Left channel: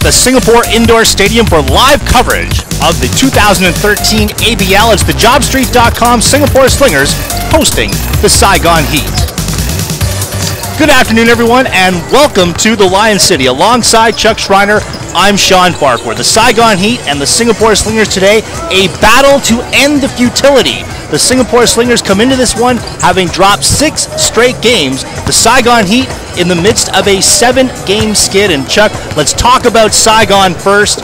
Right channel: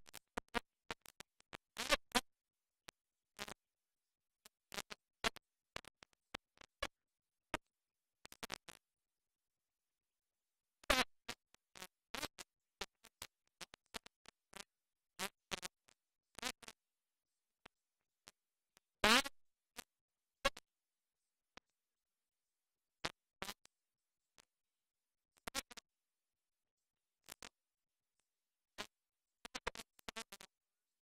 at the Singapore Indoor Stadium for live coverage of the 2013 ABL. It's the JobStreet.com Singapore Slingers hosting the Saigon Heat. Good afternoon, everyone, and welcome to the Lion City. Alongside Chuck Schreiner, I'm Sean Farquhar. The Saigon Heat and the Singapore Slingers today, a battle to end the futility. The Singapore Slingers come into this one having dropped 6 straight games. The Saigon Heat in the midst of a 7-game skid. And Chuck, let's talk about Saigon first.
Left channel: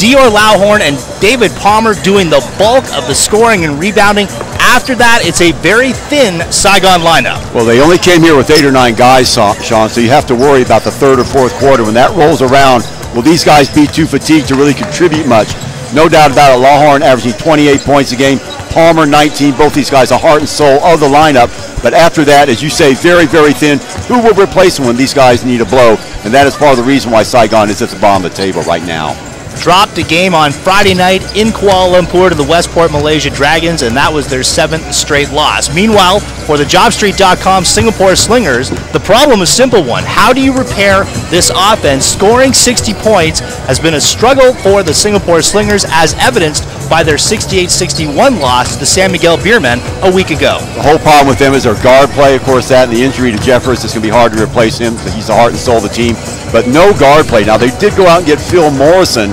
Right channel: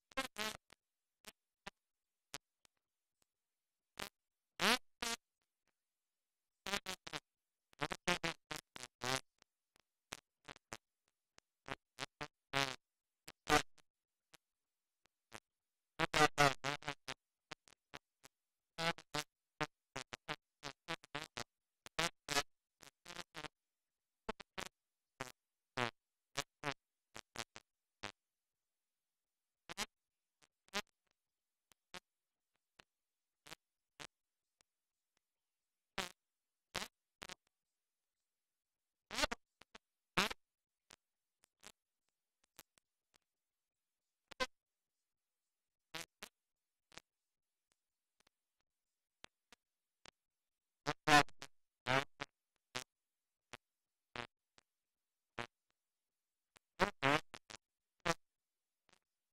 Dior Lauhorn and David Palmer doing the bulk of the scoring and rebounding. After that, it's a very thin Saigon lineup. Well, they only came here with 8 or 9 guys, Sean, so you have to worry about the third or fourth quarter. When that rolls around, will these guys be too fatigued to really contribute much? No doubt about it, Lauhorn averaging 28 points a game, Palmer 19, both these guys are heart and soul of the lineup. But after that, as you say, very, very thin. Who will replace them when these guys need a blow? And that is part of the reason why Saigon is at the bottom of the table right now. Dropped a game on Friday night in Kuala Lumpur to the Westport Malaysia Dragons, and that was their 7th straight loss. Meanwhile, for the JobStreet.com Singapore Slingers, the problem is a simple one. How do you repair this offense? Scoring 60 points has been a struggle for the Singapore Slingers, as evidenced by their 68-61 loss to the San Miguel Beermen a week ago. The whole problem with them is their guard play. Of course, that and the injury to Jeffers, it's going to be hard to replace him. He's the heart and soul of the team. But no guard play. Now, they did go out and get Phil Morrison.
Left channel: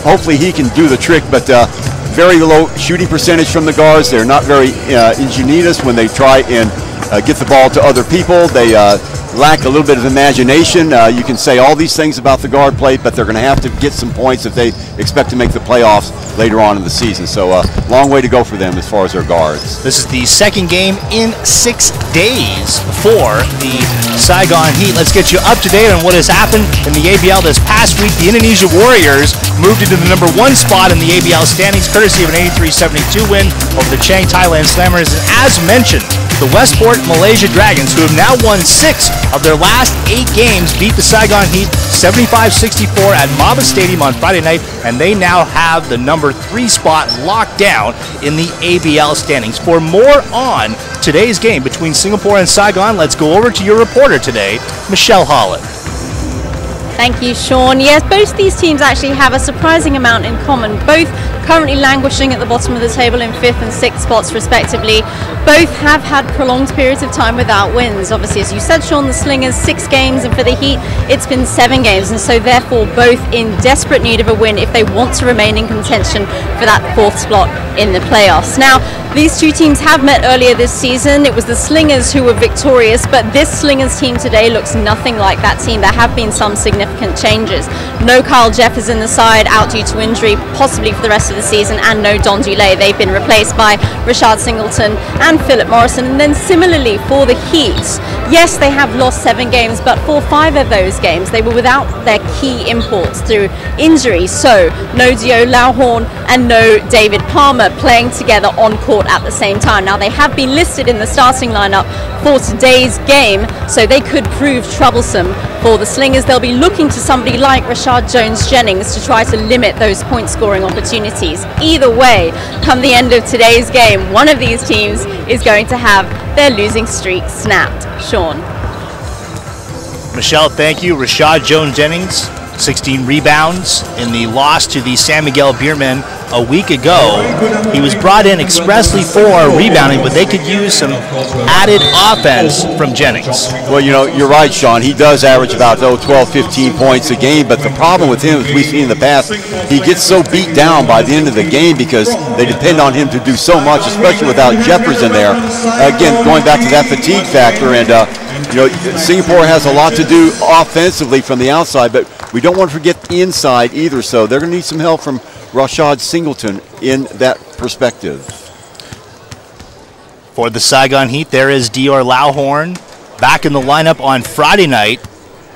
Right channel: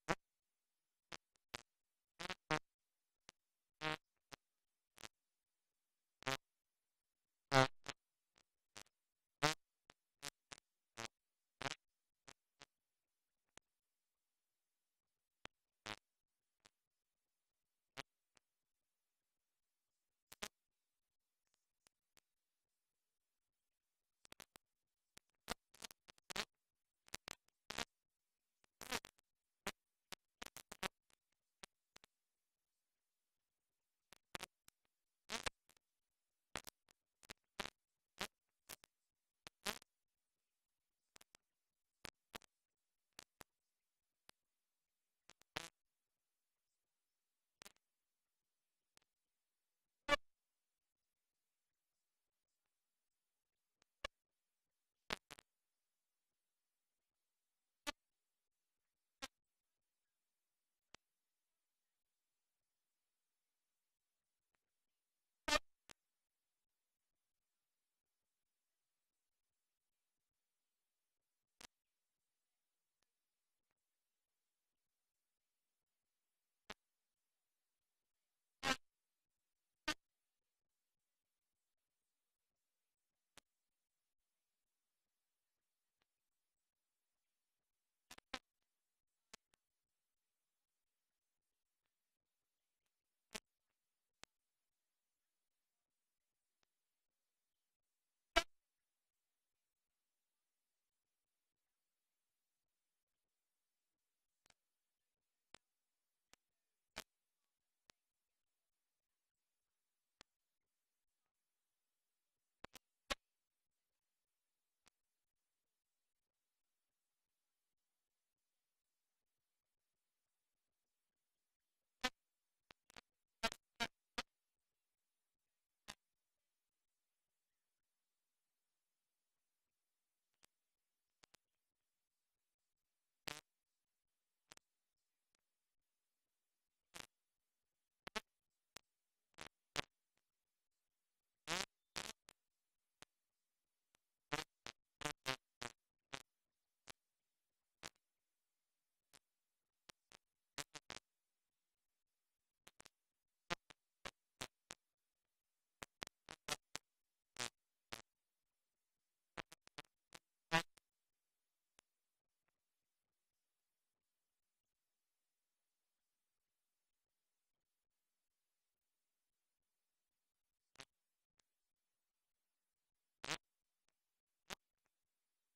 Hopefully he can do the trick, but very low shooting percentage from the guards. They're not very ingenious when they try and get the ball to other people. They lack a little bit of imagination. You can say all these things about the guard play, but they're going to have to get some points if they expect to make the playoffs later on in the season. So long way to go for them as far as their guards. This is the second game in 6 days for the Saigon Heat. Let's get you up to date on what has happened in the ABL this past week. The Indonesia Warriors moved into the number 1 spot in the ABL standings, courtesy of an 83-72 win over the Chiang Thailand Slammers. And as mentioned, the Westport Malaysia Dragons, who have now won 6 of their last 8 games, beat the Saigon Heat 75-64 at Maba Stadium on Friday night, and they now have the number 3 spot locked down in the ABL standings. For more on today's game between Singapore and Saigon, let's go over to your reporter today, Michelle Holland. Thank you, Sean. Yes, both these teams actually have a surprising amount in common. Both currently languishing at the bottom of the table in 5th and 6th spots respectively. Both have had prolonged periods of time without wins. Obviously, as you said, Sean, the Slingers 6 games, and for the Heat it's been 7 games, and so therefore both in desperate need of a win if they want to remain in contention for that 4th spot in the playoffs. Now, these two teams have met earlier this season. It was the Slingers who were victorious, but this Slingers team today looks nothing like that team. There have been some significant changes. No Kyle Jeffers in the side, out due to injury, possibly for the rest of the season, and no Don Dulé. They've been replaced by Rashad Singleton and Philip Morrison. And then similarly for the Heat, yes, they have lost 7 games, but for 5 of those games they were without their key imports through injury. So no Dior Lauhorn and no David Palmer playing together on court at the same time. Now, they have been listed in the starting lineup for today's game, so they could prove troublesome for the Slingers. They'll be looking to somebody like Rashad Jones-Jennings to try to limit those point scoring opportunities. Either way, come the end of today's game, one of these teams is going to have their losing streak snapped. Sean. Michelle, thank you. Rashad Jones-Jennings, 16 rebounds in the loss to the San Miguel Beermen a week ago. He was brought in expressly for rebounding, but they could use some added offense from Jennings. Well, you know, you're right, Sean. He does average about 12, 15 points a game, but the problem with him, as we've seen in the past, he gets so beat down by the end of the game because they depend on him to do so much, especially without Jeffers in there. Again, going back to that fatigue factor, and you know, Singapore has a lot to do offensively from the outside, but we don't want to forget the inside either, so they're going to need some help from Rashad Singleton in that perspective. For the Saigon Heat, there is Dior Lauhorn back in the lineup on Friday night.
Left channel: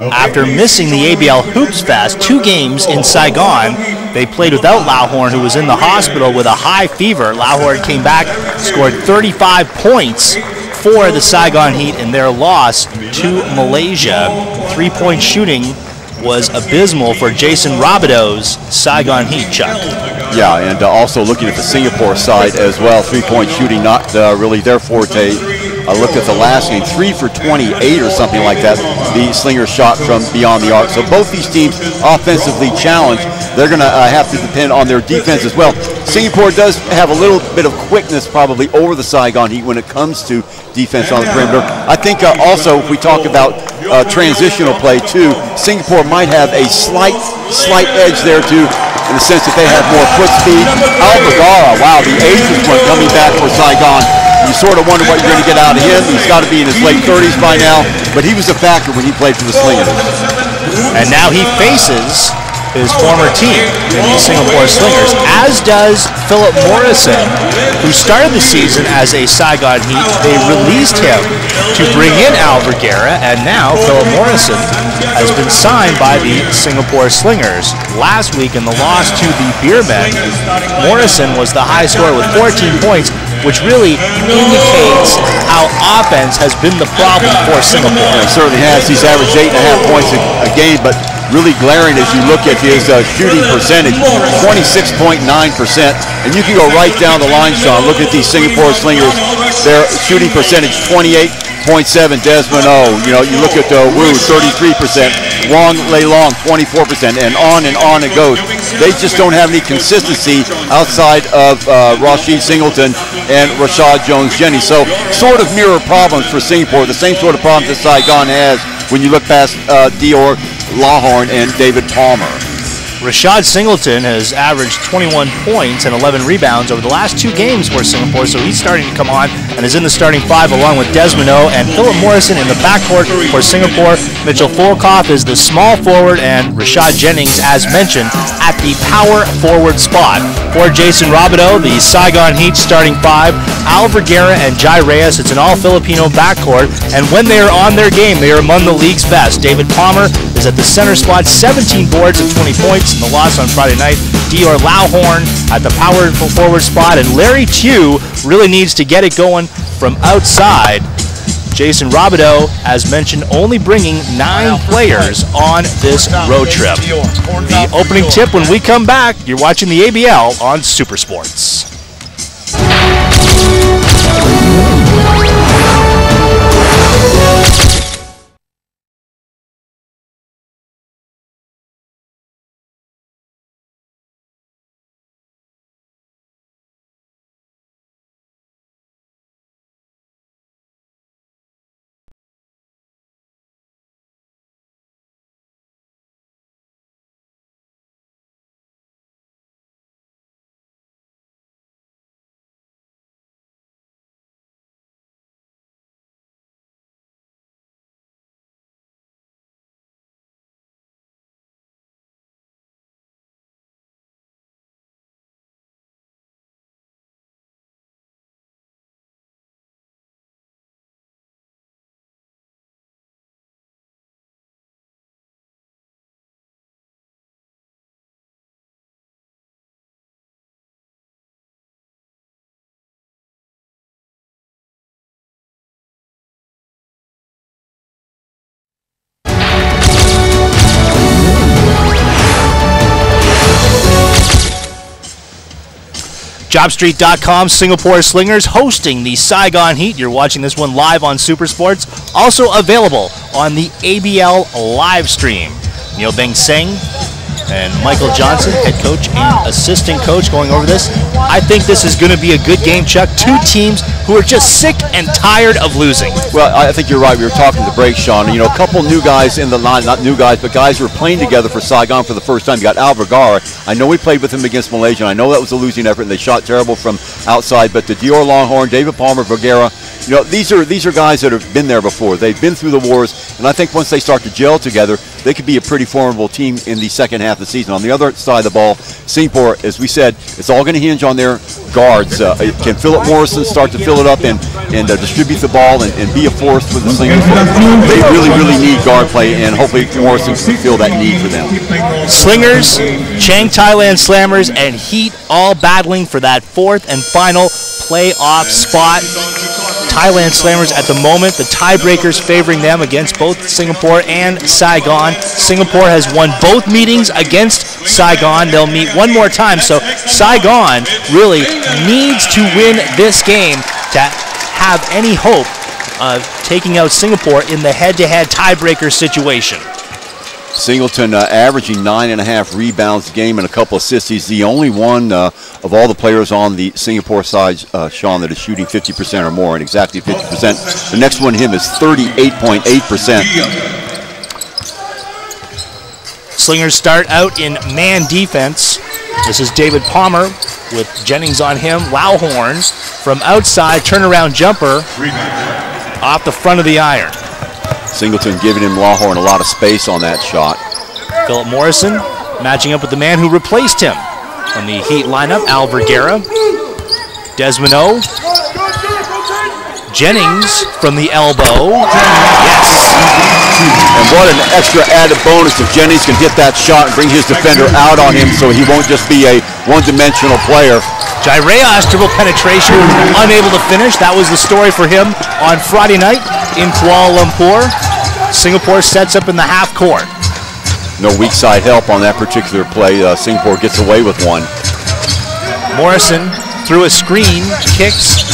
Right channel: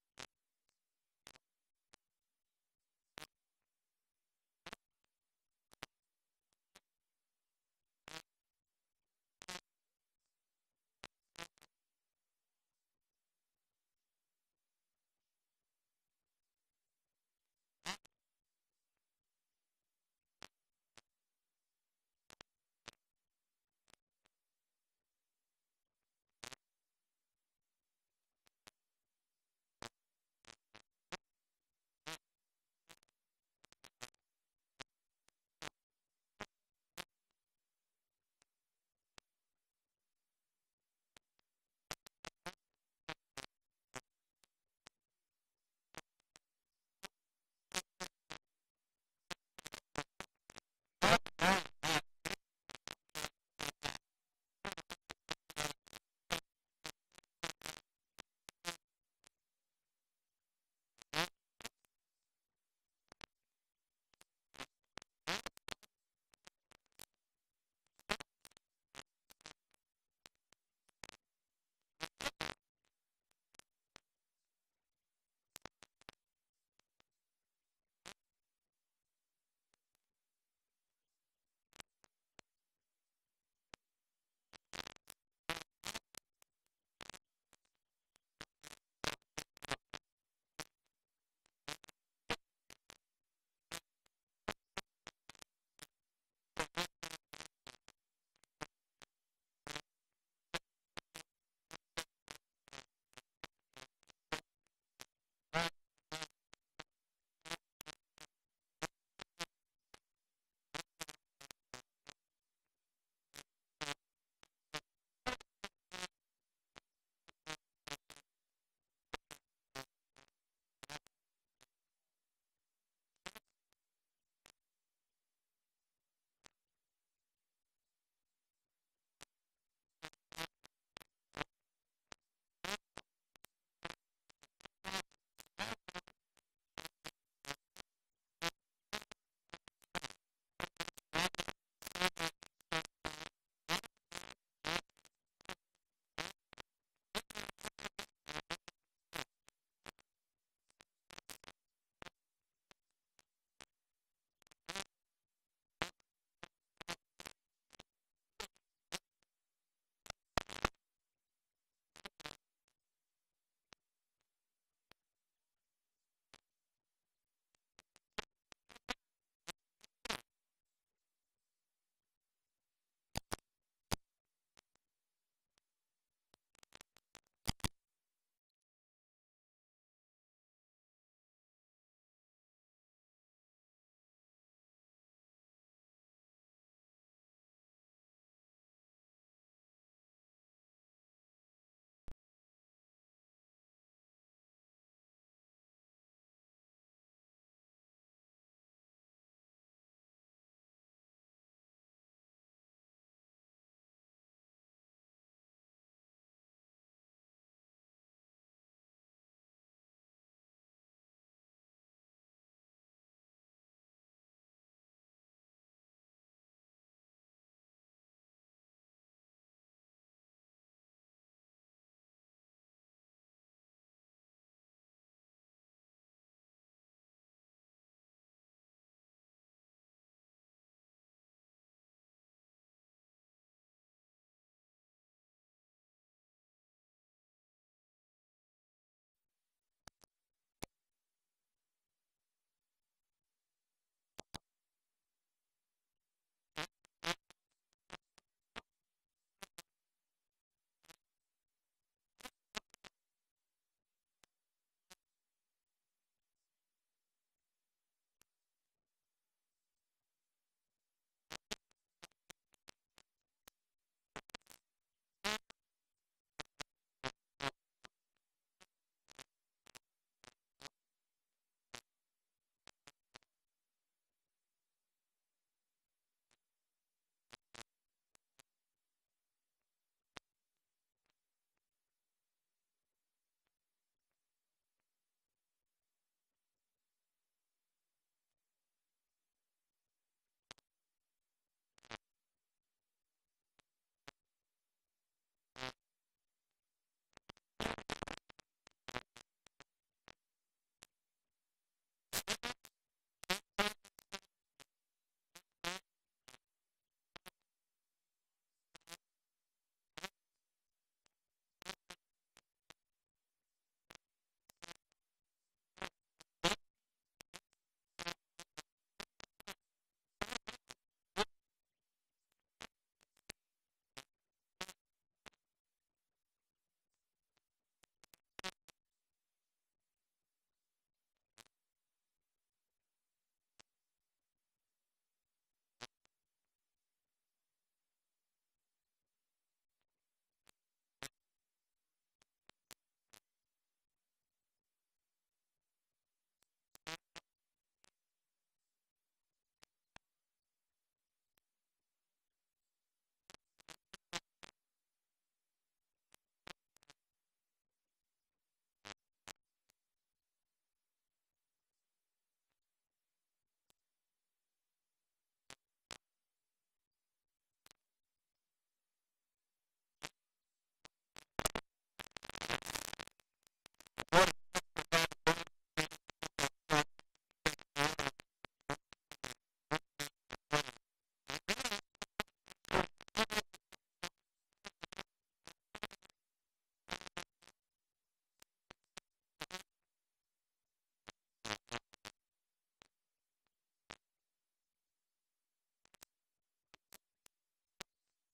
After missing the ABL Hoops Fest 2 games in Saigon, they played without Lauhorn, who was in the hospital with a high fever. Lauhorn came back, scored 35 points for the Saigon Heat in their loss to Malaysia. 3-point shooting was abysmal for Jason Rabideau's Saigon Heat, Chuck. Yeah, and also looking at the Singapore side as well, 3-point shooting not really their forte. I looked at the last game, 3 for 28 or something like that. The Slingers shot from beyond the arc. So both these teams offensively challenged. They're going to have to depend on their defense as well. Singapore does have a little bit of quickness probably over the Saigon Heat when it comes to defense on the perimeter. I think also if we talk about transitional play too, Singapore might have a slight edge there too, in the sense that they have more foot speed. Alvagara, wow, the ageless one coming back for Saigon. You sort of wonder what you're going to get out of him. He's got to be in his late 30s by now, but he was a factor when he played for the Slingers. And now he faces his former team in the Singapore Slingers, as does Philip Morrison, who started the season as a Saigon Heat. They released him to bring in Al Vergara, and now Philip Morrison has been signed by the Singapore Slingers. Last week in the loss to the Beermen, Morrison was the high scorer with 14 points, which really indicates how offense has been the problem for Singapore. Yeah, it certainly has. He's averaged 8.5 points a game, but really glaring as you look at his shooting percentage, 26.9%. And you can go right down the line, Sean. Look at these Singapore Slingers. Their shooting percentage, 28.7. Desmond O. You look at Wu, 33%. Wong Lei Long, 24%. And on it goes. They just don't have any consistency outside of Rashid Singleton and Rashad Jones-Jennings. So sort of mirror problems for Singapore, the same sort of problems that Saigon has when you look past Dior Lawhorn and David Palmer. Rashad Singleton has averaged 21 points and 11 rebounds over the last 2 games for Singapore, so he's starting to come on and is in the starting 5 along with Desmond O and Philip Morrison in the backcourt for Singapore. Mitchell Fulkoff is the small forward, and Rashad Jennings, as mentioned, at the power forward spot. For Jason Robideau, the Saigon Heat starting 5, Al Vergara and Jai Reyes. It's an all-Filipino backcourt, and when they are on their game, they are among the league's best. David Palmer is at the center spot, 17 boards and 20 points in the loss on Friday night. Dior Lawhorn at the power forward spot, and Larry Tew really needs to get it going from outside. Jason Robideau, as mentioned, only bringing 9 players on this road trip. The opening tip when we come back. You're watching the ABL on Super Sports. JobStreet.com, Singapore Slingers hosting the Saigon Heat. You're watching this one live on Super Sports. Also available on the ABL live stream. Neil Beng Seng and Michael Johnson, head coach and assistant coach, going over this. I think this is going to be a good game, Chuck. 2 teams who are just sick and tired of losing. Well, I think you're right. We were talking to break, Sean. A couple new guys in the line, not new guys, but guys who are playing together for Saigon for the first time. You got Al Vergara. I know we played with him against Malaysia. I know that was a losing effort, and they shot terrible from outside. But the Dior Longhorn, David Palmer, Vergara, these are guys that have been there before. They've been through the wars, and I think once they start to gel together, they could be a pretty formidable team in the second half of the season. On the other side of the ball, Singapore, as we said, it's all going to hinge on their guards. Can Philip Morrison start to fill it up and distribute the ball and be a force for the Slingers? They really need guard play, and hopefully Morrison can fill that need for them. Slingers, Chang Thailand Slammers, and Heat all battling for that 4th and final playoff spot. Thailand Slammers at the moment, the tiebreakers favoring them against both Singapore and Saigon. Singapore has won both meetings against Saigon. They'll meet one more time, so Saigon really needs to win this game to have any hope of taking out Singapore in the head-to-head tiebreaker situation. Singleton averaging 9.5 rebounds a game and a couple assists. He's the only one of all the players on the Singapore side, Sean, that is shooting 50% or more, and exactly 50%. The next one to him is 38.8%. Slingers start out in man defense. This is David Palmer with Jennings on him. Lauhorn from outside, turnaround jumper off the front of the iron. Singleton giving him Lauhorn a lot of space on that shot. Philip Morrison matching up with the man who replaced him on the Heat lineup, Al Vergara. Desmond O. Jennings from the elbow. Yes. And what an extra added bonus if Jennings can hit that shot and bring his defender out on him so he won't just be a one-dimensional player. Jaireas dribble penetration, unable to finish. That was the story for him on Friday night in Kuala Lumpur. Singapore sets up in the half court. No weak side help on that particular play. Singapore gets away with one. Morrison through a screen, kicks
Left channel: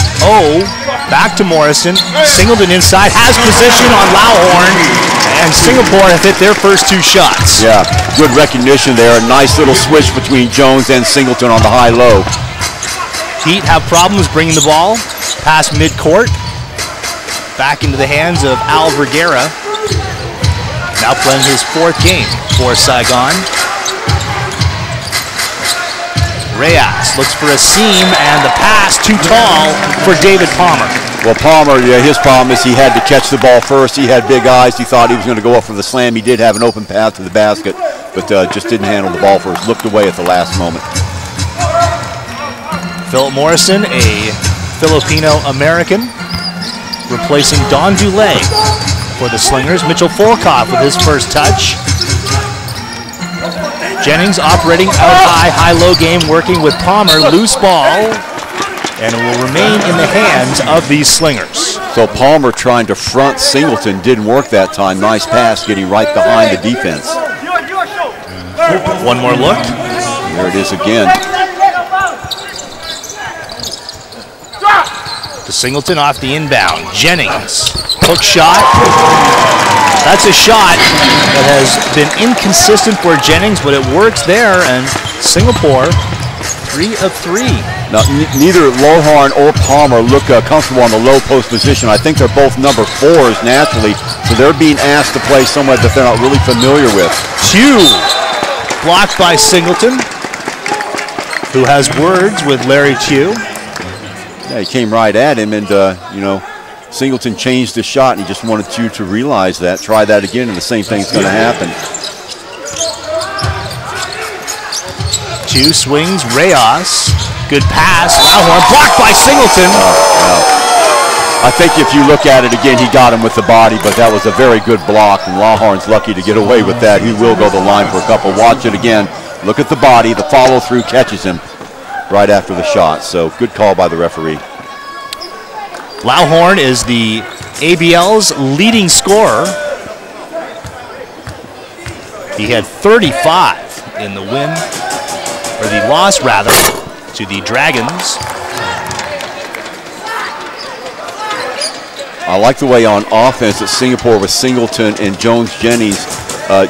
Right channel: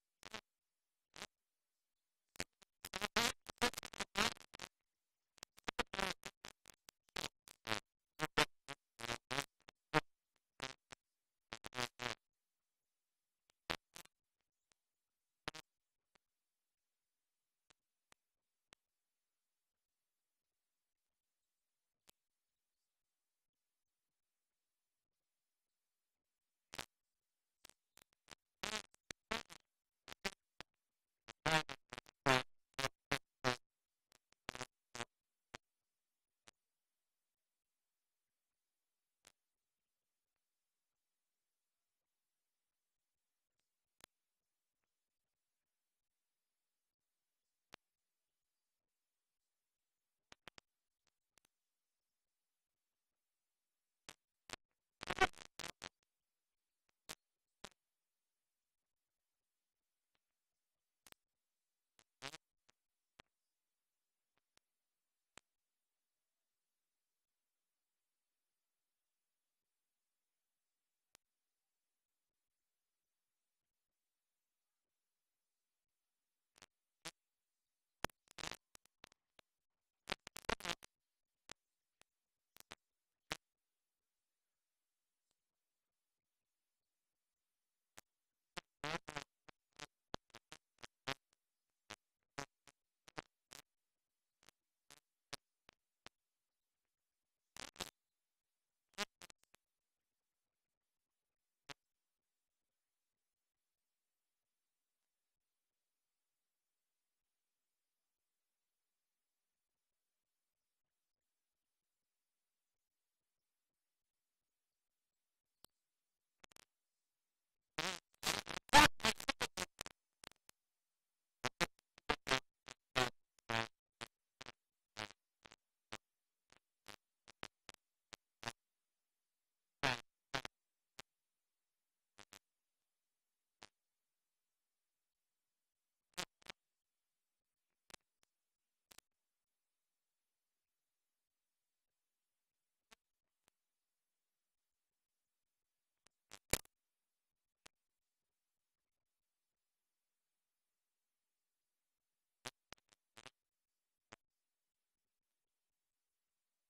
back to Morrison. Singleton inside, has position on Lauhorn, and Singapore have hit their first two shots. Yeah, good recognition there. A nice little switch between Jones and Singleton on the high-low. Heat have problems bringing the ball past midcourt. Back into the hands of Al Vergara. Now playing his fourth game for Saigon. Reyes looks for a seam, and the pass too tall for David Palmer. Well, Palmer, his problem is he had to catch the ball first. He had big eyes. He thought he was going to go up for the slam. He did have an open path to the basket, but just didn't handle the ball first. Looked away at the last moment. Philip Morrison, a Filipino-American, replacing Don Dulé for the Slingers. Mitchell Folkoff with his first touch. Jennings operating out high, high-low game, working with Palmer. Loose ball, and it will remain in the hands of these Slingers. So Palmer trying to front Singleton didn't work that time. Nice pass getting right behind the defense. One more look. And there it is again. To Singleton off the inbound. Jennings, hook shot. That's a shot that has been inconsistent for Jennings, but it works there, and Singapore 3 of 3. Now, neither Lauhorn or Palmer look comfortable on the low post position. I think they're both number 4s naturally, so they're being asked to play somewhere that they're not really familiar with. Two blocked by Singleton, who has words with Larry Tew. Yeah, he came right at him, and Singleton changed the shot, and he just wanted you to realize that. Try that again, and the same thing's going to happen. Two swings, Reyes. Good pass. Lauhorn blocked by Singleton. I think if you look at it again, he got him with the body, but that was a very good block, and Lauhorn's lucky to get away with that. He will go to the line for a couple. Watch it again. Look at the body. The follow-through catches him right after the shot. So good call by the referee. Lauhorn is the ABL's leading scorer. He had 35 in the win, or the loss rather, to the Dragons. I like the way on offense that Singapore with Singleton and Jones-Jennings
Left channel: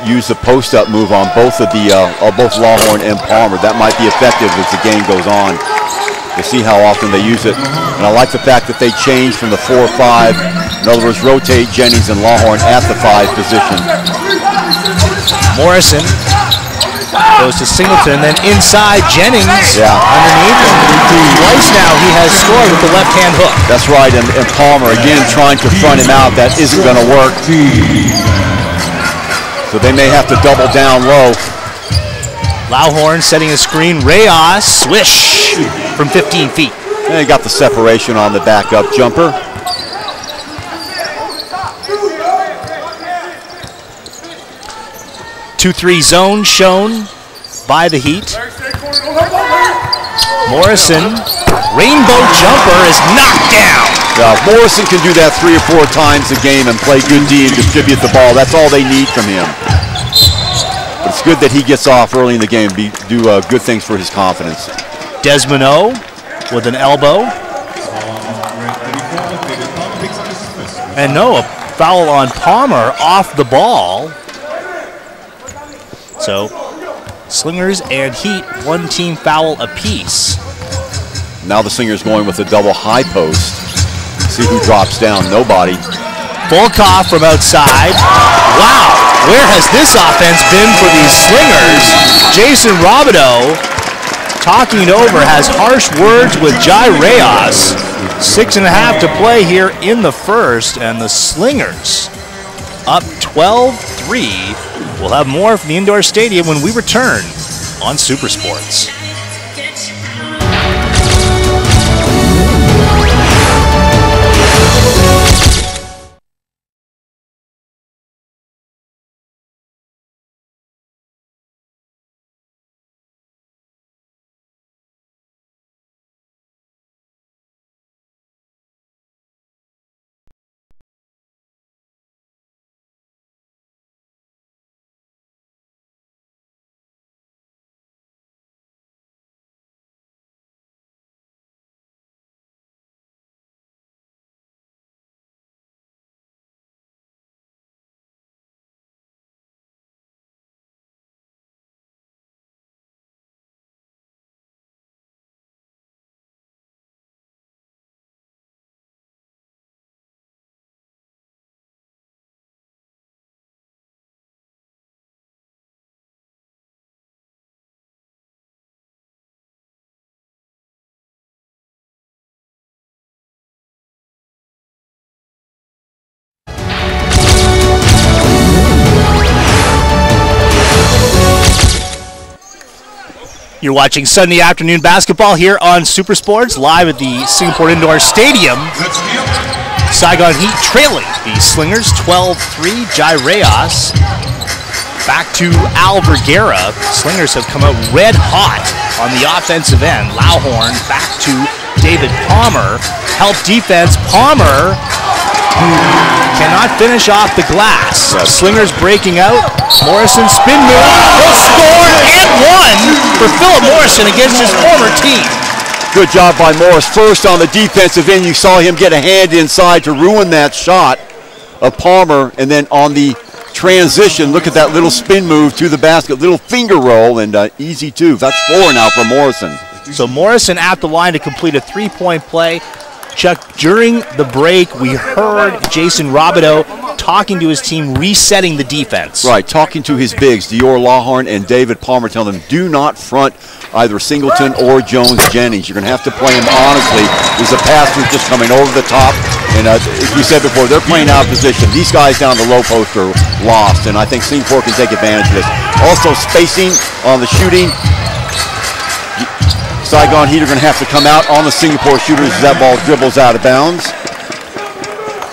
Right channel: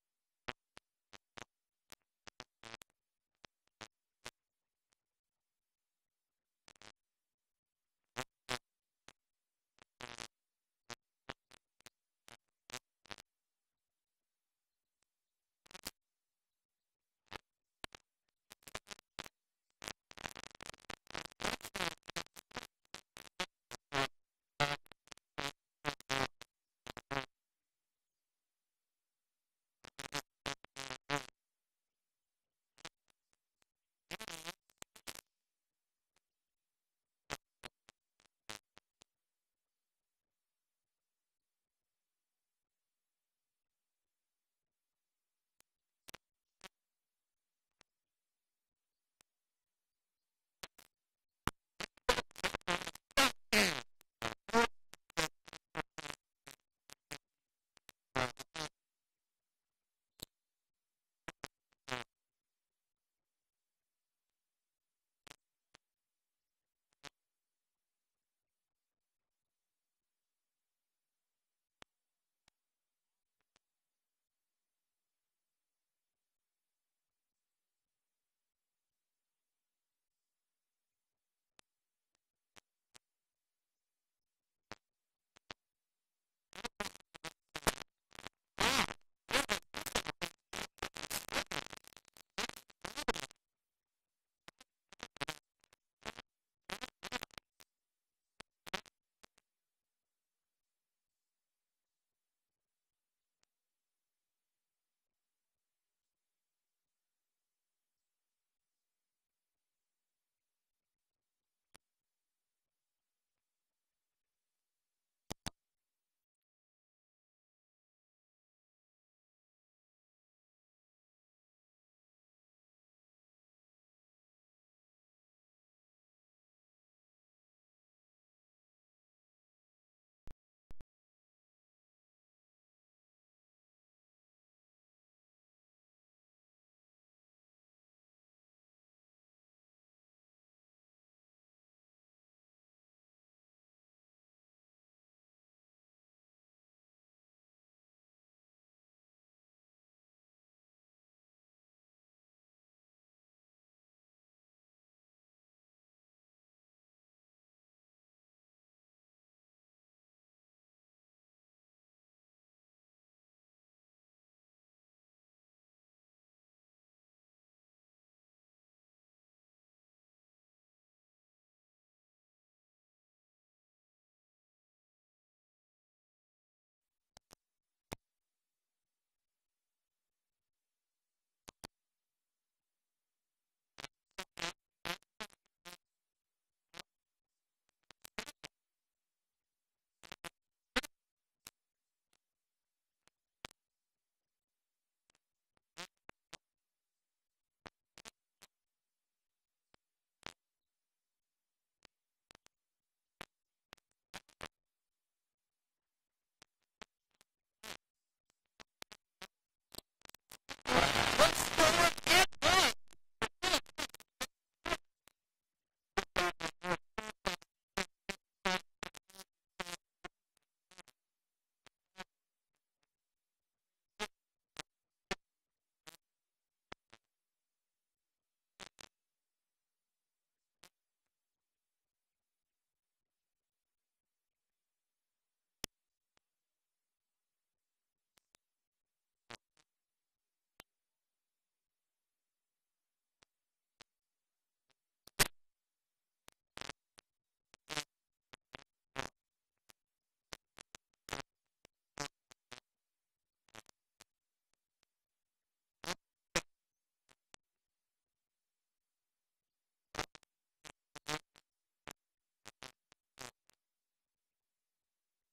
use the post-up move on both of both Lauhorn and Palmer. That might be effective as the game goes on. We'll see how often they use it. And I like the fact that they change from the 4-5. In other words, rotate Jennings and Lauhorn at the 5 position. Morrison goes to Singleton, then inside Jennings underneath. Twice now he has scored with the left-hand hook. That's right, and Palmer again trying to front him out. That isn't going to work. So they may have to double down low. Lauhorn setting a screen. Reyes, swish from 15 feet. And he got the separation on the backup jumper. Two-three zone shown by the Heat. Morrison, rainbow jumper is knocked down. Now, if Morrison can do that 3 or 4 times a game and play good D and distribute the ball, that's all they need from him. But it's good that he gets off early in the game, do good things for his confidence. Desmond O with an elbow. And no, a foul on Palmer off the ball. So Slingers and Heat, one team foul apiece. Now the Slingers going with a double high post. See who drops down. Nobody. Volkov from outside. Wow, where has this offense been for these Slingers? Jason Robideau, talking it over, has harsh words with Jai Reyes. 6.5 to play here in the first, and the Slingers up 12-3. We'll have more from the indoor stadium when we return on Super Sports. You're watching Sunday afternoon basketball here on Super Sports, live at the Singapore Indoor Stadium. Saigon Heat trailing the Slingers 12-3. Jai Reyes back to Al Vergara. Slingers have come out red hot on the offensive end. Lauhorn back to David Palmer. Help defense. Palmer cannot finish off the glass. Slingers breaking out. Morrison spin move. He'll score and one for Philip Morrison against his former team. Good job by Morris. First on the defensive end, you saw him get a hand inside to ruin that shot of Palmer. And then on the transition, look at that little spin move to the basket, little finger roll, and easy two. That's 4 now for Morrison. So Morrison at the line to complete a three-point play. Chuck, during the break, we heard Jason Robideau talking to his team, resetting the defense. Right, talking to his bigs, Dior Lawhorn and David Palmer, telling them do not front either Singleton or Jones Jennings. You're going to have to play him honestly. There's a pass through just coming over the top. And as you said before, they're playing out of position. These guys down the low post are lost, and I think Singapore can take advantage of this. Also spacing on the shooting. Saigon Heat are going to have to come out on the Singapore shooters as that ball dribbles out of bounds.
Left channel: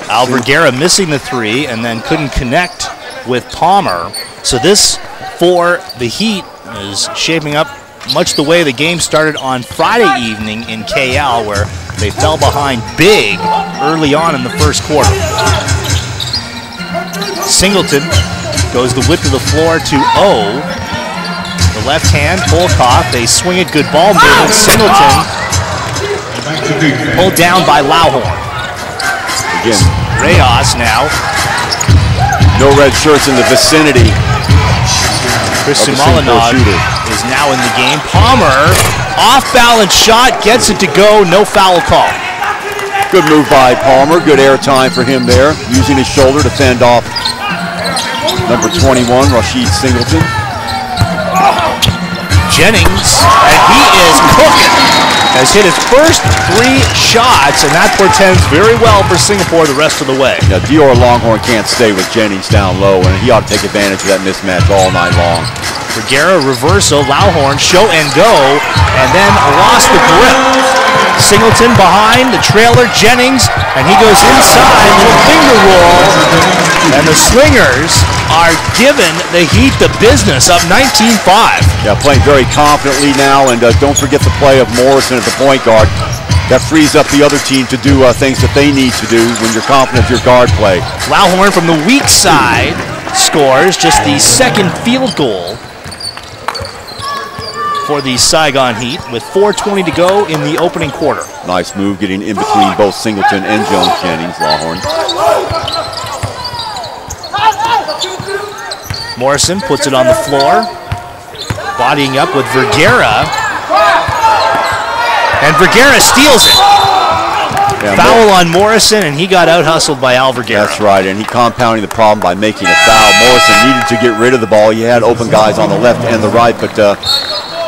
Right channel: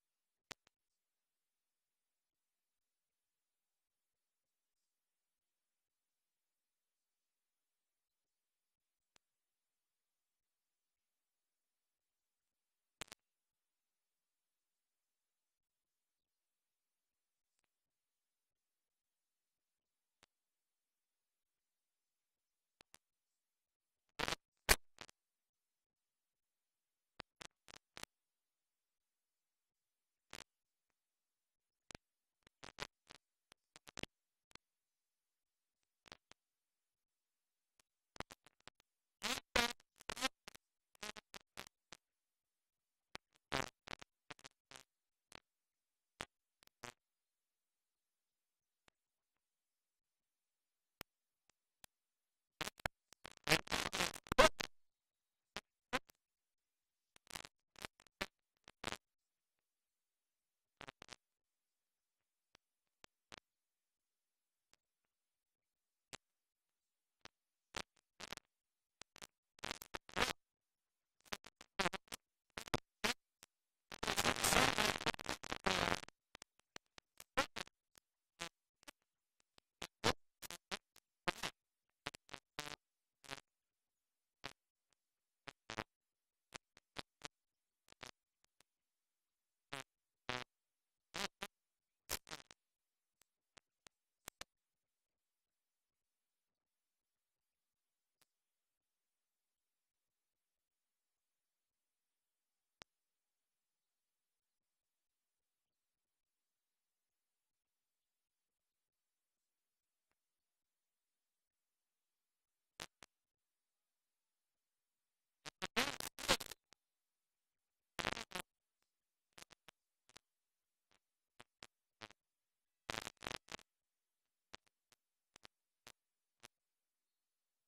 Al Vergara missing the three and then couldn't connect with Palmer. So this for the Heat is shaping up much the way the game started on Friday evening in KL, where they fell behind big early on in the first quarter. Singleton goes the width of the floor to O. The left hand, Volkov, they swing it, good ball movement. Singleton pulled down by Lauhorn. Again, Reyes now. no red shirts in the vicinity. Chris Sumalanov is now in the game. Palmer, off-balance shot, gets it to go, no foul call. Good move by Palmer, good air time for him there, using his shoulder to fend off number 21, Rashid Singleton. Jennings, and he is cooking. Has hit his first 3 shots, and that portends very well for Singapore the rest of the way. Yeah, Dior Longhorn can't stay with Jennings down low, and he ought to take advantage of that mismatch all night long. Vergara reversal, Lauhorn show and go, and then lost the grip. Singleton behind, the trailer, Jennings, and he goes inside, little finger roll, and the Slingers are giving the Heat the business, up 19-5. Yeah, playing very confidently now, and don't forget the play of Morrison at the point guard. That frees up the other team to do things that they need to do when you're confident of your guard play. Lauhorn from the weak side scores just the second field goal for the Saigon Heat with 4:20 to go in the opening quarter. Nice move getting in between both Singleton and Jones Jennings, Lawhorn. Morrison puts it on the floor. Bodying up with Vergara. And Vergara steals it. Yeah, foul on Morrison, and he got out-hustled by Al Vergara. That's right, and he compounding the problem by making a foul. Morrison needed to get rid of the ball. He had open guys on the left and the right, but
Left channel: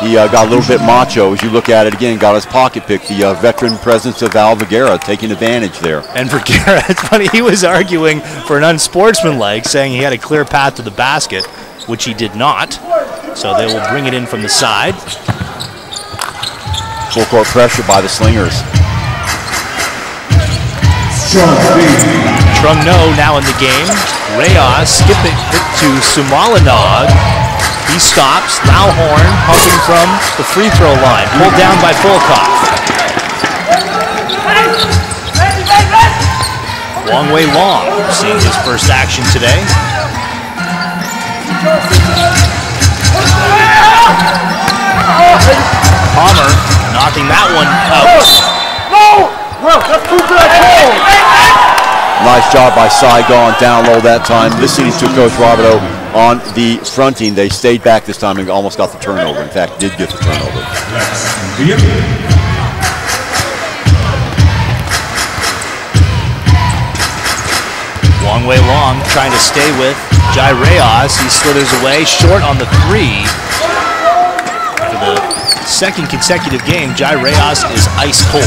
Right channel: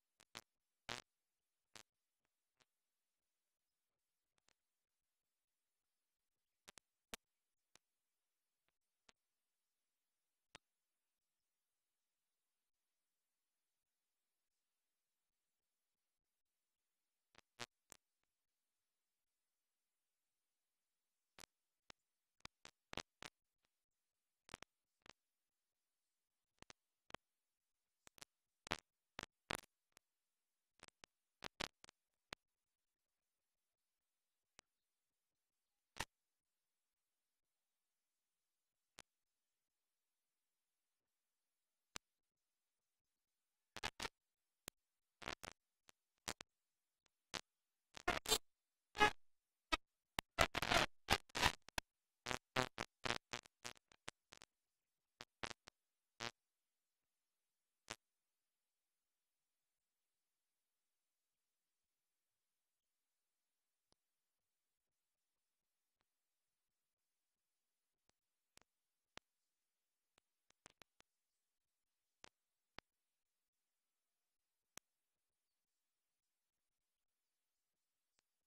he got a little bit macho. As you look at it again, got his pocket pick. The veteran presence of Al Vergara taking advantage there. And Vergara, it's funny, he was arguing for an unsportsmanlike, saying he had a clear path to the basket, which he did not. So they will bring it in from the side. Full court pressure by the Slingers. Trungno now in the game. Reyes skipping it to Sumalanog. He stops. Lauhorn pumping from the free throw line. Pulled down by Fulcoff. Long way long. Seeing his first action today. Palmer knocking that one out. Nice job by Saigon, down low that time. Listening to Coach Roberto on the fronting. They stayed back this time and almost got the turnover. In fact, did get the turnover. Long way long, trying to stay with Jai Reyes. He slithers away, short on the three. For the second consecutive game, Jai Reyes is ice cold.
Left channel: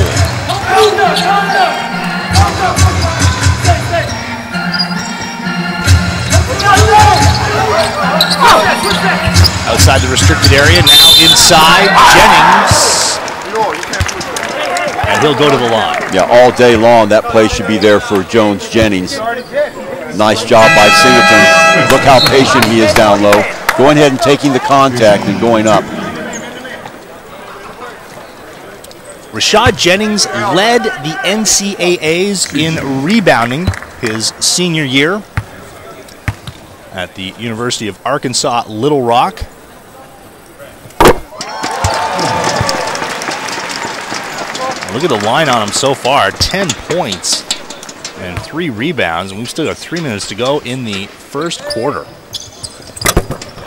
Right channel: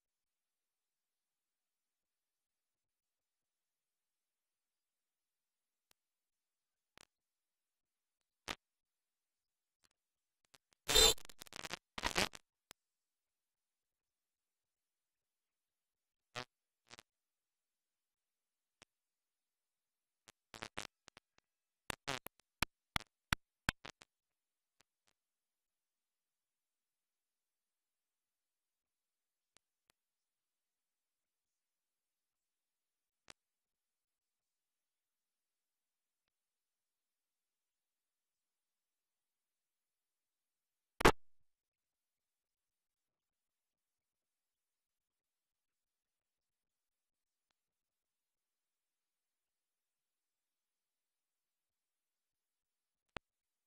Outside the restricted area, now inside, Jennings. And he'll go to the line. Yeah, all day long, that play should be there for Jones Jennings. Nice job by Singleton. Look how patient he is down low. Going ahead and taking the contact and going up. Rashad Jennings led the NCAAs in rebounding his senior year at the University of Arkansas Little Rock. Look at the line on him so far, 10 points and 3 rebounds, and we've still got 3 minutes to go in the first quarter.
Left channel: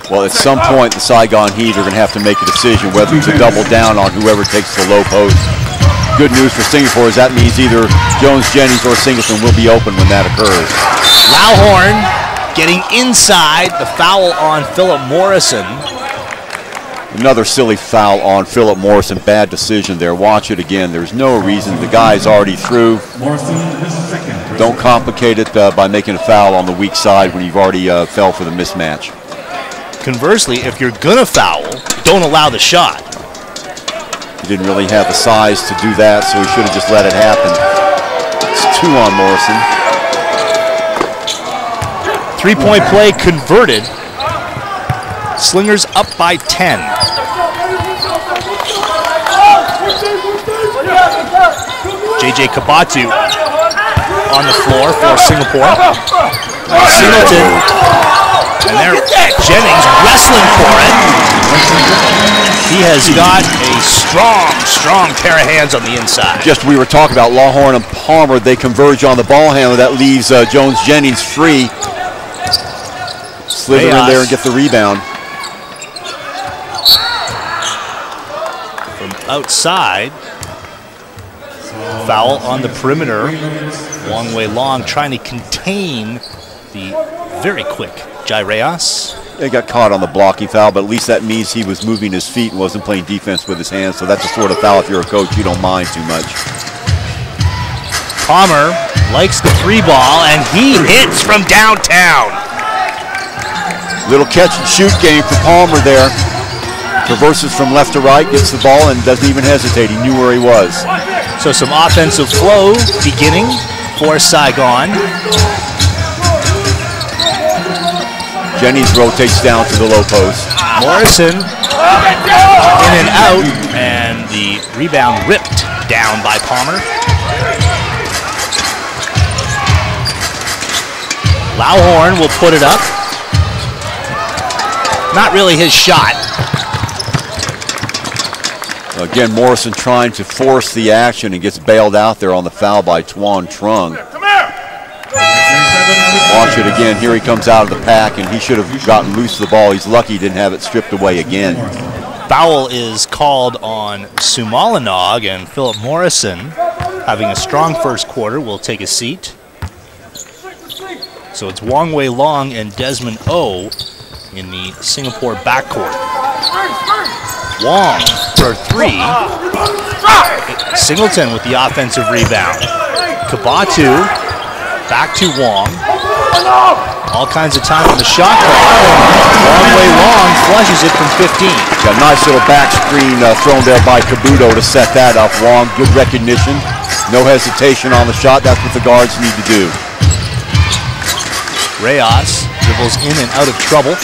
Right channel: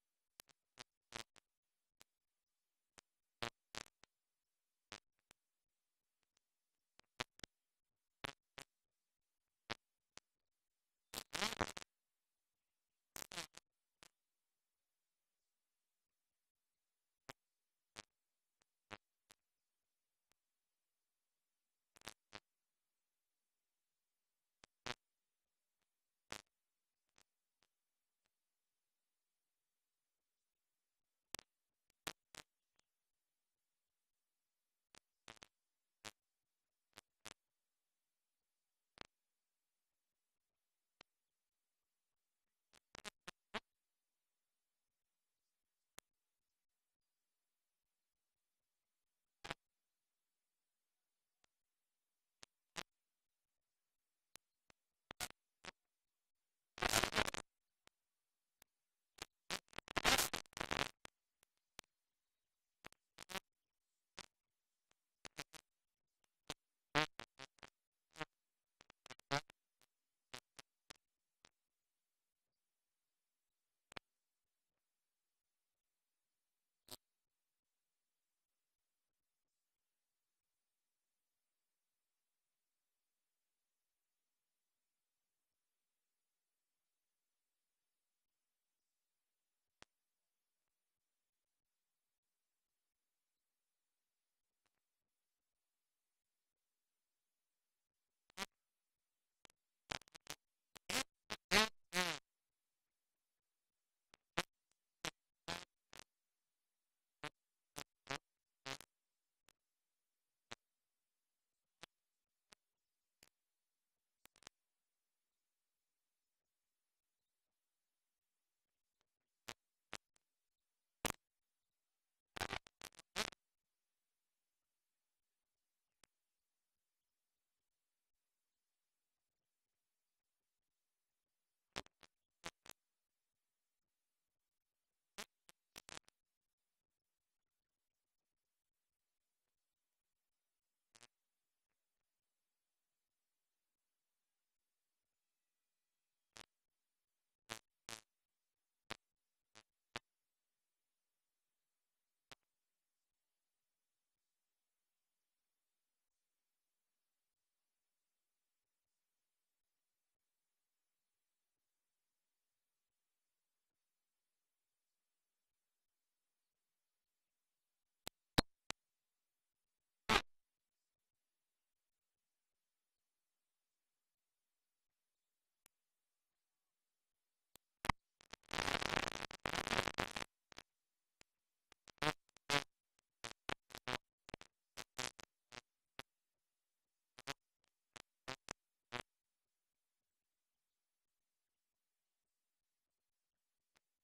Well, at some point, the Saigon Heat are going to have to make a decision whether to double down on whoever takes the low post. Good news for Singapore is that means either Jones Jennings or Singleton will be open when that occurs. Lauhorn getting inside, the foul on Philip Morrison. Another silly foul on Philip Morrison. Bad decision there. Watch it again. There's no reason. The guy's already through. Don't complicate it by making a foul on the weak side when you've already fell for the mismatch. Conversely, if you're going to foul, don't allow the shot. He didn't really have the size to do that, so he should have just let it happen. It's 2 on Morrison. 3-point play converted. Slingers up by 10. JJ Kabatu on the floor for Singapore. Singleton. And there, Jennings wrestling for it. He has got a strong pair of hands on the inside. Just we were talking about Lawhorn and Palmer. They converge on the ball handler. That leaves Jones Jennings free. Slither in there and get the rebound. From outside, foul on the perimeter. Long way long, trying to contain the very quick Jai Reyes. They got caught on the blocking foul, but at least that means he was moving his feet and wasn't playing defense with his hands. So that's the sort of foul, if you're a coach, you don't mind too much. Palmer likes the 3 ball, and he hits from downtown. Little catch and shoot game for Palmer there. Traverses from left to right, gets the ball, and doesn't even hesitate. He knew where he was. So some offensive flow beginning for Saigon. Jennings rotates down to the low post. Morrison in and out, and the rebound ripped down by Palmer. Lauhorn will put it up. Not really his shot. Again, Morrison trying to force the action and gets bailed out there on the foul by Tuan Trung. Watch it again. Here he comes out of the pack, and he should have gotten loose of the ball. He's lucky he didn't have it stripped away again. Foul is called on Sumalinog, and Philip Morrison, having a strong first quarter, will take a seat. So it's Wong Wei Long and Desmond O in the Singapore backcourt. Wong for three. Singleton with the offensive rebound. Kabatu back to Wong. All kinds of time on the shot clock. Wong Wei Long flushes it from 15. Got a nice little back screen thrown there by Kabuto to set that up. Wong, good recognition. No hesitation on the shot. That's what the guards need to do. Reyes dribbles in and out of trouble.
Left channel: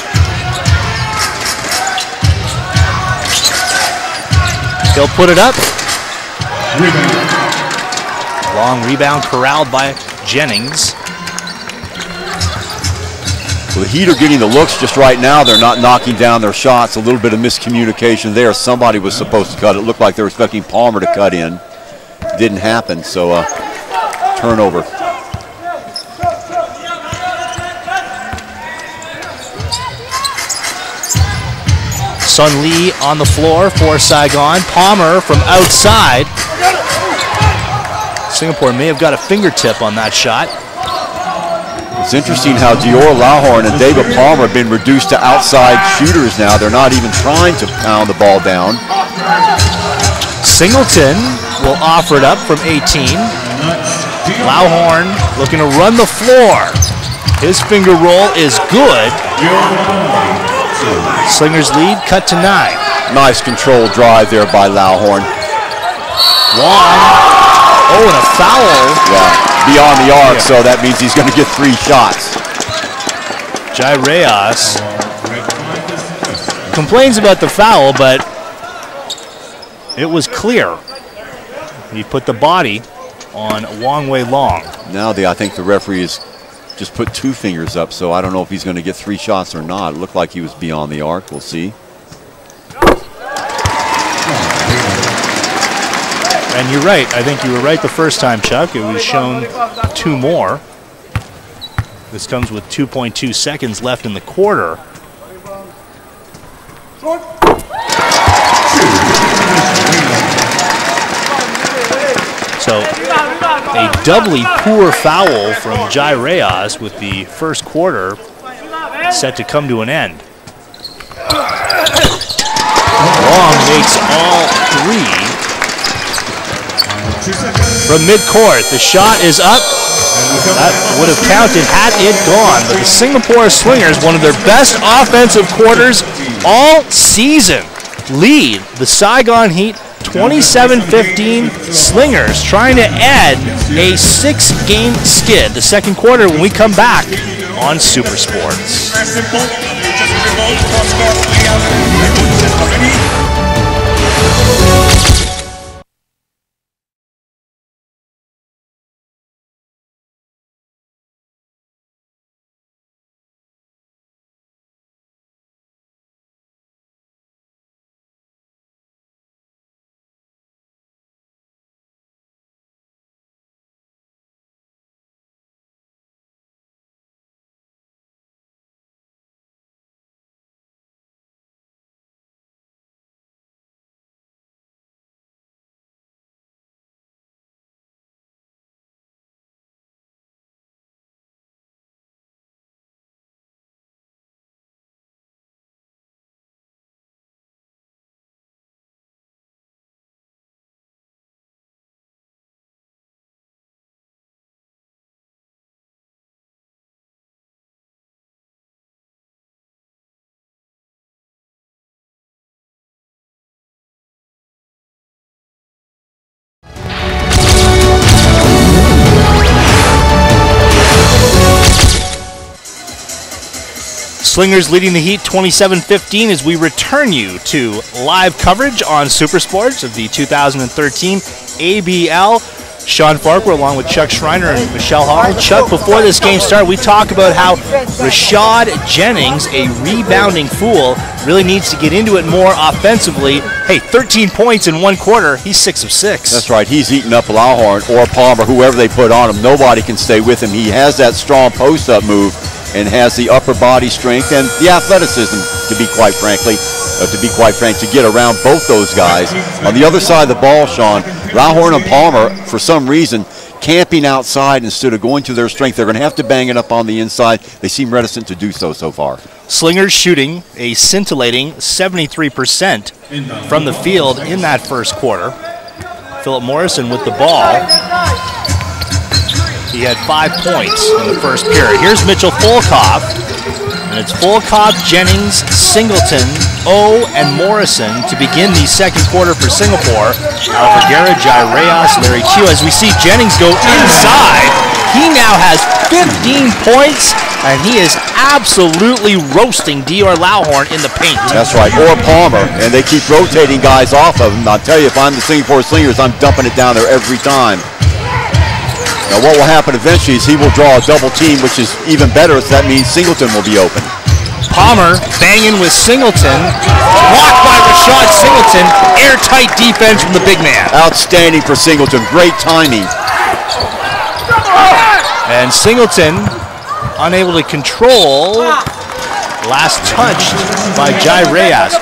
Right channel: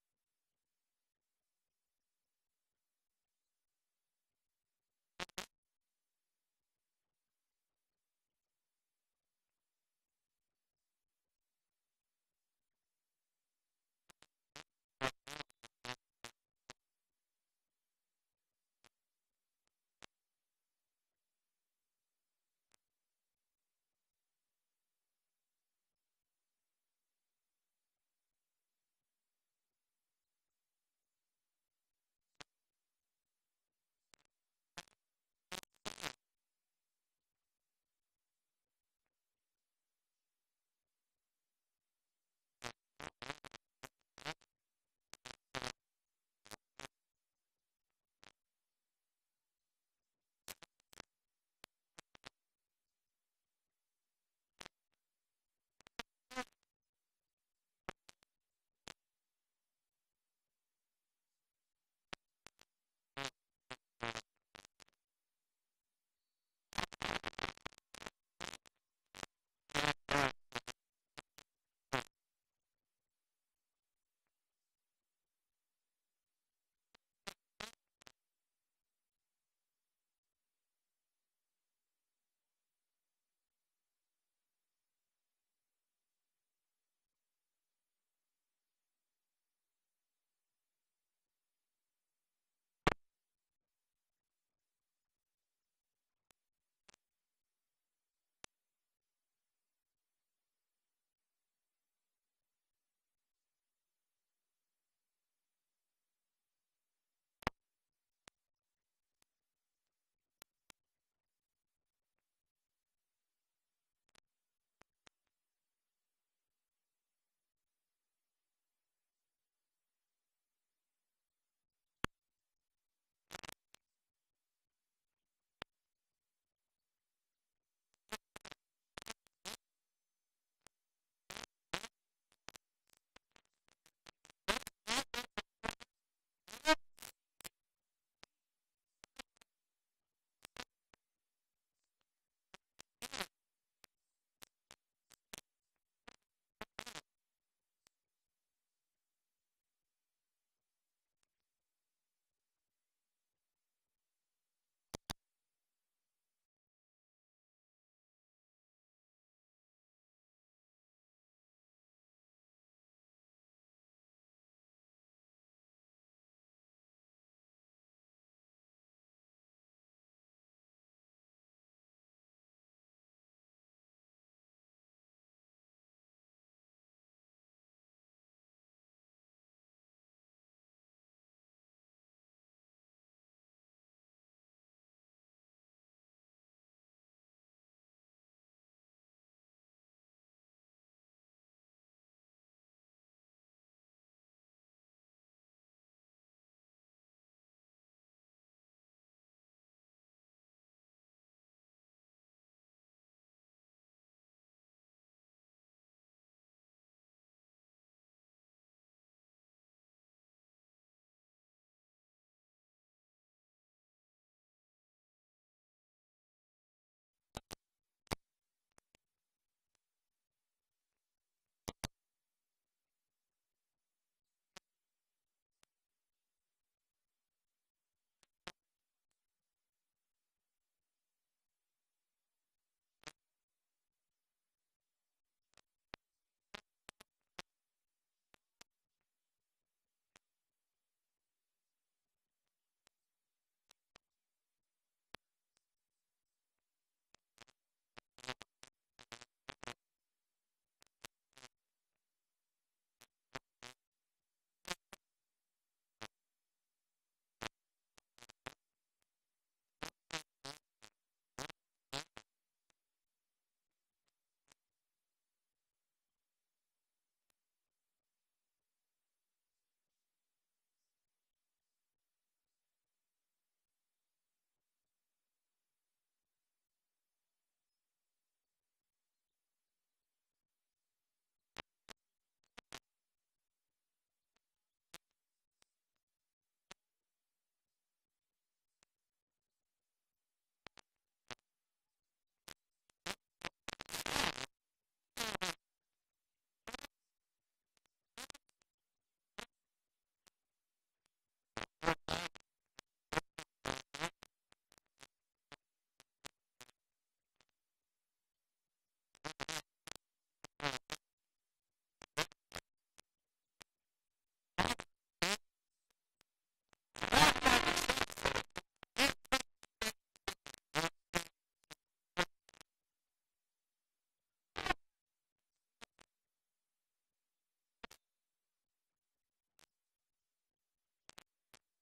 He'll put it up. Long rebound corralled by Jennings. Well, the Heat are getting the looks just right now. They're not knocking down their shots. A little bit of miscommunication there. Somebody was supposed to cut. It looked like they were expecting Palmer to cut in. Didn't happen, so turnover. Sun Lee on the floor for Saigon. Palmer from outside. Singapore may have got a fingertip on that shot. It's interesting how Dior Lauhorn and David Palmer have been reduced to outside shooters now. They're not even trying to pound the ball down. Singleton will offer it up from 18. Lauhorn looking to run the floor. His finger roll is good. Slingers lead cut to 9. Nice controlled drive there by Lauhorn. Wong. Oh, and a foul. Yeah, beyond the arc, so that means he's going to get 3 shots. Jai Reyes complains about the foul, but it was clear. He put the body on Wong Wei Long. Now I think the referee has just put 2 fingers up, so I don't know if he's going to get 3 shots or not. It looked like he was beyond the arc. We'll see. And you're right. I think you were right the first time, Chuck. It was shown 2 more. This comes with 2.2 seconds left in the quarter. So a doubly poor foul from Jai Reyes with the first quarter set to come to an end. Long makes all 3. From midcourt, the shot is up. That would have counted had it gone, but the Singapore Slingers, one of their best offensive quarters all season, lead the Saigon Heat 27-15. Slingers trying to add a 6-game skid. The second quarter when we come back on Super Sports. Slingers leading the Heat 27-15 as we return you to live coverage on Super Sports of the 2013 ABL Sean Farquhar along with Chuck Schreiner and Michelle Hall. Chuck, before this game started, we talked about how Rashad Jennings, a rebounding fool, really needs to get into it more offensively. Hey, 13 points in one quarter. He's 6 of 6. That's right. He's eating up Lawhorn or Palmer, whoever they put on him. Nobody can stay with him. He has that strong post-up move and has the upper body strength and the athleticism, to be quite frank, to get around both those guys. On the other side of the ball, Sean, Lawhorn and Palmer, for some reason, camping outside instead of going to their strength. They're going to have to bang it up on the inside. They seem reticent to do so far. Slingers shooting a scintillating 73% from the field in that first quarter. Philip Morrison with the ball. He had 5 points in the first period. Here's Mitchell Volkov, and it's Volkov, Jennings, Singleton, O, and Morrison to begin the second quarter for Singapore. Alvarguera, Jaireas, Larry Q. As we see Jennings go inside, he now has 15 points, and he is absolutely roasting Dior Lawhorn in the paint. That's right, or Palmer, and they keep rotating guys off of him. I'll tell you, if I'm the Singapore Slingers, I'm dumping it down there every time. Now what will happen eventually is he will draw a double team, which is even better, so that means Singleton will be open. Palmer banging with Singleton, blocked by Rashad Singleton, airtight defense from the big man. Outstanding for Singleton, great timing. And Singleton unable to control, last touched by Jaireas.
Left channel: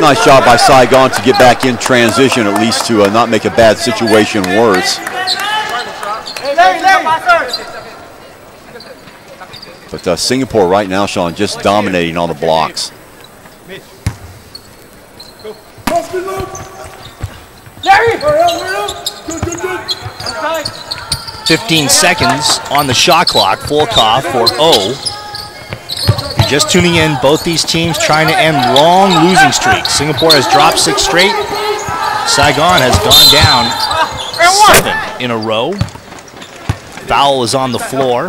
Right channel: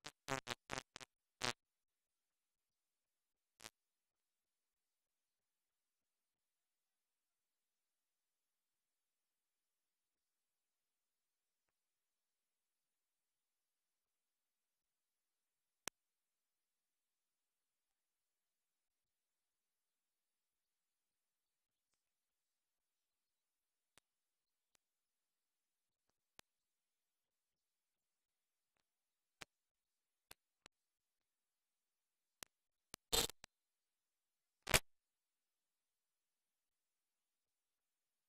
Nice job by Saigon to get back in transition, at least to not make a bad situation worse. But Singapore right now, Sean, just dominating on the blocks. 15 seconds on the shot clock. Volkov for O. If you're just tuning in, both these teams trying to end long losing streaks. Singapore has dropped 6 straight. Saigon has gone down 7 in a row. Foul is on the floor.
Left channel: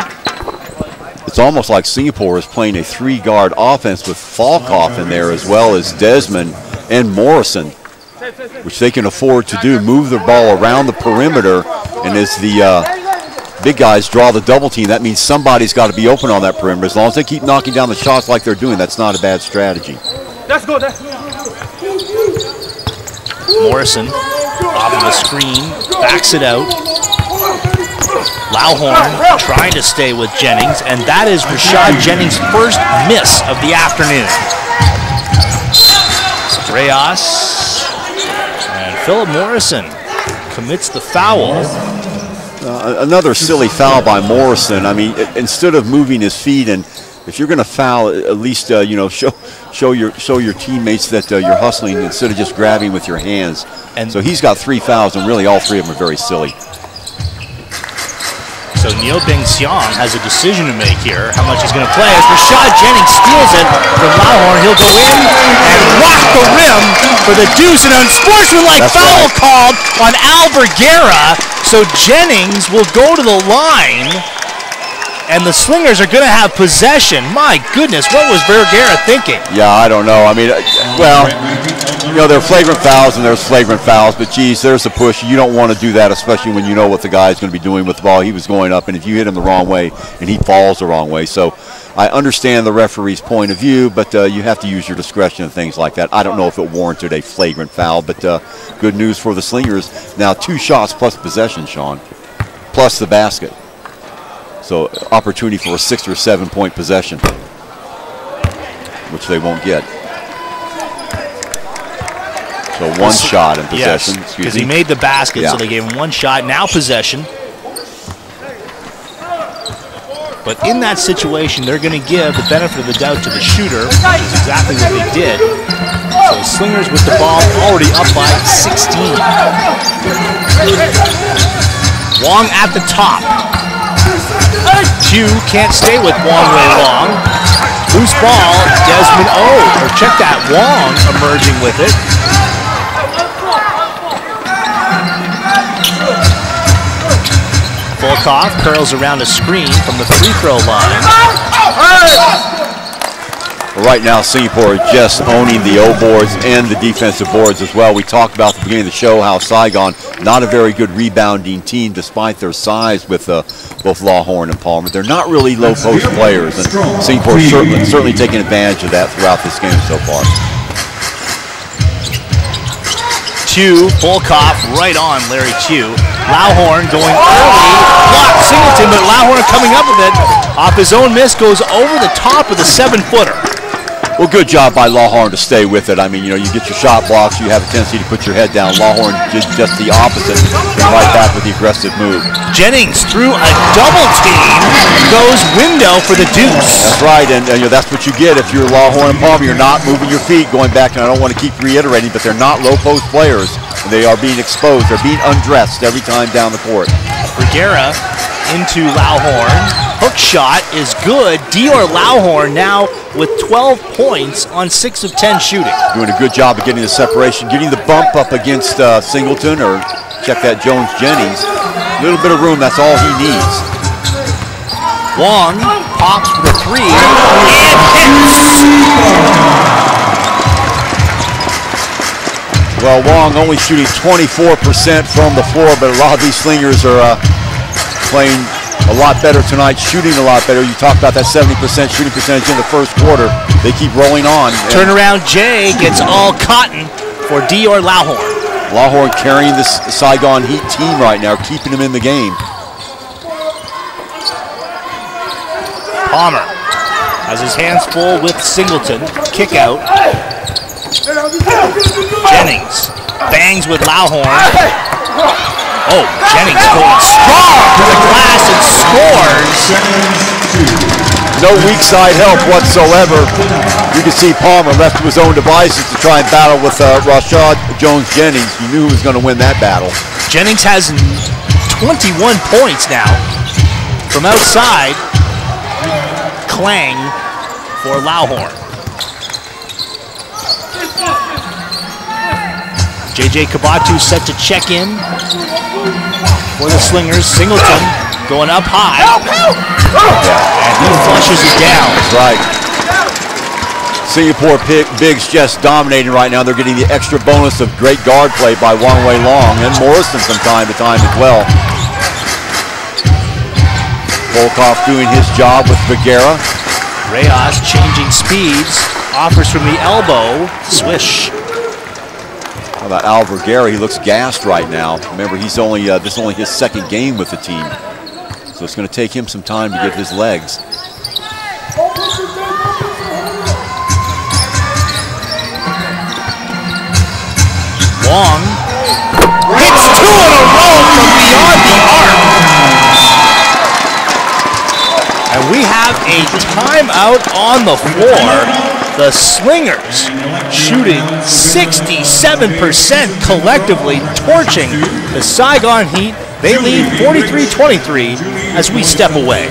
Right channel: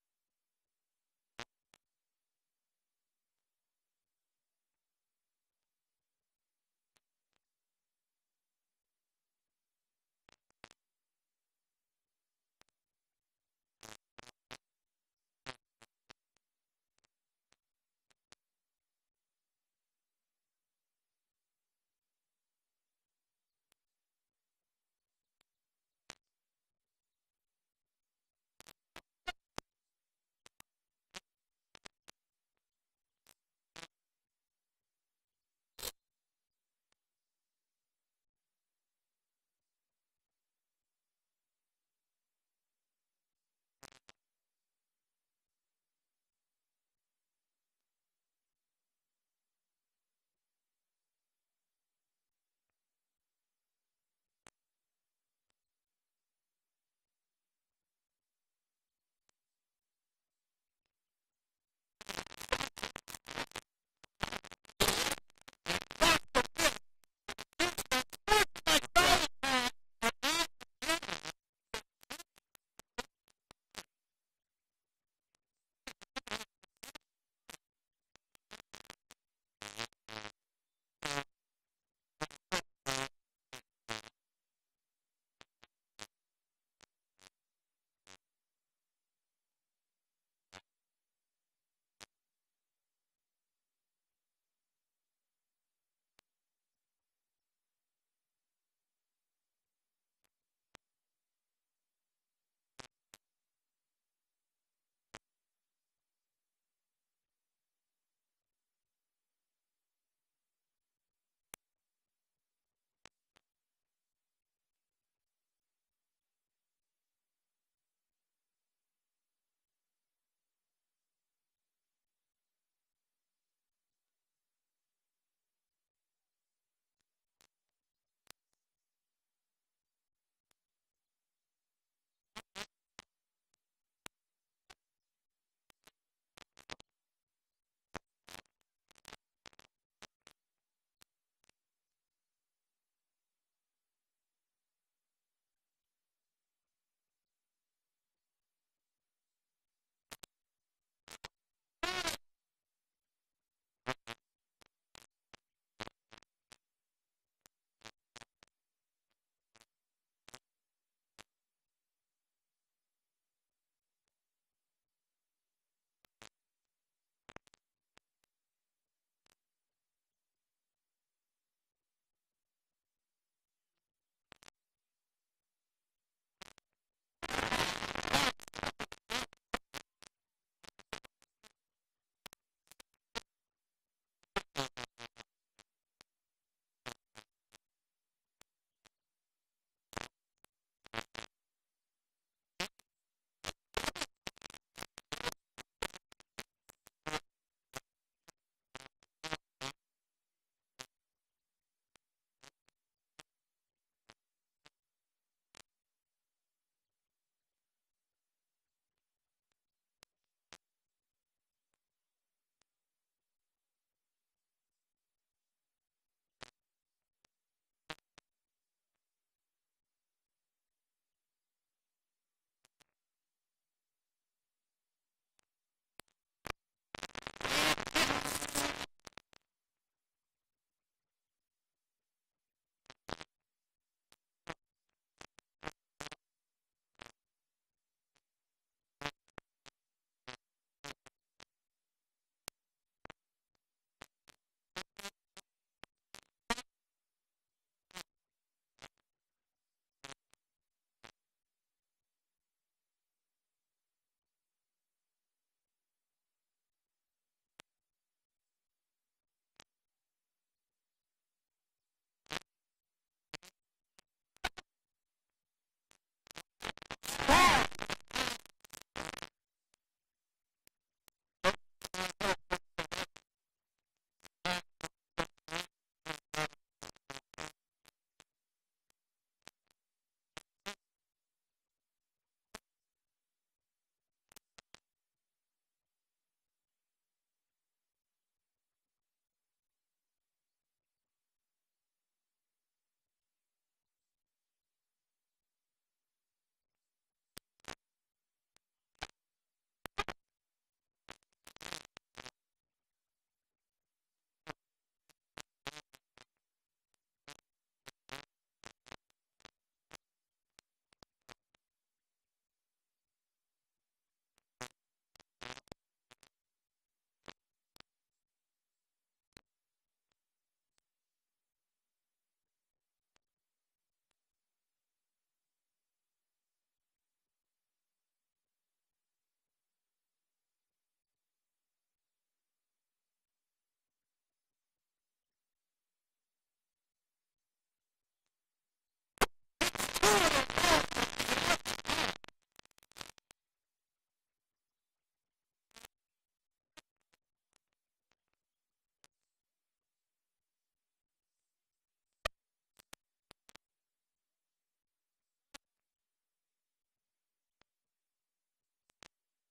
It's almost like Singapore is playing a 3-guard offense with Volkov in there, as well as Desmond and Morrison, which they can afford to do, move the ball around the perimeter. And as the big guys draw the double team, that means somebody's got to be open on that perimeter. As long as they keep knocking down the shots like they're doing, that's not a bad strategy. Let's go. Morrison off of the screen, backs it out. Lawhorn trying to stay with Jennings, and that is Rashad Jennings' first miss of the afternoon. Reyes and Philip Morrison commits the foul. Another silly foul by Morrison. I mean, instead of moving his feet, and if you're going to foul, at least show your teammates that you're hustling instead of just grabbing with your hands. And so he's got 3 fouls, and really all 3 of them are very silly. So Neo Bing Xiong has a decision to make here, how much he's going to play. As Rashad Jennings steals it from Lawhorn, he'll go in and rock the rim for the deuce. An unsportsmanlike foul called on Alvarguera. So Jennings will go to the line, and the Slingers are going to have possession. My goodness, what was Vergara thinking? Yeah, I don't know. I mean, well, there are flagrant fouls and there's flagrant fouls, but geez, there's a push. You don't want to do that, especially when you know what the guy's going to be doing with the ball. He was going up, and if you hit him the wrong way, and he falls the wrong way. So I understand the referee's point of view, but you have to use your discretion and things like that. I don't know if it warranted a flagrant foul, but good news for the Slingers. Now 2 shots plus possession, Sean, plus the basket. So opportunity for a 6 or 7 point possession, which they won't get. So 1 shot in possession. Yes, because he made the basket, so they gave him 1 shot. Now possession. But in that situation, they're going to give the benefit of the doubt to the shooter, which is exactly what they did. So Slingers with the ball already up by 16. Wong at the top. Q can't stay with Wong very long. Loose ball, Desmond O. Or check that, Wong emerging with it. Volkov curls around a screen from the free throw line. Well, right now, Singapore is just owning the O boards and the defensive boards as well. We talked about at the beginning of the show how Saigon, not a very good rebounding team despite their size with both Lawhorn and Palmer. They're not really low post players, and Singapore certainly taking advantage of that throughout this game so far. Chu, Volkov right on Larry Chu. Lawhorn going early, blocked Singleton, but Lawhorn coming up with it. Off his own miss, goes over the top of the 7-footer. Well, good job by Lawhorn to stay with it. I mean, you get your shot blocks, you have a tendency to put your head down. Lawhorn did just the opposite, and right back with the aggressive move. Jennings through a double team, goes window for the deuce. That's right, and that's what you get if you're Lawhorn and Palmer. You're not moving your feet going back, and I don't want to keep reiterating, but they're not low post players. They are being exposed. They're being undressed every time down the court. Vergara into Lawhorn. Hook shot is good. Dior Lawhorn now with 12 points on 6 of 10 shooting. Doing a good job of getting the separation, getting the bump up against Singleton, or check that Jones-Jennings. A little bit of room, that's all he needs. Wong pops for the 3 and hits. Well, Wong only shooting 24% from the floor, but a lot of these Slingers are playing a lot better tonight, shooting a lot better. You talked about that 70% shooting percentage in the first quarter. They keep rolling on. Turnaround Jay gets all cotton for Dior Lawhorn. Lawhorn carrying this Saigon Heat team right now, keeping them in the game. Palmer has his hands full with Singleton. Kick out. Jennings bangs with Lawhorn. Oh, Jennings going strong to the glass and scores. No weak side help whatsoever. You can see Palmer left to his own devices to try and battle with Rashad Jones-Jennings. You knew he was going to win that battle. Jennings has 21 points now. From outside, Clang for Lawhorn. JJ Kabatu set to check in for the Slingers. Singleton going up high. And he flushes it down. That's right. Singapore bigs just dominating right now. They're getting the extra bonus of great guard play by Wang Wei Long and Morrison from time to time as well. Volkov doing his job with Vergara. Reyes changing speeds. Offers from the elbow. Swish. How about Al Vergara? He looks gassed right now. Remember, he's only this is only his second game with the team, so it's going to take him some time to get his legs. Wong hits 2 in a row from beyond the arc, and we have a timeout on the floor. The Slingers shooting 67% collectively, torching the Saigon Heat. They lead 43-23 as we step away.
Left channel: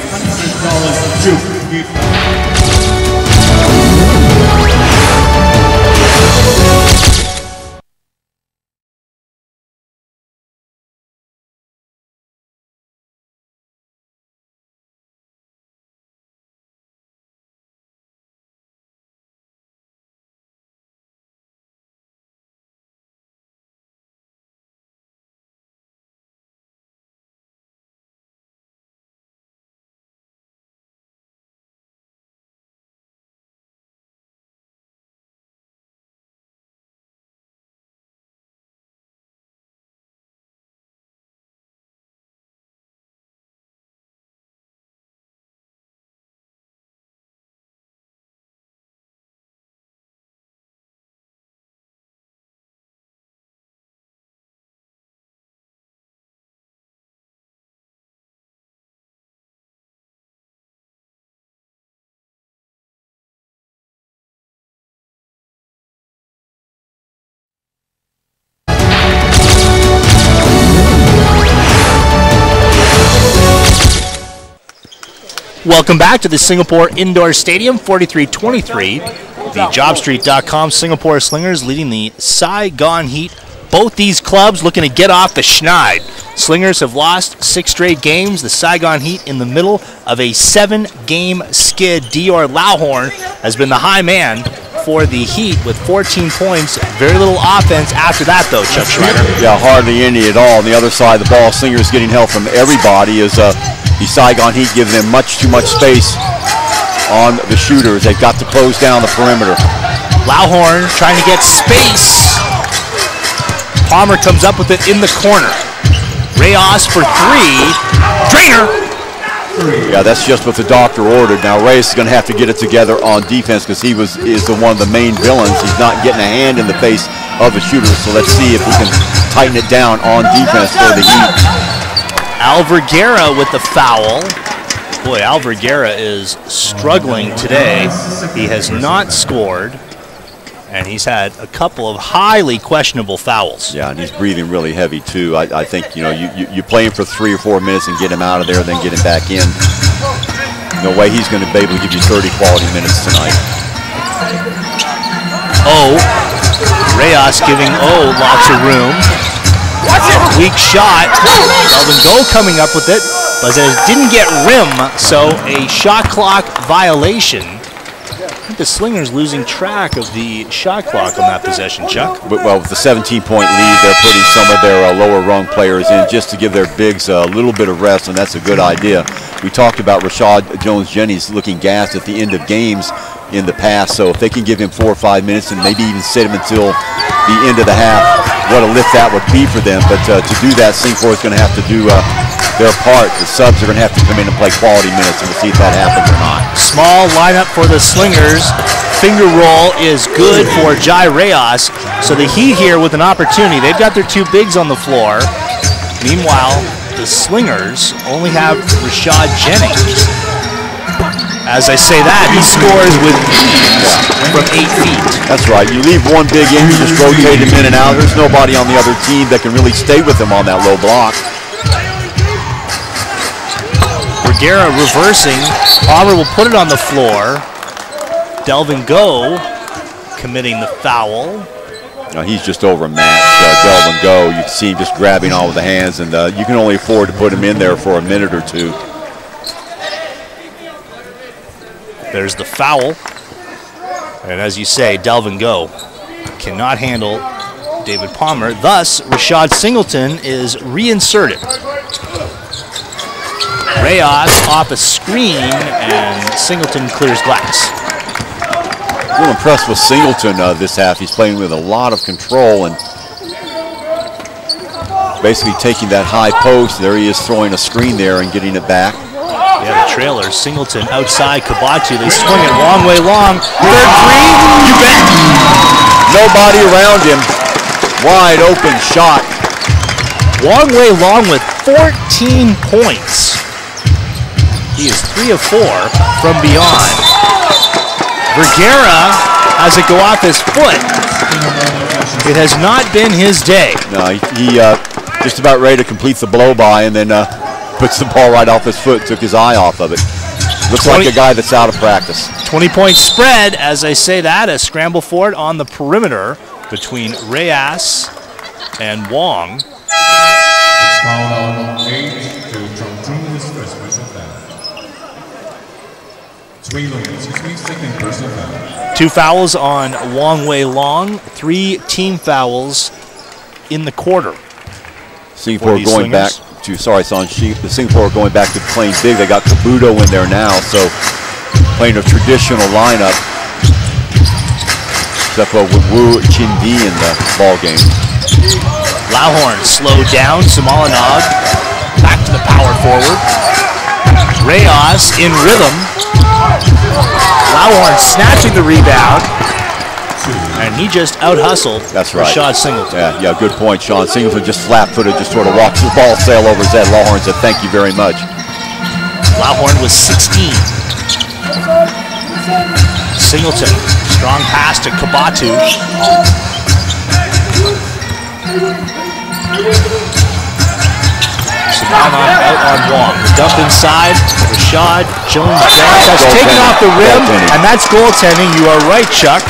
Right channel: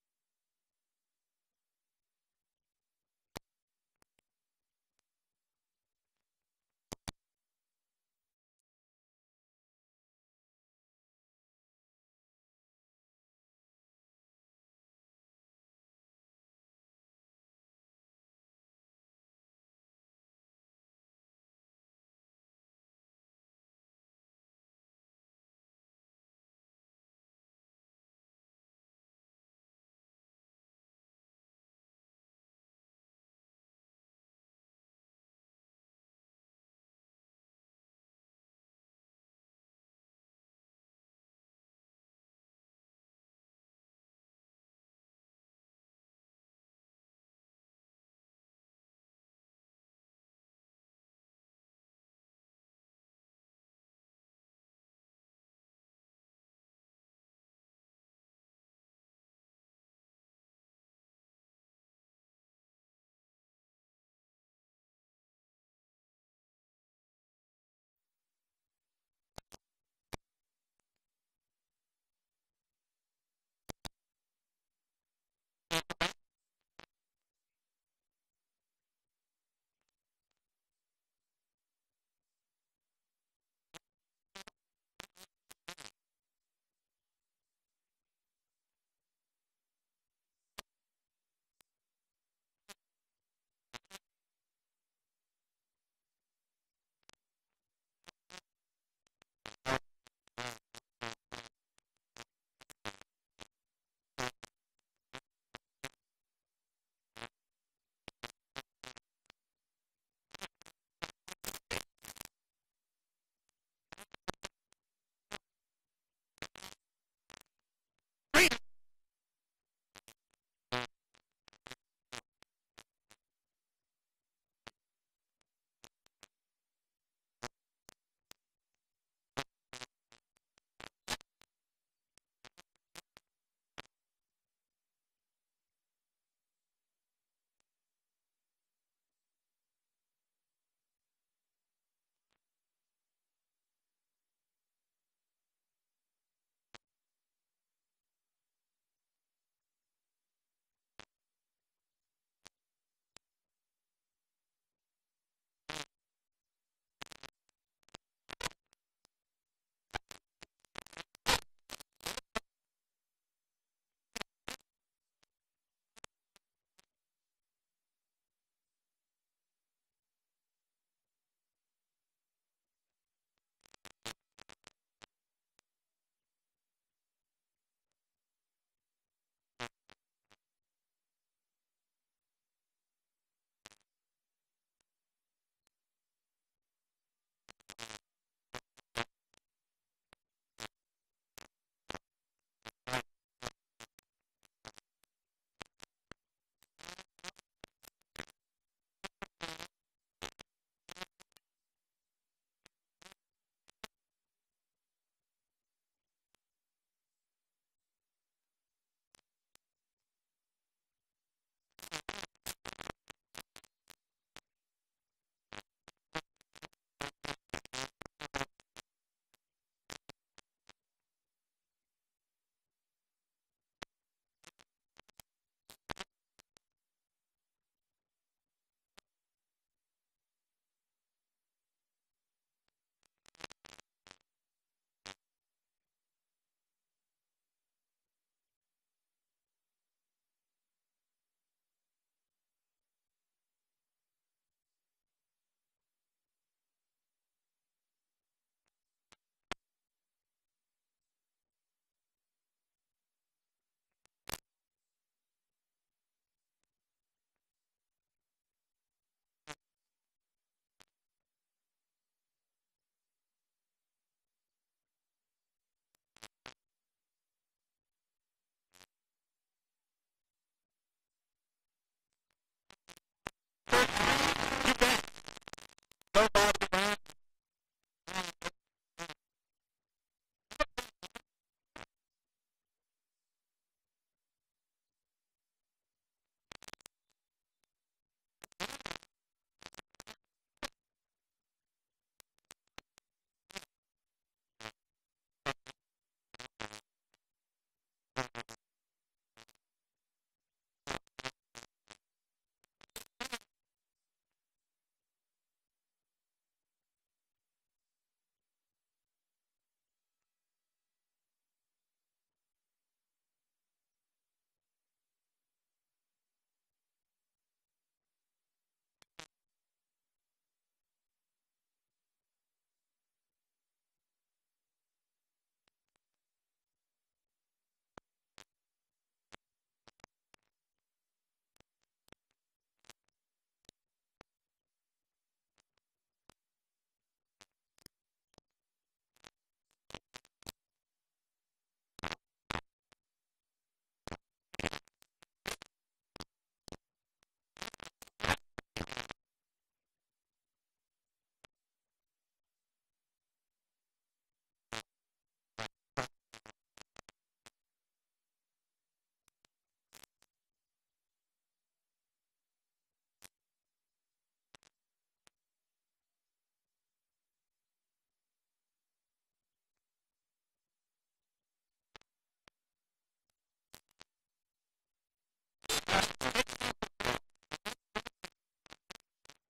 Welcome back to the Singapore Indoor Stadium, 43-23. The JobStreet.com Singapore Slingers leading the Saigon Heat. Both these clubs looking to get off the schneid. Slingers have lost 6 straight games. The Saigon Heat in the middle of a 7-game skid. Dior Lauhorn has been the high man for the Heat with 14 points. Very little offense after that, though, Chuck Schreiner. Yeah, hardly any at all. On the other side of the ball, Slingers getting help from everybody as the Saigon Heat giving them much too much space on the shooters. They've got to close down the perimeter. Lauhorn trying to get space. Palmer comes up with it in the corner. Reyes for 3. Drainer. Yeah, that's just what the doctor ordered. Now Reyes is going to have to get it together on defense because he is one of the main villains. He's not getting a hand in the face of the shooters. So let's see if he can tighten it down on defense for the Heat. Alverguera with the foul. Boy, Alverguera is struggling today. He has not scored, and he's had a couple of highly questionable fouls. Yeah, and he's breathing really heavy too. I think, you know, you play him for 3 or 4 minutes and get him out of there, then get him back in. No way he's going to be able to give you 30 quality minutes tonight. Reyes giving lots of room. Weak shot. Delvin Go coming up with it, but it didn't get rim, so a shot clock violation. I think the Slingers losing track of the shot clock on that possession, Chuck. Well, with the 17-point lead, they're putting some of their lower-rung players in just to give their bigs a little bit of rest, and that's a good idea. We talked about Rashad Jones-Jennings looking gassed at the end of games in the past, so if they can give him 4 or 5 minutes and maybe even sit him until the end of the half, what a lift that would be for them. But to do that, Singapore is going to have to do their part. The subs are going to have to come in and play quality minutes, and we'll see if that happens or not. Small lineup for the Slingers. Finger roll is good for Jai Reyes. So the Heat here with an opportunity. They've got their 2 bigs on the floor. Meanwhile, the Slingers only have Rashad Jennings. As I say that, he scores with ease from 8 feet. That's right. You leave one big in, you just rotate him in and out. There's nobody on the other team that can really stay with him on that low block. Vergara reversing. Palmer will put it on the floor. Delvin Go committing the foul. No, he's just overmatched, Delvin Go. You can see him just grabbing all with the hands, and you can only afford to put him in there for a minute or two. There's the foul. And as you say, Delvin Go cannot handle David Palmer. Thus, Rashad Singleton is reinserted. Reyes off a screen, and Singleton clears glass. A little impressed with Singleton this half. He's playing with a lot of control and basically taking that high post. There he is throwing a screen there and getting it back. Yeah, the trailer. Singleton outside Kabatu. They swing it long way long. Third 3, you bet. Nobody around him. Wide open shot. Long way long with 14 points. He is 3 of 4 from beyond. Vergara has it go off his foot. It has not been his day. No, he just about ready to complete the blow by and then puts the ball right off his foot, took his eye off of it. Looks like a guy that's out of practice. 20-point spread, as I say that, a scramble for it on the perimeter between Reyes and Wong. Foul 8 to Chongqing is first personal foul. 3 second personal foul. 2 fouls on Wong Wei Long, 3 team fouls in the quarter. Singapore going back to, sorry, Sanji, the Singapore going back to playing big. They got Kabuto in there now, so playing a traditional lineup. Except for with Wu Chin-Di in the ball game. Lauhorn slowed down. Simolinov back to the power forward. Reyes in rhythm. Lauhorn snatching the rebound. And he just out-hustled Rashad Singleton. Yeah, good point, Sean. Singleton just flat-footed, just sort of watched the ball sail over his head. Lauhorn said, thank you very much. Lauhorn was 16. Singleton, strong pass to Kabatu. Simolinov out on Wong. The dump inside. Rashad Jones-Jennings has taken off the rim, and that's goaltending. You are right, Chuck.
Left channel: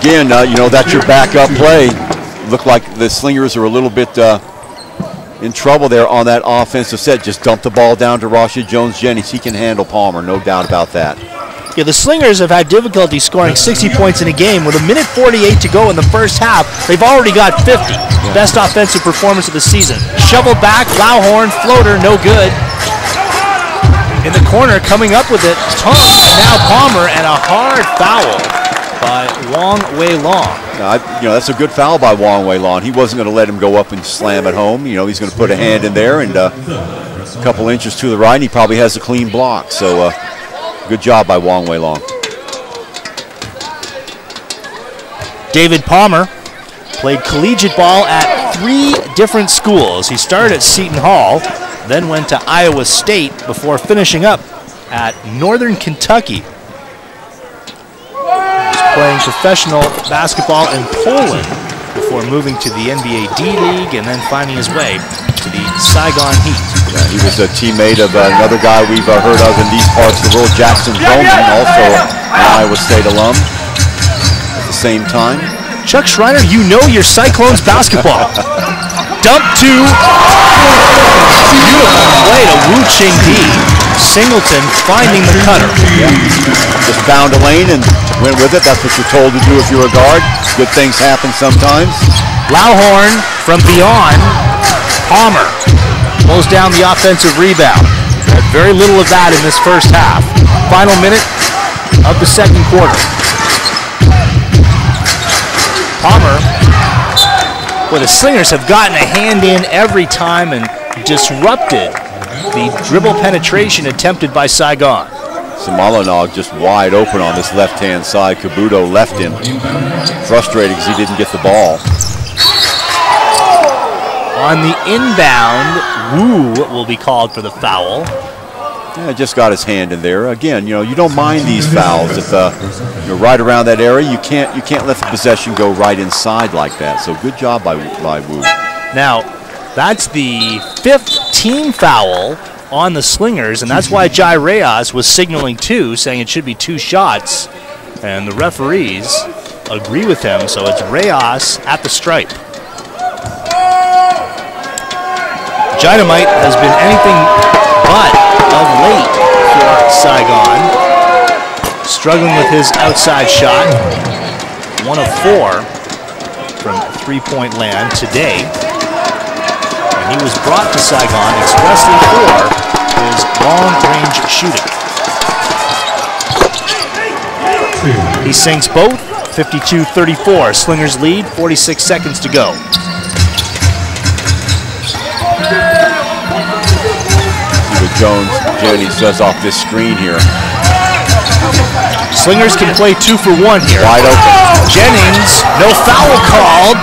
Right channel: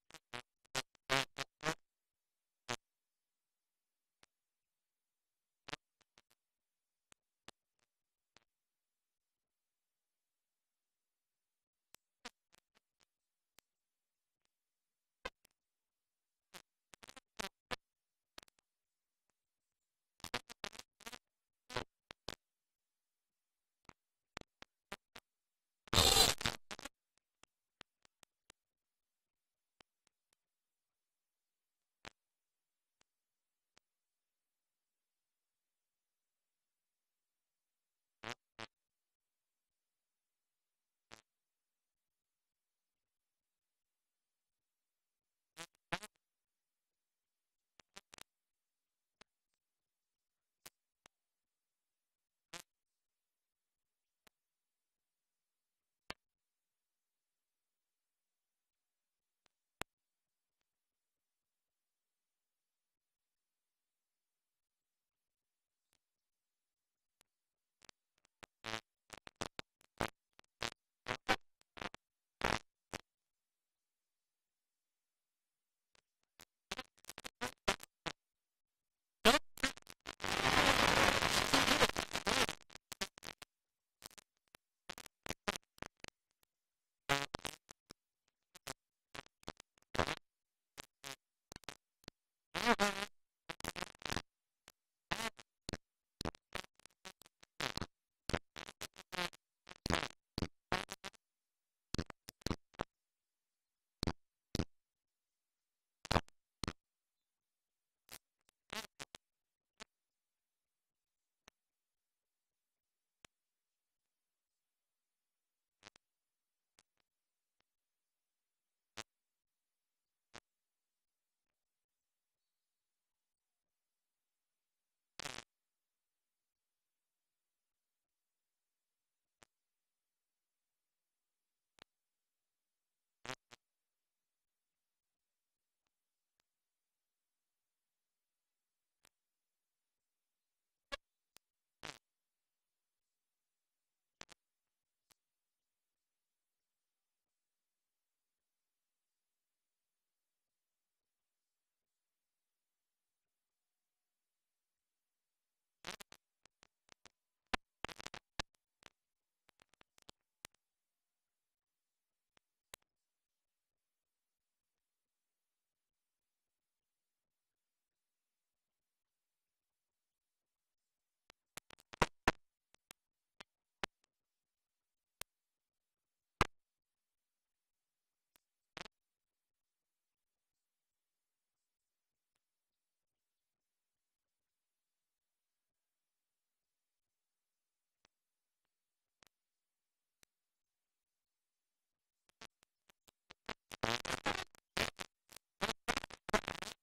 Again, you know, that's your backup play. looked like the Slingers are a little bit in trouble there on that offensive set. Just dump the ball down to Rashid Jones-Jennings. He can handle Palmer, no doubt about that. Yeah, the Slingers have had difficulty scoring 60 points in a game. With a minute 48 to go in the first half, they've already got 50. Yeah. Best offensive performance of the season. Shoveled back, Lauhorn, floater, no good. In the corner, coming up with it, Tung, now Palmer, and a hard foul by Wong Wei Long. That's a good foul by Wong Wei Long. He wasn't going to let him go up and slam it home. He's going to put a hand in there, and a couple inches to the right, and he probably has a clean block. So good job by Wong Wei Long. David Palmer played collegiate ball at 3 different schools. He started at Seton Hall, then went to Iowa State before finishing up at Northern Kentucky. Playing professional basketball in Poland before moving to the NBA D-League and then finding his way to the Saigon Heat. Yeah, he was a teammate of another guy we've heard of in these parts of the world, Jackson Bowman, also an Iowa State alum at the same time. Chuck Schreiner, you know your Cyclones basketball. Dump to beautiful play to Wu Ching Di. Singleton finding the cutter. Yeah. Just found a lane and went with it. That's what you're told to do if you're a guard. Good things happen sometimes. Lauhorn from beyond. Palmer pulls down the offensive rebound. Had very little of that in this first half. Final minute of the second quarter. Palmer, where the Slingers have gotten a hand in every time and disrupted the dribble penetration attempted by Saigon. Samalanog just wide open on this left-hand side. Kabuto left him. Frustrated because he didn't get the ball. On the inbound, Wu will be called for the foul. Yeah, just got his hand in there. Again, you don't mind these fouls. If you're right around that area, you can't let the possession go right inside like that. So good job by Wu. Now, that's the 5th team foul on the Slingers, and that's why Jai Reyes was signaling 2, saying it should be 2 shots. And the referees agree with him, so it's Reyes at the stripe. Dynamite has been anything but of late for Saigon. Struggling with his outside shot. 1 of 4 from 3-point land today. And he was brought to Saigon expressly for his long-range shooting. He sinks both. 52-34. Slingers lead. 46 seconds to go. Jones-Jennings does off this screen here. Slingers can play 2 for 1 here. Wide open. Jennings, no foul called.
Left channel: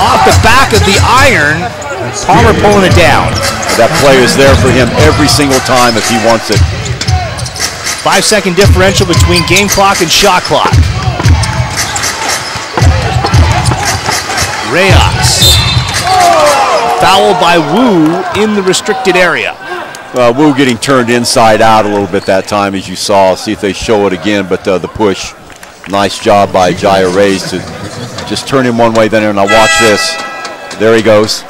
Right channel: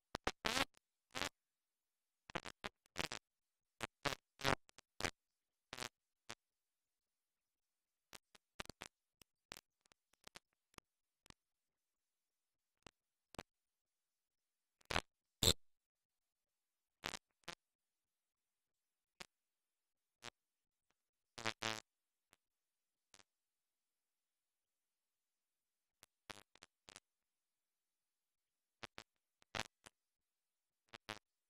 Off the back of the iron. Palmer pulling it down. That play is there for him every single time if he wants it. 5-second differential between game clock and shot clock. Reyes. Foul by Wu in the restricted area. Wu getting turned inside out a little bit that time, as you saw. See if they show it again, but the push. Nice job by Jai Reyes to just turn him one way, then and now watch this. There he goes.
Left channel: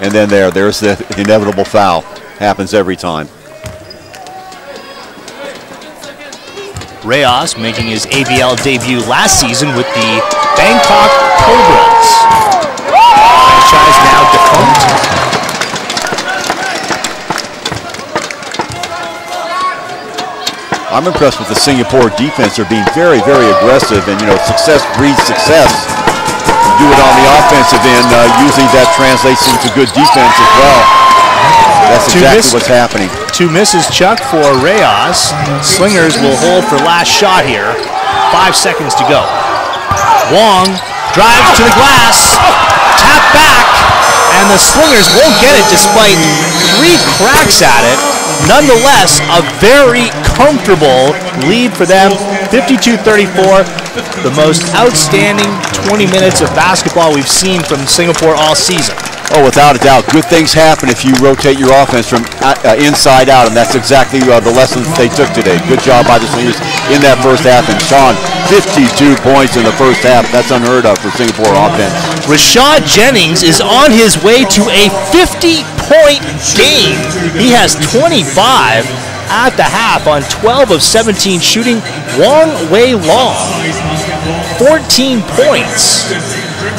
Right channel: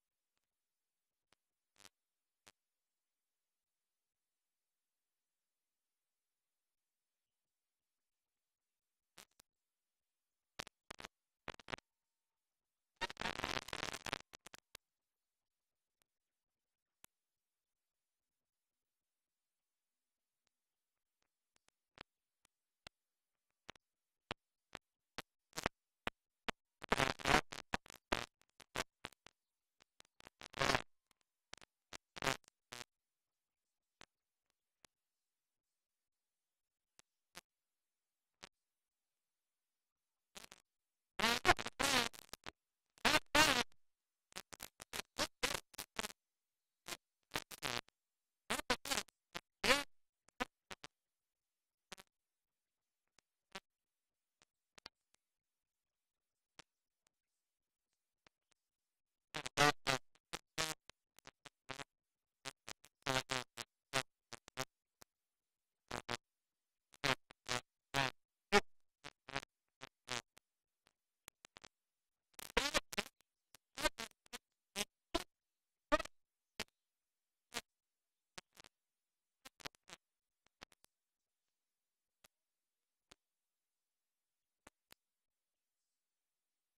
And then there's the inevitable foul. Happens every time. Reyes making his ABL debut last season with the Bangkok Cobras. Franchise now defunct. I'm impressed with the Singapore defense. They're being very, very aggressive, and success breeds success. You do it on the offensive end, usually that translates into good defense as well. That's exactly what's happening. 2 misses, Chuck, for Reyes. Slingers will hold for last shot here. 5 seconds to go. Wong drives to the glass, tap back, and the Slingers won't get it despite 3 cracks at it. Nonetheless, a very comfortable lead for them, 52-34, the most outstanding 20 minutes of basketball we've seen from Singapore all season. Oh, without a doubt. Good things happen if you rotate your offense from inside out, and that's exactly the lesson that they took today. Good job by the Slingers in that first half. And Sean, 52 points in the first half. That's unheard of for Singapore offense. Rashad Jennings is on his way to a 50-point game. He has 25 at the half on 12 of 17 shooting. Wong Wei Long, 14 points.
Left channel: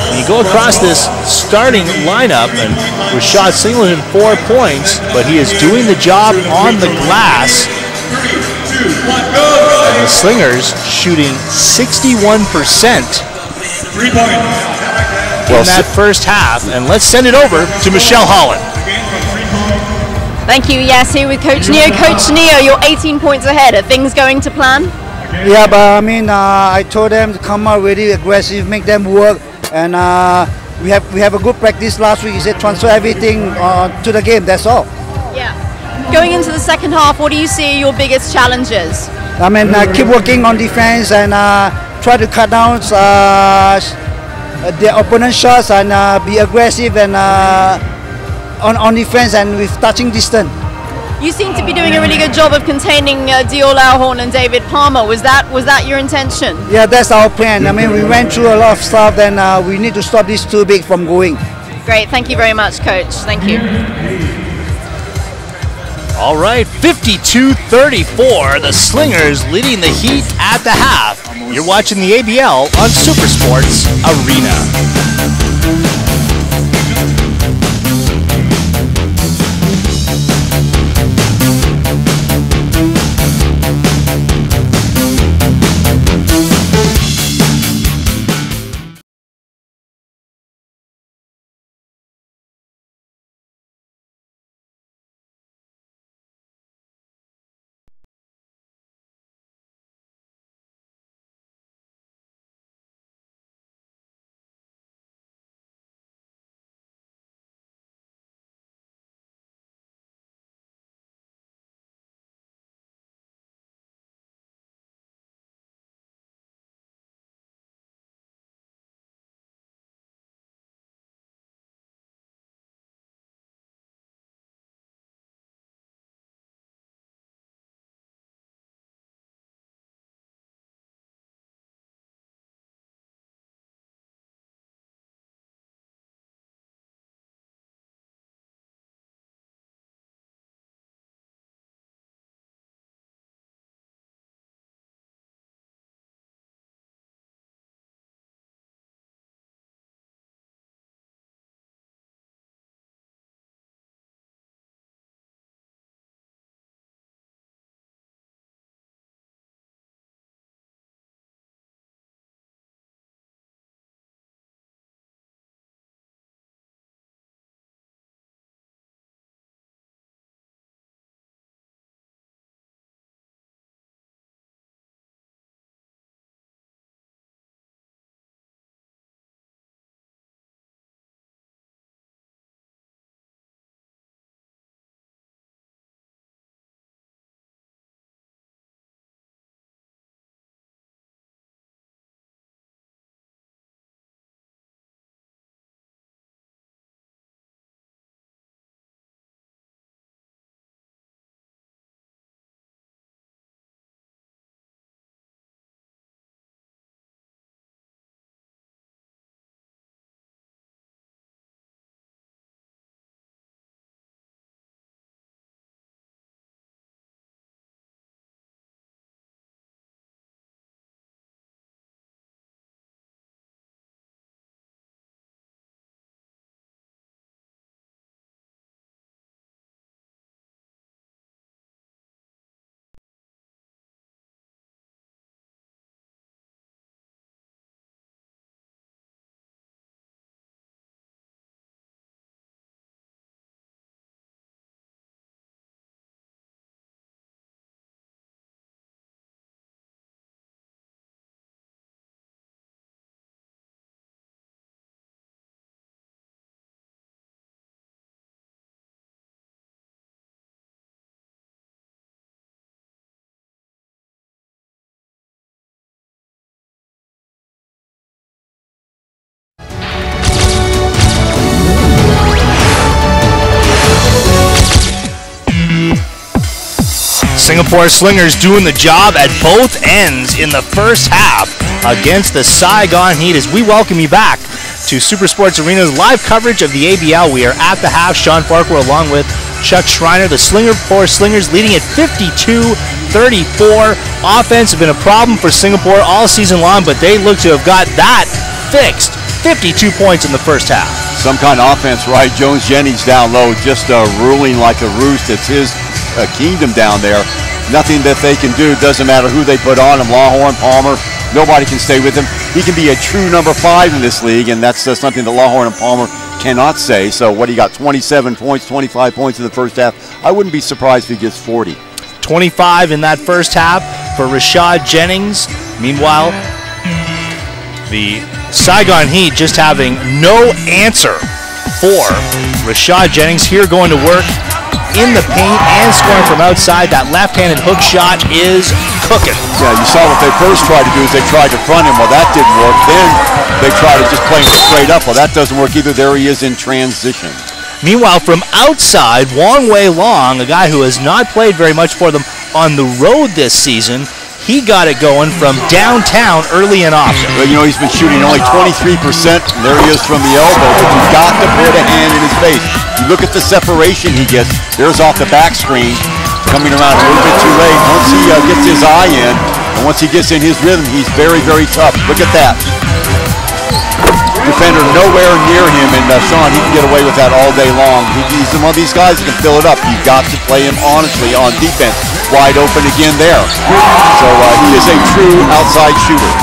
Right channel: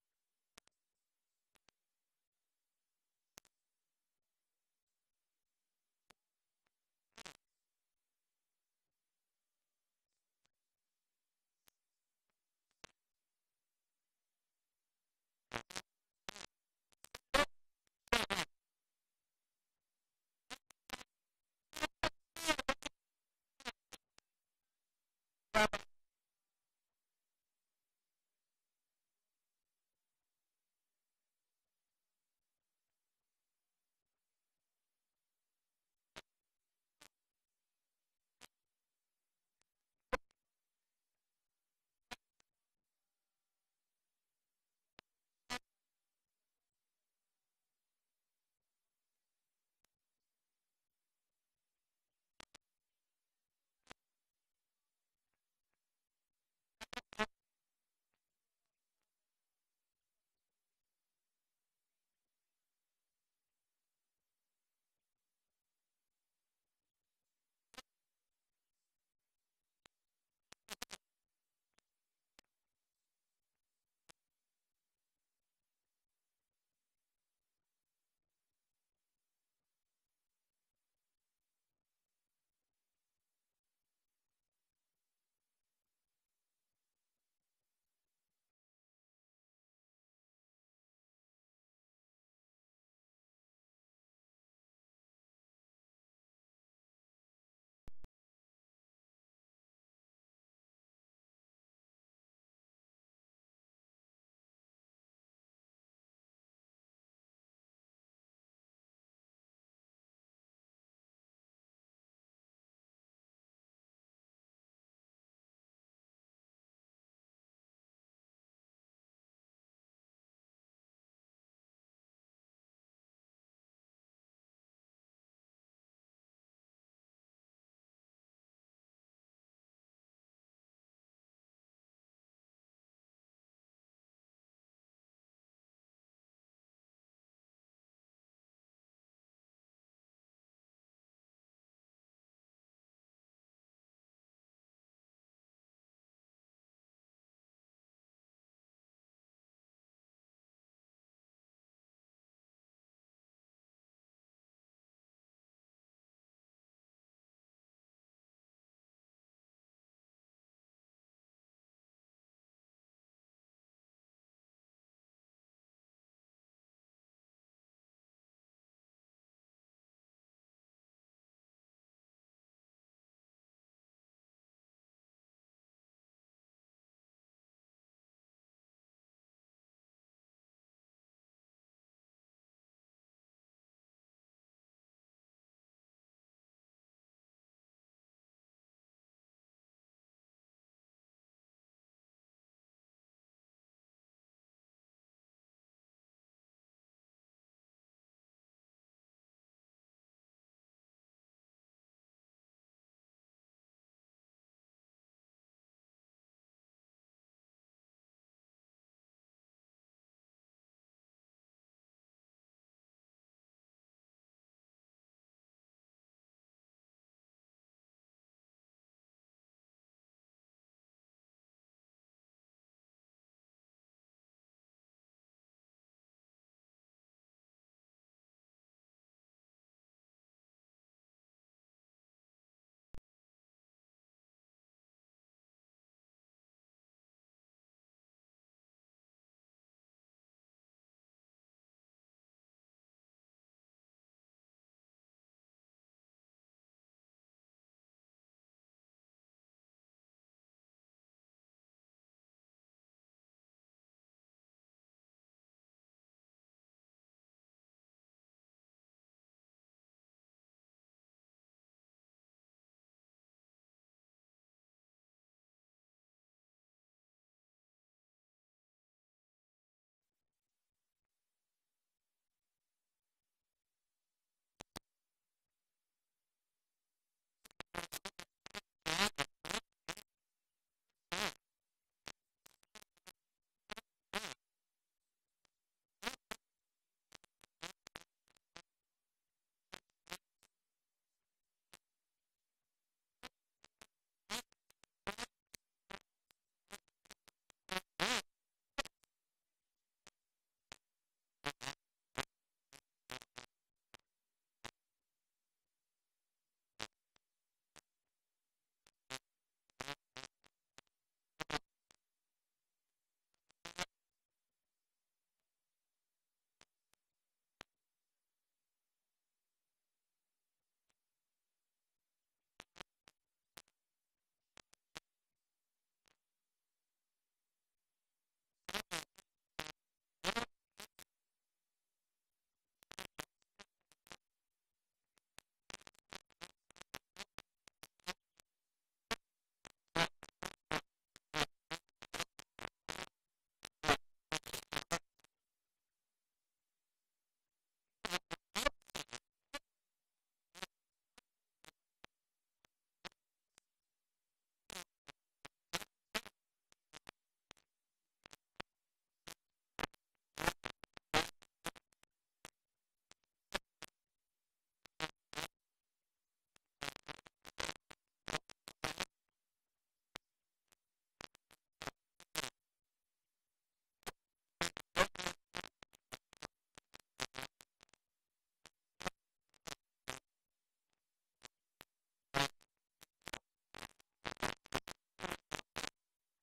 When you go across this starting lineup, and Rashad Singleton 4 points, but he is doing the job on the glass. And the Slingers shooting 61% in that first half. And let's send it over to Michelle Holland. Thank you. Yes, here with Coach Neo. Coach Neo, you're 18 points ahead. Are things going to plan? Yeah, but I mean, I told them to come out really aggressive, make them work, and we have a good practice last week. He said transfer everything to the game. That's all. Yeah. Going into the second half, what do you see are your biggest challenges? I mean, keep working on defense and try to cut down the opponent's shots and be aggressive and on defense and with touching distance. You seem to be doing a really good job of containing Dio Lauhorn and David Palmer. Was that your intention? Yeah, that's our plan. I mean, we went through a lot of stuff, and we need to stop these two big from going. Great. Thank you very much, Coach. Thank you. All right, 52-34. The Slingers leading the Heat at the half. You're watching the ABL on Super Sports Arena. Singapore Slingers doing the job at both ends in the first half against the Saigon Heat as we welcome you back to Super Sports Arena's live coverage of the ABL. We are at the half. Sean Farquhar along with Chuck Schreiner. The Singapore Slingers leading at 52-34. Offense has been a problem for Singapore all season long, but they look to have got that fixed. 52 points in the first half. Some kind of offense, right? Jones Jennings down low, just ruling like a roost. It's his kingdom down there. Nothing that they can do. Doesn't matter who they put on him. Lawhorn, Palmer, nobody can stay with him. He can be a true number 5 in this league, and that's something that Lawhorn and Palmer cannot say. So what, he got 27 points, 25 points in the first half. I wouldn't be surprised if he gets 40. 25 in that first half for Rashad Jennings. Meanwhile, the Saigon Heat just having no answer for Rashad Jennings here, going to work in the paint and scoring from outside. That left-handed hook shot is cooking. Yeah, you saw what they first tried to do is they tried to front him. Well, that didn't work. Then they tried to just play him straight up. Well, that doesn't work either. There he is in transition. Meanwhile, from outside, Wong Wei Long, a guy who has not played very much for them on the road this season, he got it going from downtown early and often. Well, you know, he's been shooting only 23%, and there he is from the elbow, but you've got to put a hand in his face. You look at the separation he gets. There's off the back screen, coming around a little bit too late. Once he gets his eye in, and once he gets in his rhythm, he's very, very tough. Look at that. Defender nowhere near him, and Sean, he can get away with that all day long. He's one of these guys that can fill it up. You've got to play him honestly on defense. Wide open again there. So he is a true outside shooter.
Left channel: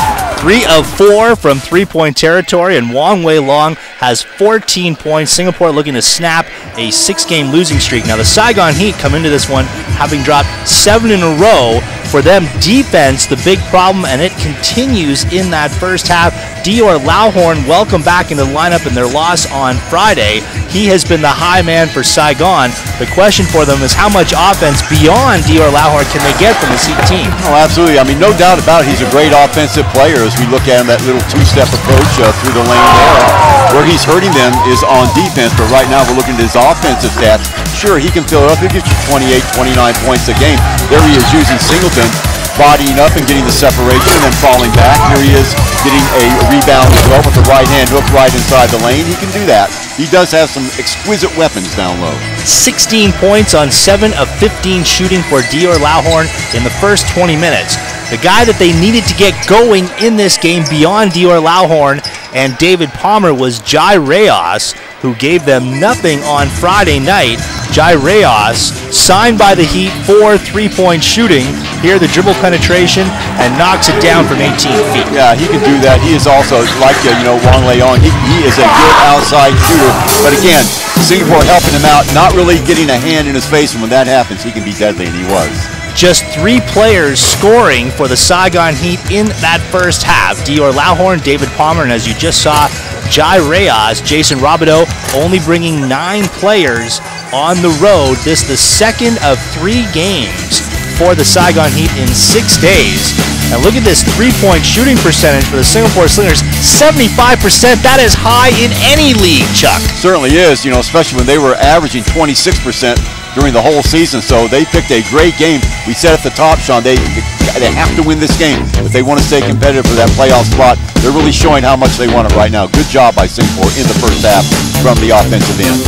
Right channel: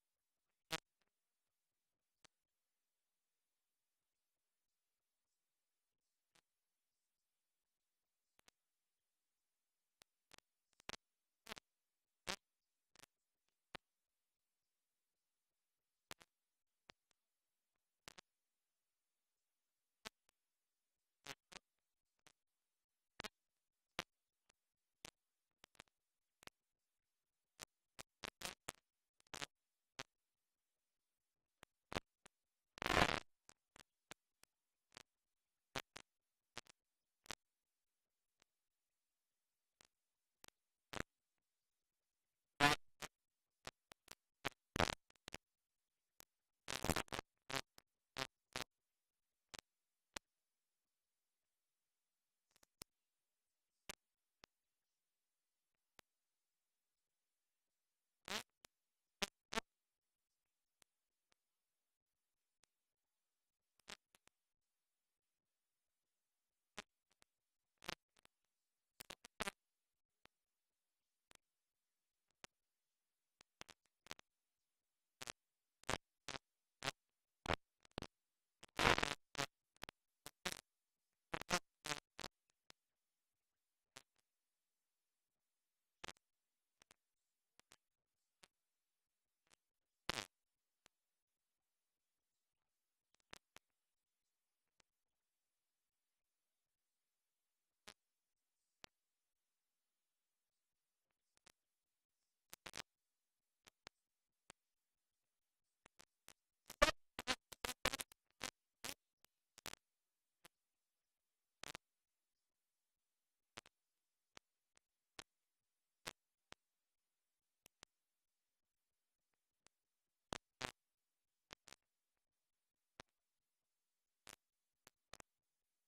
3 of 4 from three-point territory, and Wong Wei Long has 14 points. Singapore looking to snap a 6-game losing streak. Now the Saigon Heat come into this one having dropped 7 in a row. For them, defense, the big problem, and it continues in that first half. Dior Lawhorn, welcome back into the lineup in their loss on Friday. He has been the high man for Saigon. The question for them is how much offense beyond Dior Lawhorn can they get from this Heat team? Oh, absolutely. I mean, no doubt about it. He's a great offensive player as we look at him, that little two-step approach through the lane there. Where he's hurting them is on defense, but right now we're looking at his offensive stats. Sure, he can fill it up. He'll get you 28, 29 points a game. There he is using Singleton, bodying up and getting the separation and then falling back. Here he is getting a rebound as well with the right hand hook right inside the lane. He can do that. He does have some exquisite weapons down low. 16 points on 7 of 15 shooting for Dior Lawhorn in the first 20 minutes. The guy that they needed to get going in this game beyond Dior Lawhorn and David Palmer was Jai Reyes, who gave them nothing on Friday night. Jai Reyes, signed by the Heat for three-point shooting. Here the dribble penetration and knocks it down from 18 feet. Yeah, he can do that. He is also, like Wong Wei Long, he is a good outside shooter. But again, Singapore helping him out, not really getting a hand in his face, and when that happens, he can be deadly, and he was. Just 3 players scoring for the Saigon Heat in that first half. Dior Lawhorn, David Palmer, and as you just saw, Jai Reyes, Jason Robideau, only bringing 9 players on the road. This the second of 3 games for the Saigon Heat in 6 days. And look at this three-point shooting percentage for the Singapore Slingers, 75%. That is high in any league, Chuck. Certainly is, especially when they were averaging 26% during the whole season. So they picked a great game. We said at the top, Sean, they have to win this game if they want to stay competitive for that playoff spot. They're really showing how much they want it right now. Good job by Singapore in the first half from the offensive end.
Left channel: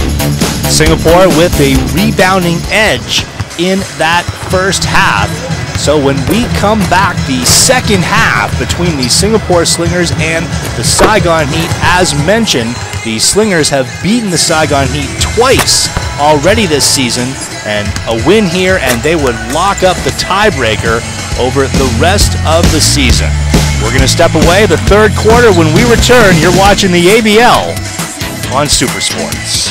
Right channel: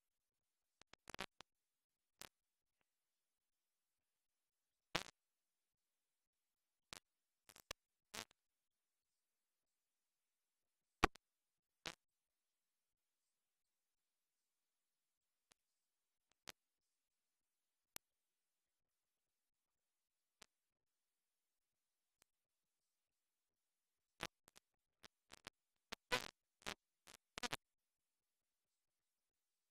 Singapore with a rebounding edge in that first half. So when we come back, the second half between the Singapore Slingers and the Saigon Heat, as mentioned, the Slingers have beaten the Saigon Heat twice already this season, and a win here, and they would lock up the tiebreaker over the rest of the season. We're going to step away the third quarter. When we return, you're watching the ABL on Super Sports.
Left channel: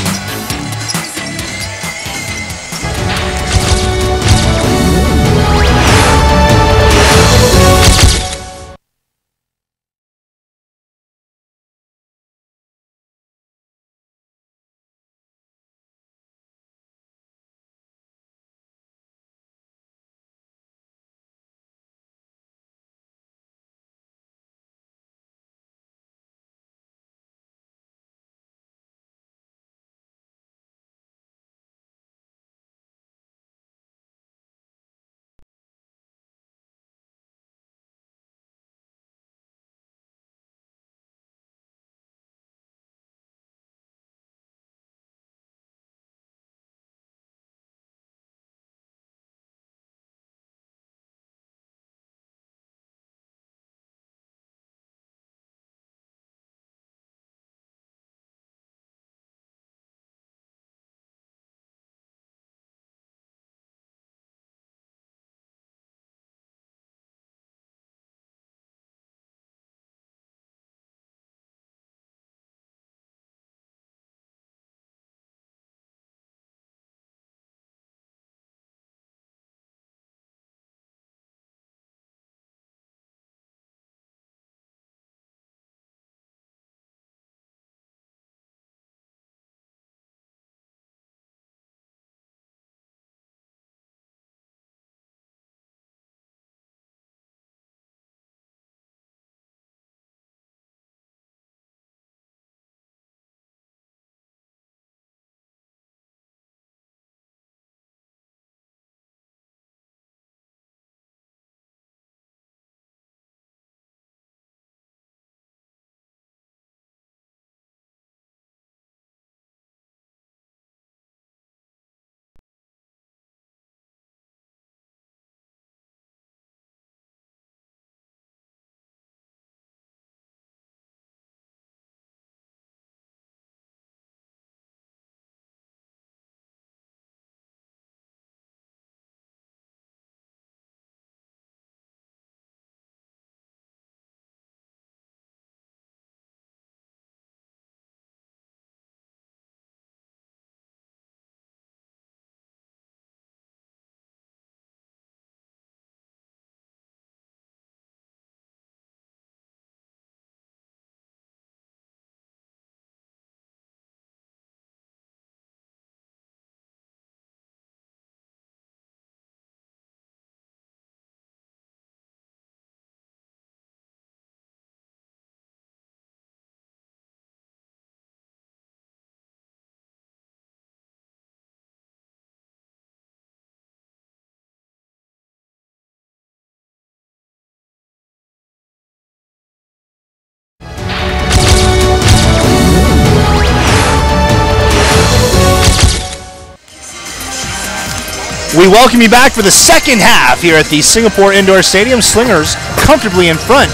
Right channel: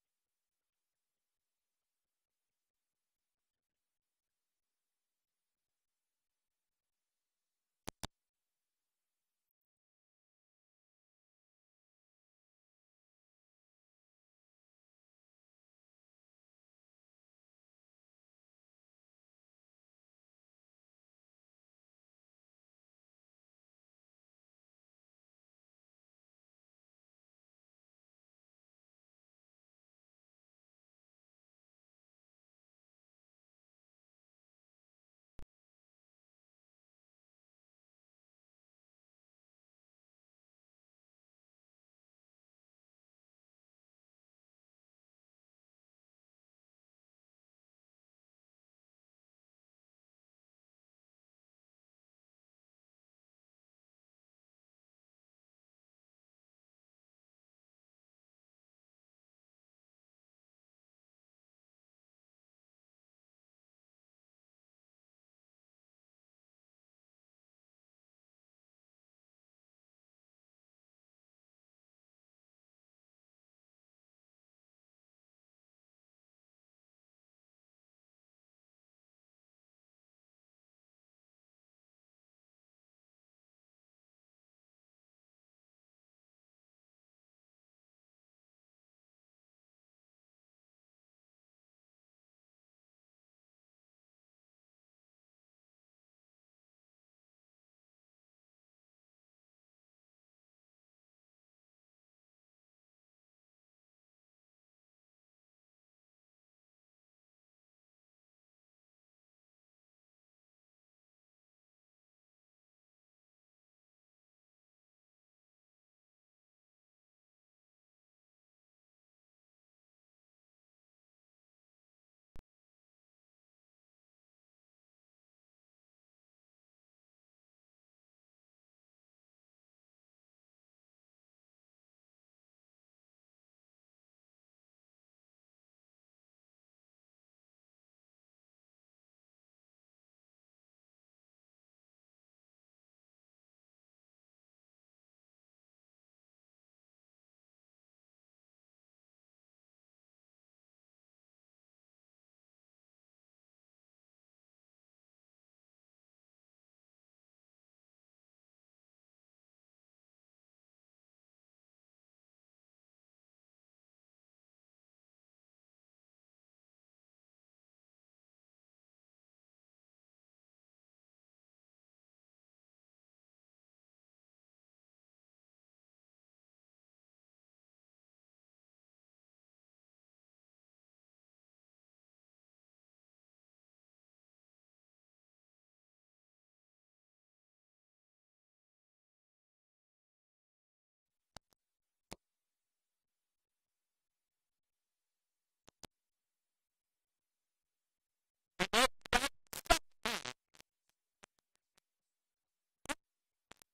We welcome you back for the second half here at the Singapore Indoor Stadium. Slingers comfortably in front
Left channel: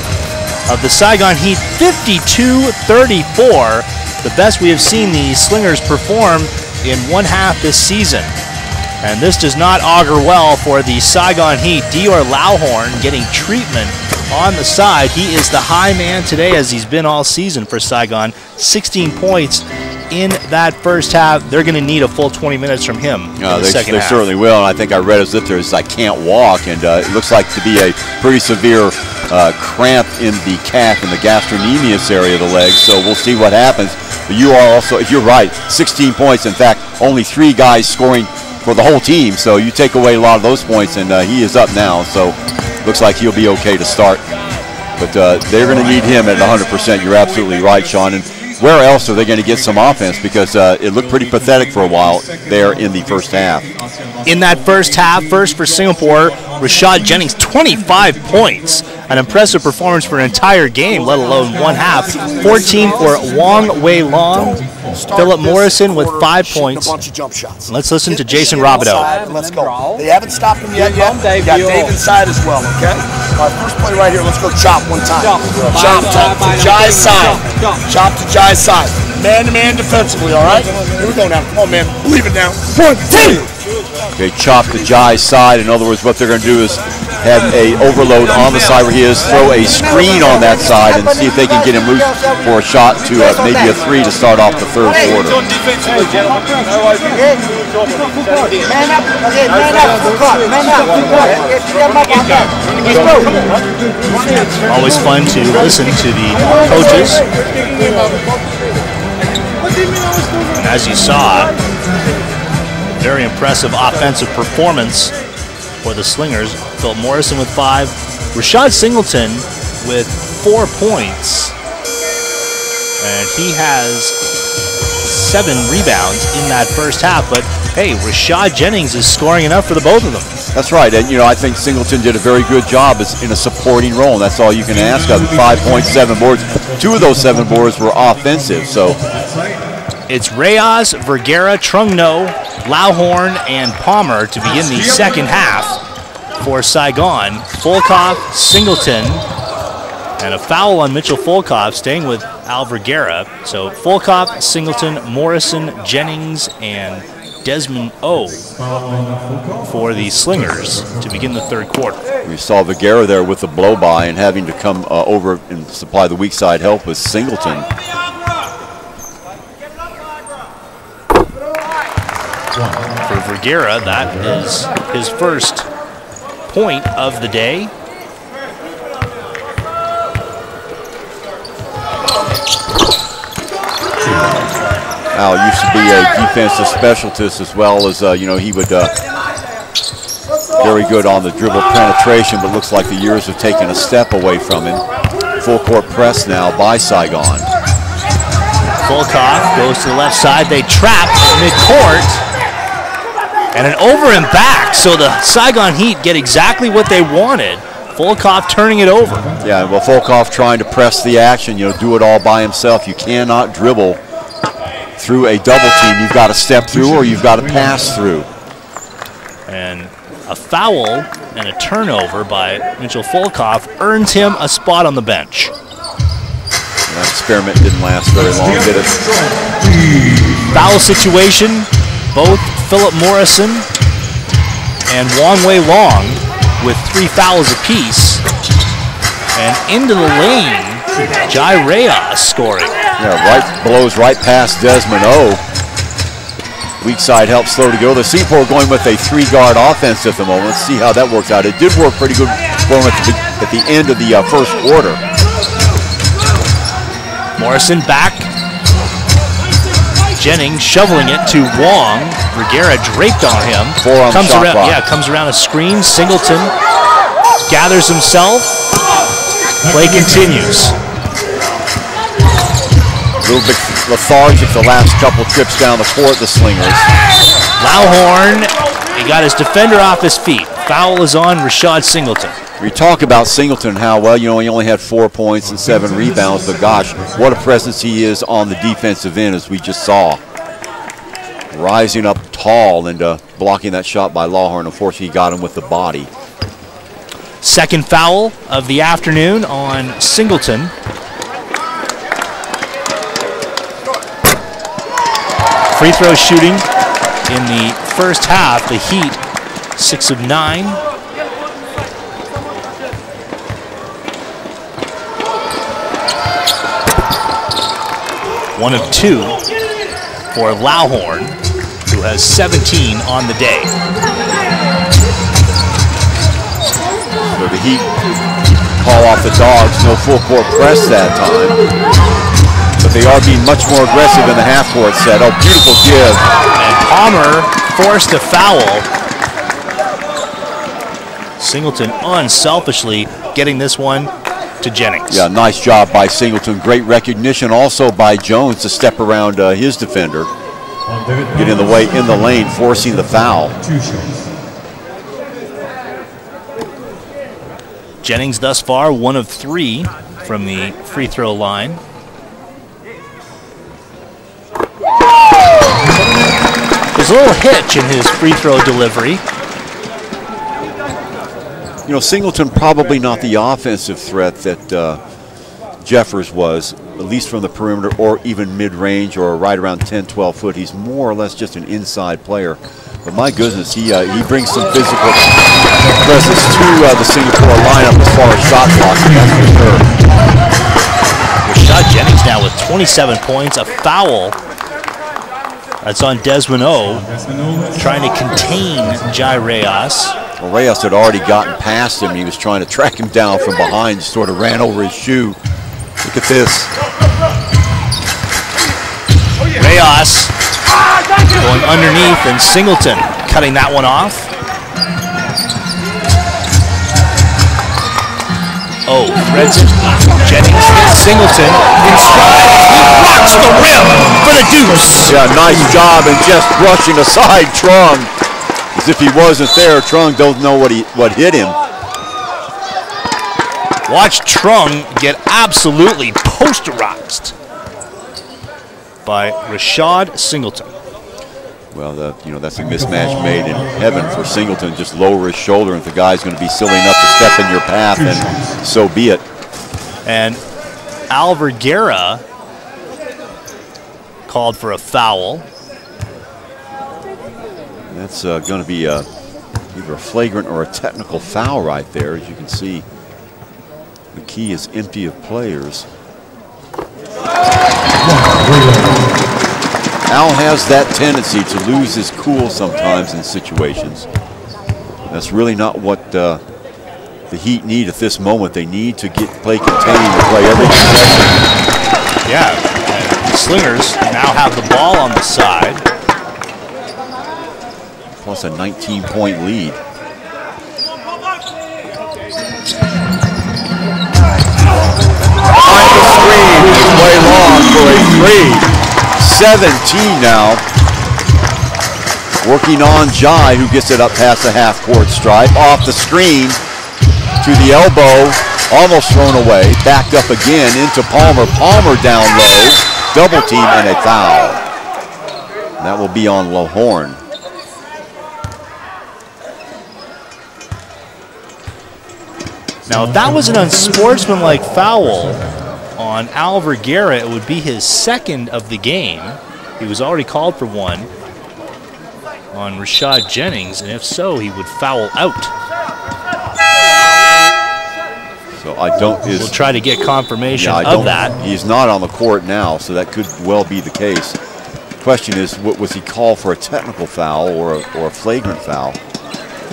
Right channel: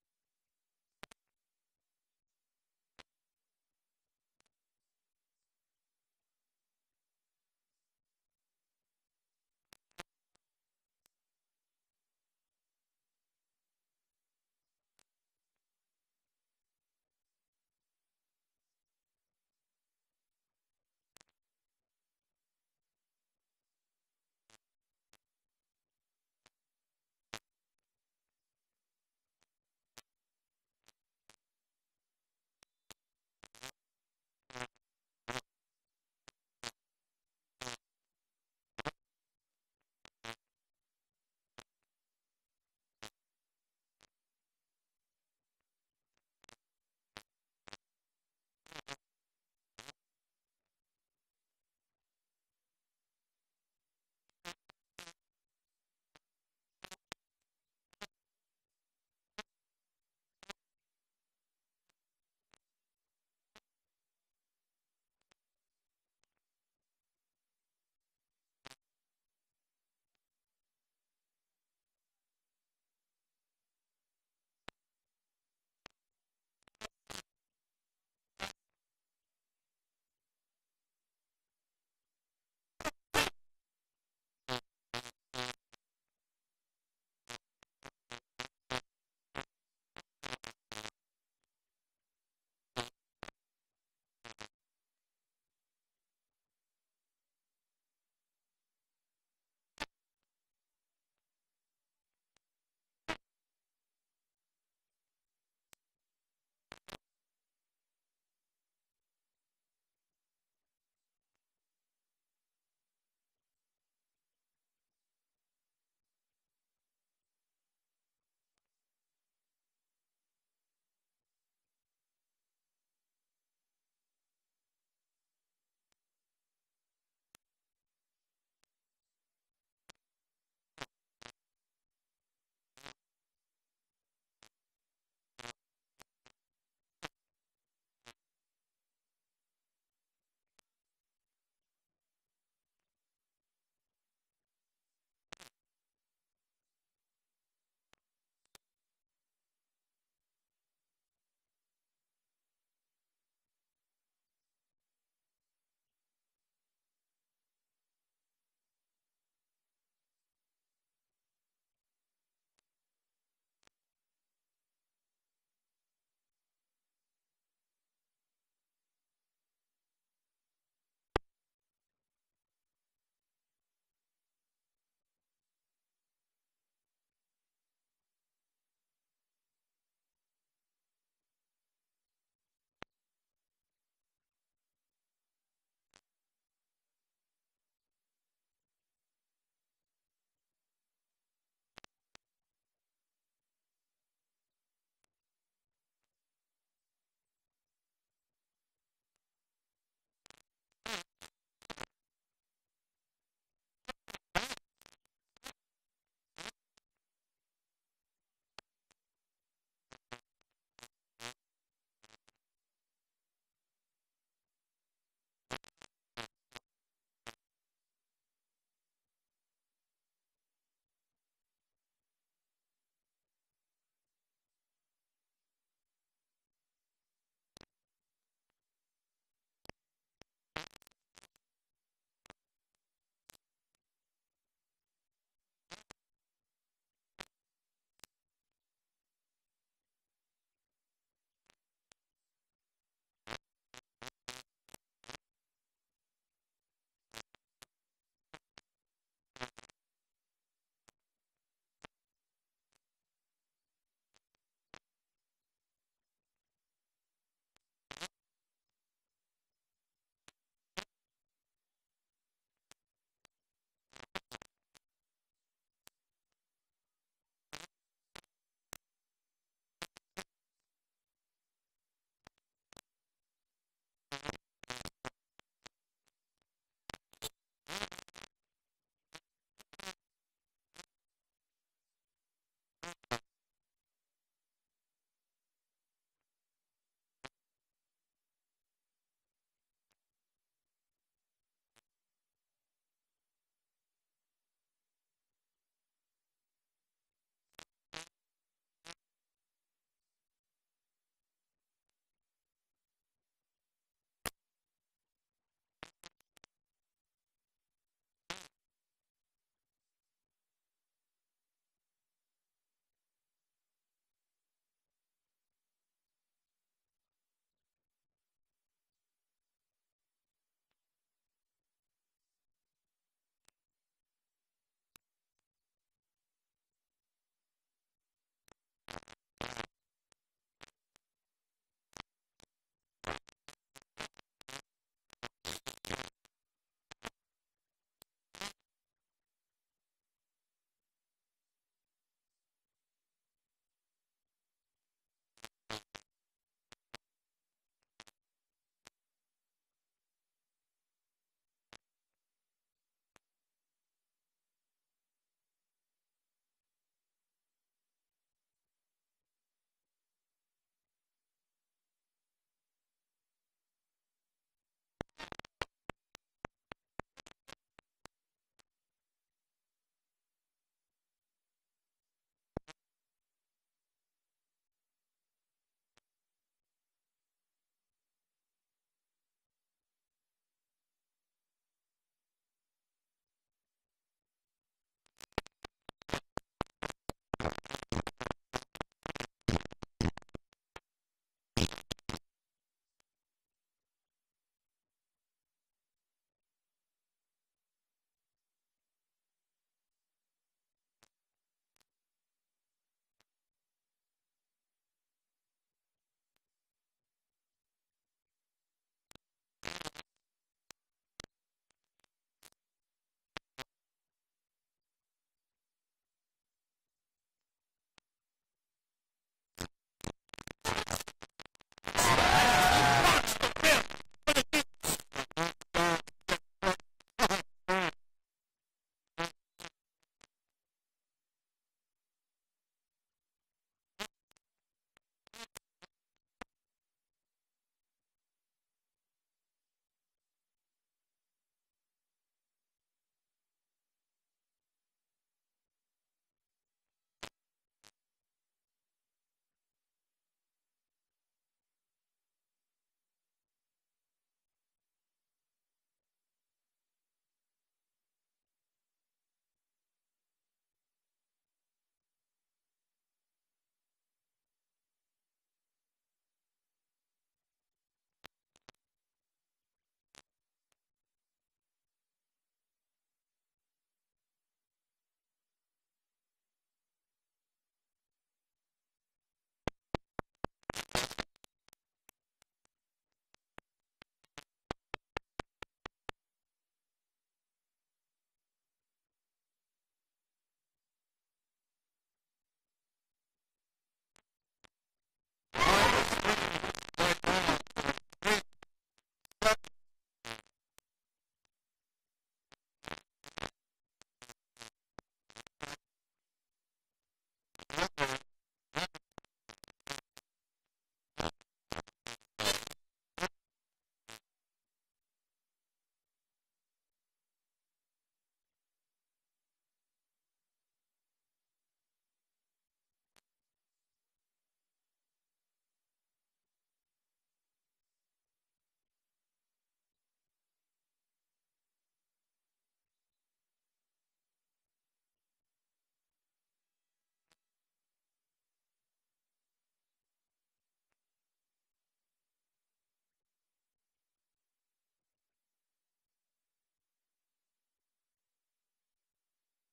of the Saigon Heat, 52-34. The best we have seen the Slingers perform in one half this season. And this does not augur well for the Saigon Heat. Dior Lauhorn getting treatment on the side. He is the high man today, as he's been all season for Saigon. 16 points in that first half. They're going to need a full 20 minutes from him in the second half. They certainly will, and I think I read as if there's I can't walk, and it looks like to be a pretty severe cramp in the calf and the gastrocnemius area of the leg, so we'll see what happens. But you are also, if you're right, 16 points. In fact, only 3 guys scoring for the whole team, so you take away a lot of those points, and he is up now, so looks like he'll be okay to start. But they're going to need him at 100%. You're absolutely right, Sean. And where else are they going to get some offense? Because it looked pretty pathetic for a while there in the first half. In that first half, first for Singapore, Rashad Jennings, 25 points. An impressive performance for an entire game, let alone one half. 14 for Wong Wei Long. Philip Morrison with 5 points. Let's listen to Jason Robideau. Let's go. They haven't stopped him yet. You got Dave inside as well, okay? All right, first play right here. Let's go chop one time. Chop to Jai's side. Chop to Jai's side. Man-to-man defensively, all right? Here we go now. Come on, man. Believe it now. 1, 2. Okay, chop to Jai's side. In other words, what they're going to do is have a overload on the side where he is, throw a screen on that side, and see if they can get him loose for a shot to maybe a 3 to start off the third quarter. Man up. Always fun to listen to the coaches. And as you saw, very impressive offensive performance for the Slingers. Phil Morrison with 5. Rashad Singleton with 4 points. And he has 7 rebounds in that first half. But hey, Rashad Jennings is scoring enough for the both of them. That's right, and I think Singleton did a very good job in a supporting role, and that's all you can ask of. 5 points, 7 boards. 2 of those 7 boards were offensive, so. It's Reyes, Vergara, Trungno, Lauhorn, and Palmer to begin the second half for Saigon. Volkov, Singleton, and a foul on Mitchell Volkov, staying with Al Vergara. So Volkov, Singleton, Morrison, Jennings, and Desmond O for the Slingers to begin the third quarter. We saw Vergara there with the blow-by and having to come over and supply the weak side help with Singleton. For Vergara, that is his first point of the day. Al used to be a defensive specialist as well as, he would very good on the dribble penetration, but looks like the years have taken a step away from him. Full court press now by Saigon. Volkov goes to the left side. They trap mid-court. And an over and back, so the Saigon Heat get exactly what they wanted. Volkov turning it over. Yeah, well, Volkov trying to press the action, do it all by himself. You cannot dribble through a double team. You've got to step through or you've got to pass through. And a foul and a turnover by Mitchell Volkov earns him a spot on the bench. That experiment didn't last very long, did it? Foul situation, both Philip Morrison and Wong Wei Long with 3 fouls apiece. And into the lane, Jai Reyes scoring. Yeah, blows right past Desmond O. Weak side helps slow to go. The Seaport going with a 3-guard offense at the moment. Let's see how that works out. It did work pretty good for him at the end of the first quarter. Morrison back. Jennings shoveling it to Wong. Vergara draped on him. Comes around a screen. Singleton gathers himself. Play continues. A little bit lethargic the last couple trips down the court, the Slingers. Lauhorn, he got his defender off his feet. Foul is on Rashad Singleton. We talk about Singleton, how well, he only had 4 points and 7 rebounds, but gosh, what a presence he is on the defensive end, as we just saw. rising up tall and blocking that shot by Lawhorn. Unfortunately, he got him with the body. Second foul of the afternoon on Singleton. Free throw shooting in the first half, the Heat 6 of 9. One of 2 for Lawhorn, who has 17 on the day. So the Heat call off the Dogs, no full court press that time. But they are being much more aggressive in the half-court set. Oh, beautiful give. And Palmer forced a foul. Singleton unselfishly getting this one to Jennings. Yeah, nice job by Singleton. Great recognition also by Jones to step around his defender. Get in the way, in the lane, forcing the foul. Jennings thus far 1 of 3 from the free throw line. There's a little hitch in his free throw delivery. You know, Singleton probably not the offensive threat that Jeffers was, at least from the perimeter or even mid-range or right around 10, 12 foot. He's more or less just an inside player. But my goodness, he brings some physical presence to the Singapore lineup as far as shot blocking, that's for sure. Rashad Jennings now with 27 points, a foul. That's on Desmond O, trying to contain Jai Reyes. Well, Reyes had already gotten past him. He was trying to track him down from behind, sort of ran over his shoe. Look at this. Reyes going underneath, and Singleton cutting that one off. Oh, threads it. Jennings hits Singleton in stride. He rocks the rim for the deuce. Yeah, nice job and just brushing aside Trung. As if he wasn't there. Trung don't know what hit him. Watch Trung get absolutely posterized by Rashad Singleton. Well, that's a mismatch made in heaven for Singleton. Just lower his shoulder, and if the guy's going to be silly enough to step in your path, then so be it. And Alvergara called for a foul. That's going to be either a flagrant or a technical foul right there. As you can see, the key is empty of players. Al has that tendency to lose his cool sometimes in situations. That's really not what the Heat need at this moment. They need to play contained to play every possession. Yeah, and the Slingers now have the ball on the side. Plus a 19-point lead. Behind the screen, way long for a three. 17 now. Working on Jai, who gets it up past the half-court stripe. Off the screen to the elbow, almost thrown away. Backed up again into Palmer. Palmer down low. Double team and a foul. That will be on Lawhorn. Now, if that was an unsportsmanlike foul on Alvergara, it would be his second of the game. He was already called for one on Rashad Jennings, and if so, he would foul out. So I don't. We'll try to get confirmation of that. He's not on the court now, so that could well be the case. The question is, was he called for a technical foul or a flagrant foul?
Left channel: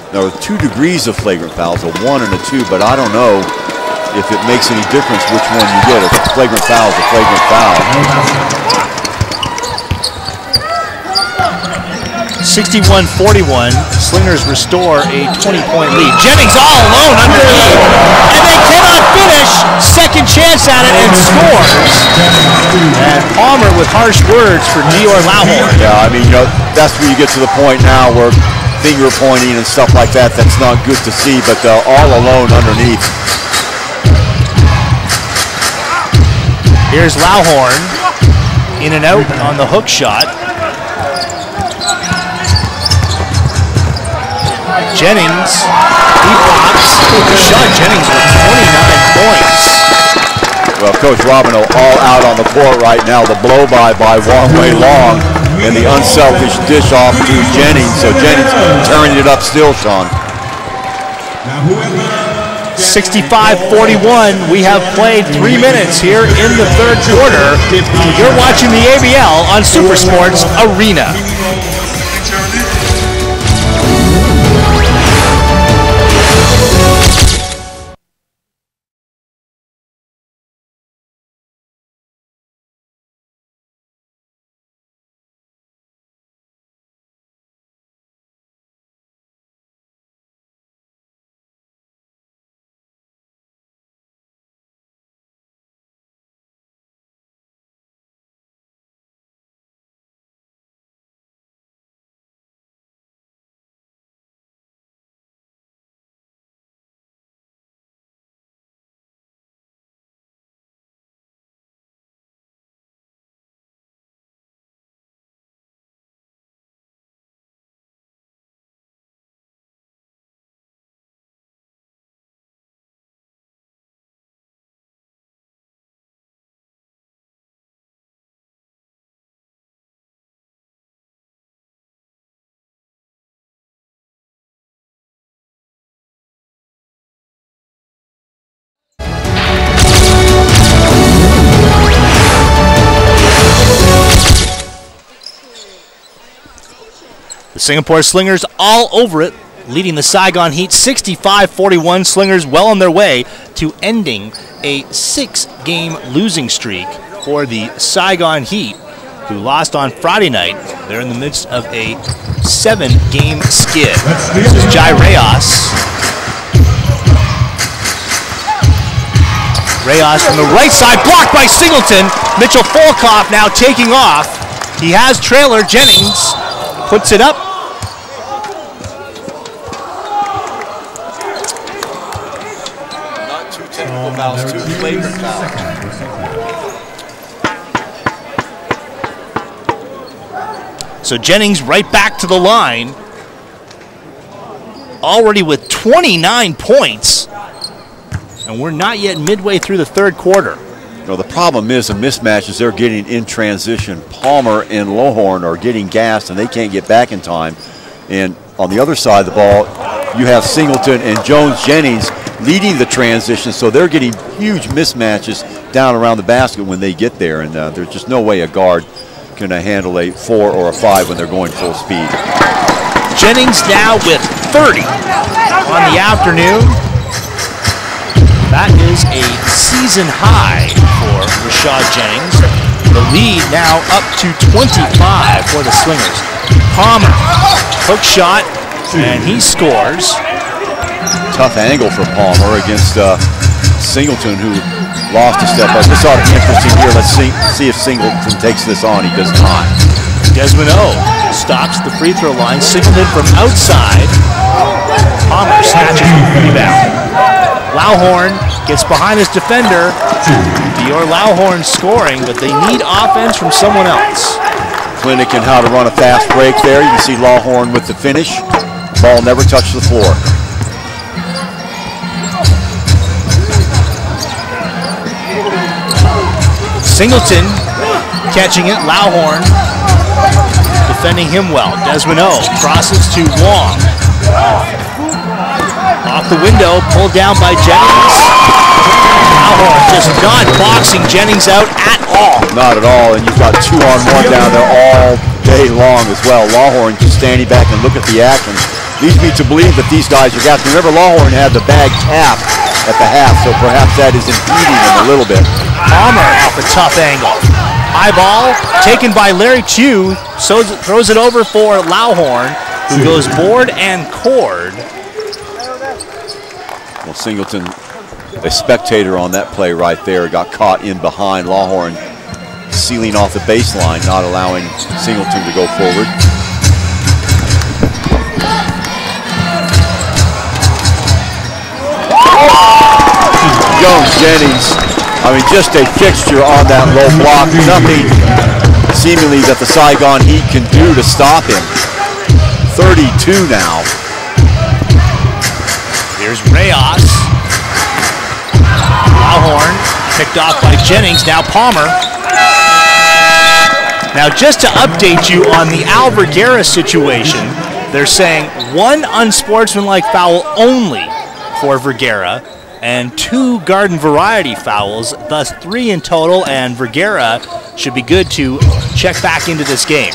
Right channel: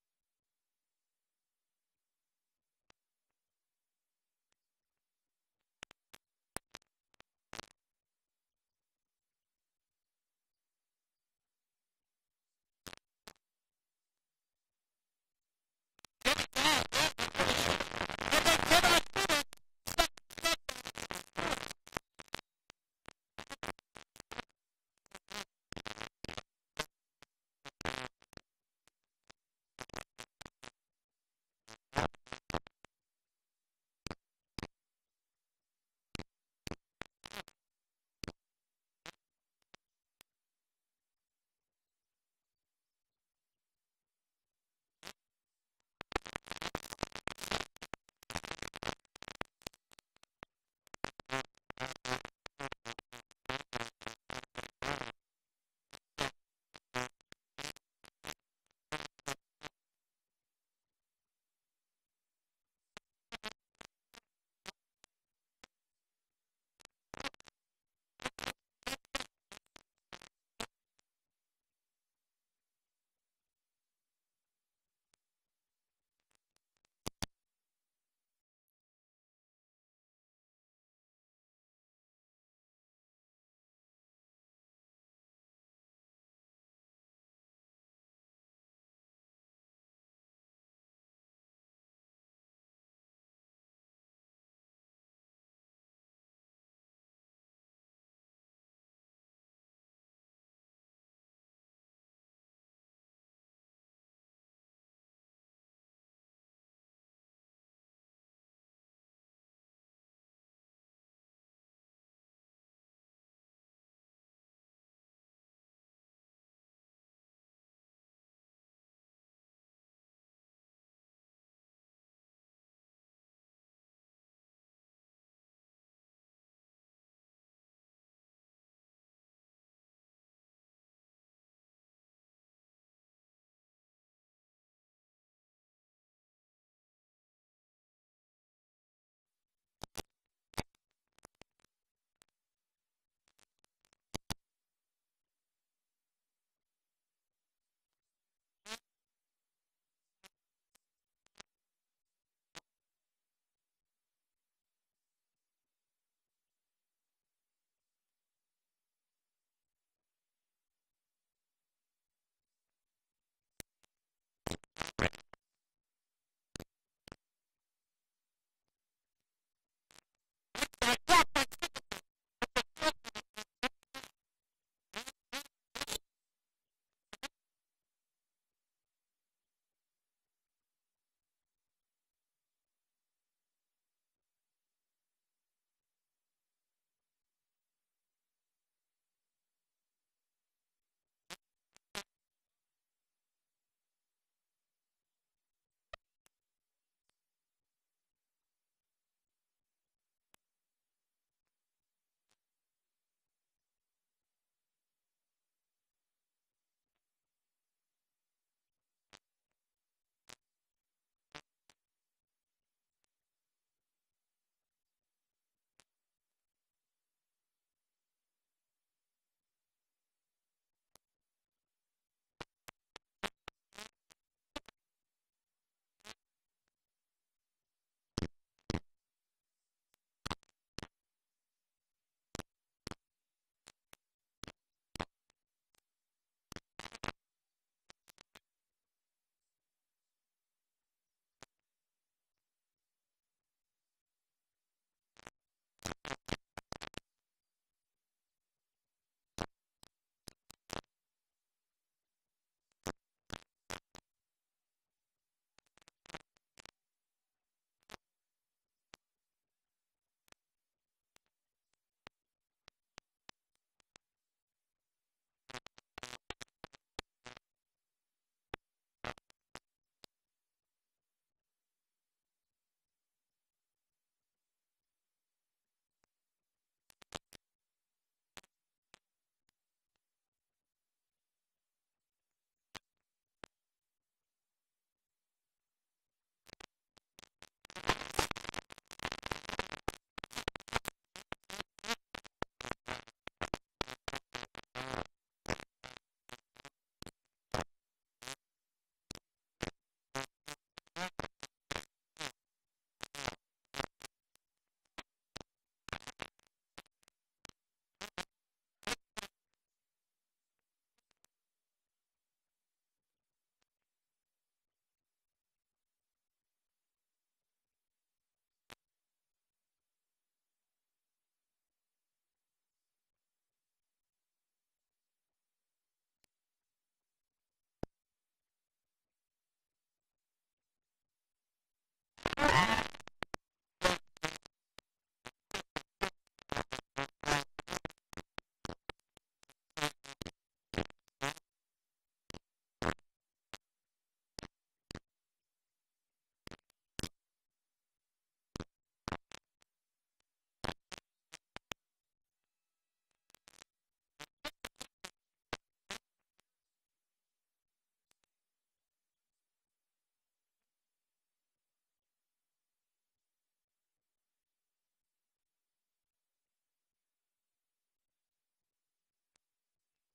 There are 2 degrees of flagrant fouls, a 1 and a 2, but I don't know if it makes any difference which one you get. If it's a flagrant foul, it's a flagrant foul. 61-41, Slingers restore a 20-point lead. Jennings all alone underneath, and they cannot finish. Second chance at it and scores. And Palmer with harsh words for Dior Lawhorn. Yeah, I mean, that's where you get to the point now where finger pointing and stuff like that, that's not good to see, but all alone underneath. Here's Lawhorn in and out on the hook shot. Jennings, he pops. Rashad Jennings with 29 points. Well, Coach Robino all out on the court right now. The blow-by Wong-Wei Long and the unselfish dish off to Jennings. So Jennings turning it up still, Sean. 65-41. We have played 3 minutes here in the third quarter. You're watching the ABL on Super Sports Arena. The Singapore Slingers all over it, leading the Saigon Heat 65-41. Slingers well on their way to ending a 6-game losing streak for the Saigon Heat, who lost on Friday night. They're in the midst of a 7-game skid. This is Jai Reyes. Reyes from the right side, blocked by Singleton. Mitchell Folkoff now taking off. He has trailer. Jennings puts it up. Not two technical fouls, two flagrant fouls. So Jennings right back to the line, already with 29 points, and we're not yet midway through the third quarter. You know, the problem is the mismatches they're getting in transition. Palmer and Lohorn are getting gassed, and they can't get back in time. And on the other side of the ball, you have Singleton and Jones-Jennings leading the transition, so they're getting huge mismatches down around the basket when they get there, and there's just no way a guard can handle a 4 or a 5 when they're going full speed. Jennings now with 30 on the afternoon. That is a season high for Rashad Jennings. The lead now up to 25 for the Slingers. Palmer, hook shot, and he scores. Tough angle for Palmer against Singleton, who lost a step up. This ought to be interesting here. Let's see if Singleton takes this on. He does not. Desmond O stops the free throw line. Singleton from outside. Palmer snatches the rebound. Lauhorn gets behind his defender. Dior Lauhorn scoring, but they need offense from someone else. Clinic in how to run a fast break there. You can see Lauhorn with the finish. Ball never touched the floor. Singleton catching it. Lauhorn defending him well. Desmond O crosses to Wong. Off the window, pulled down by Jennings. Lauhorn just not boxing Jennings out at all. Not at all, and you've got 2-on-1 down there all day long as well. Lauhorn just standing back and look at the action. Leads me to believe that these guys are gassed. Remember, Lauhorn had the bag tapped at the half, so perhaps that is impeding him a little bit. Palmer off a tough angle. High ball taken by Larry Chu, so throws it over for Lauhorn, who goes board and cord. Well, Singleton, a spectator on that play right there, got caught in behind. Lauhorn sealing off the baseline, not allowing Singleton to go forward. Jones-Jennings, I mean, just a fixture on that low block. Nothing seemingly that the Saigon Heat can do to stop him. 32 now. Here's Reyes. Lawhorn picked off by Jennings. Now Palmer. Now just to update you on the Al Vergara situation, they're saying one unsportsmanlike foul only for Vergara and 2 garden variety fouls, thus 3 in total, and Vergara should be good to check back into this game.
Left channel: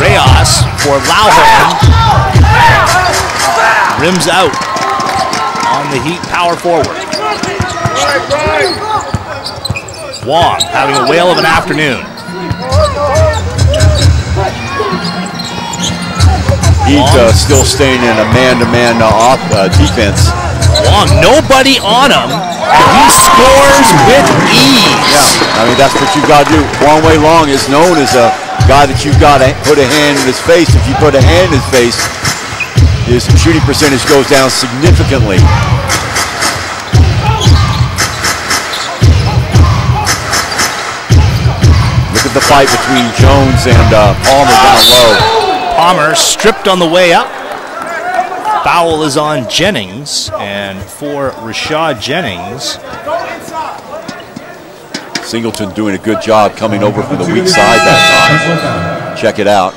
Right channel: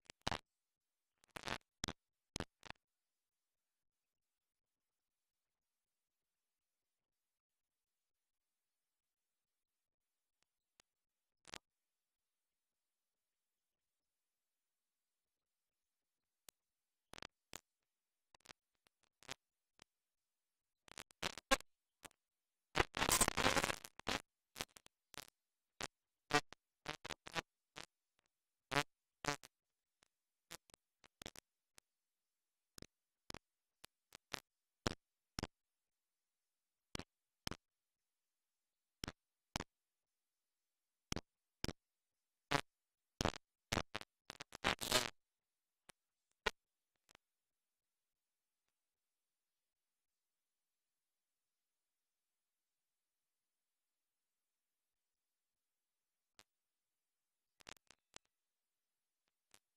Reyes for Lawhorn. Rims out on the Heat power forward. Wong having a whale of an afternoon. Heat still staying in a man-to-man defense. Wong, nobody on him, and he scores with ease. Yeah, I mean, that's what you've got to do. Wong Wei Long is known as a guy that you've got to put a hand in his face. If you put a hand in his face, his shooting percentage goes down significantly. Look at the fight between Jones and Palmer down low. Palmer stripped on the way up. Foul is on Jennings, and for Rashad Jennings. Singleton doing a good job coming over from the weak side that time. Check it out.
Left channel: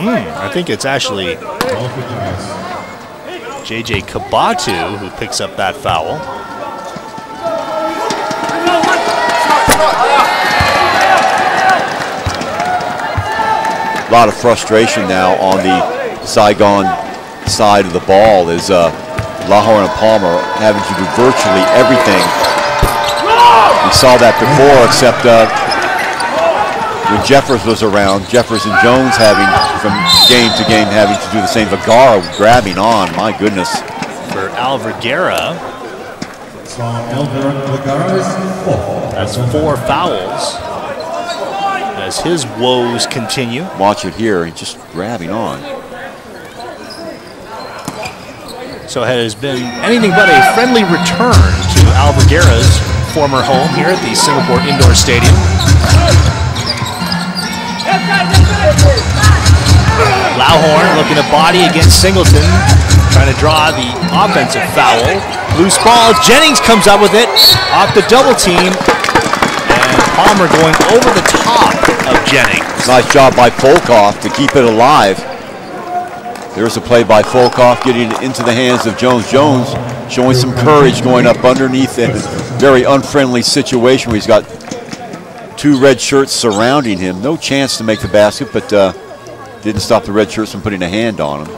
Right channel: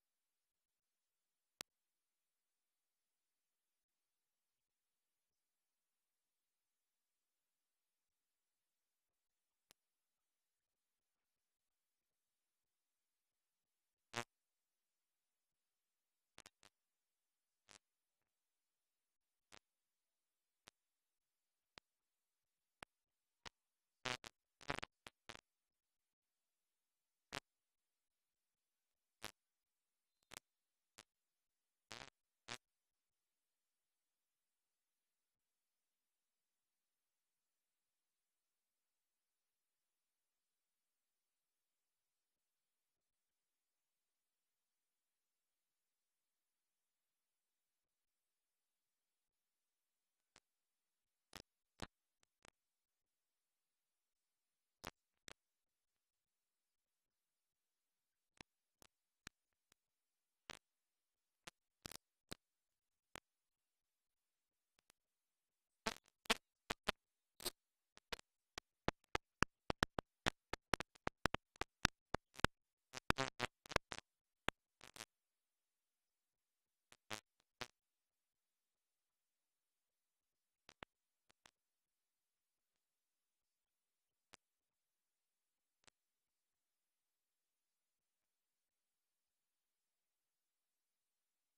I think it's actually J.J. Kabatu who picks up that foul. A lot of frustration now on the Saigon side of the ball is Lawhorn and Palmer having to do virtually everything. We saw that before, except when Jeffers was around, Jeffers and Jones having, from game to game, having to do the same. Vergara grabbing on, my goodness. For Al Vergara, that's 4 fouls as his woes continue. Watch it here, he's just grabbing on. So it has been anything but a friendly return to Al Vergara's former home here at the Singapore Indoor Stadium. Lawhorn looking to body against Singleton, trying to draw the offensive foul. Loose ball, Jennings comes up with it off the double team, and Palmer going over the top of Jennings. Nice job by Volkov to keep it alive. There's a play by Volkov getting it into the hands of Jones. Jones showing some courage going up underneath a very unfriendly situation where he's got 2 red shirts surrounding him. No chance to make the basket, but didn't stop the red shirts from putting a hand on him.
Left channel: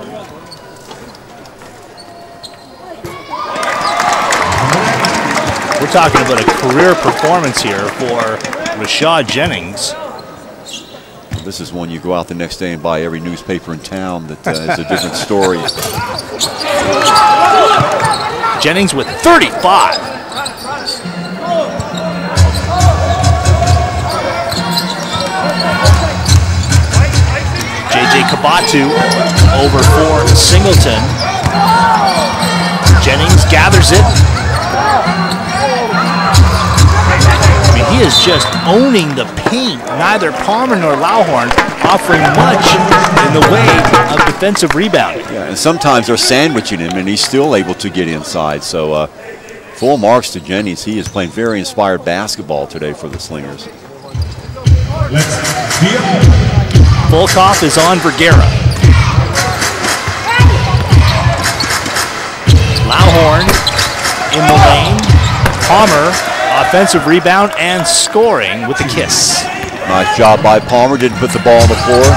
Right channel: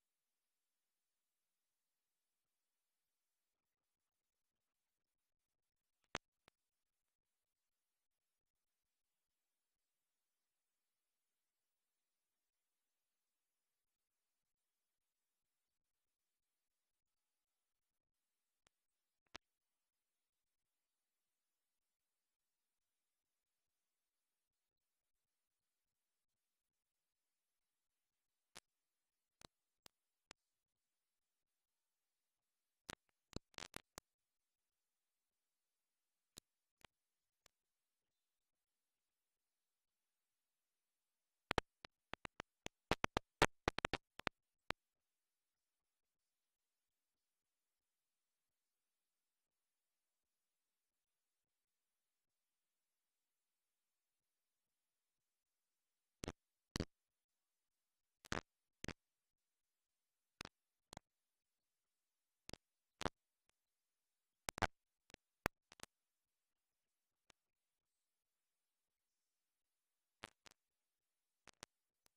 We're talking about a career performance here for Rashad Jennings. This is one you go out the next day and buy every newspaper in town that is a different story. Jennings with 35. J.J. Kabatu over for Singleton. Jennings gathers it. He is just owning the paint. Neither Palmer nor Lawhorn offering much in the way of defensive rebounding. Yeah, and sometimes they're sandwiching him, and he's still able to get inside. So full marks to Jennings. He is playing very inspired basketball today for the Slingers. Volkov is on Vergara. Lawhorn in the lane. Palmer, offensive rebound and scoring with the kiss. Nice job by Palmer, didn't put the ball on the floor.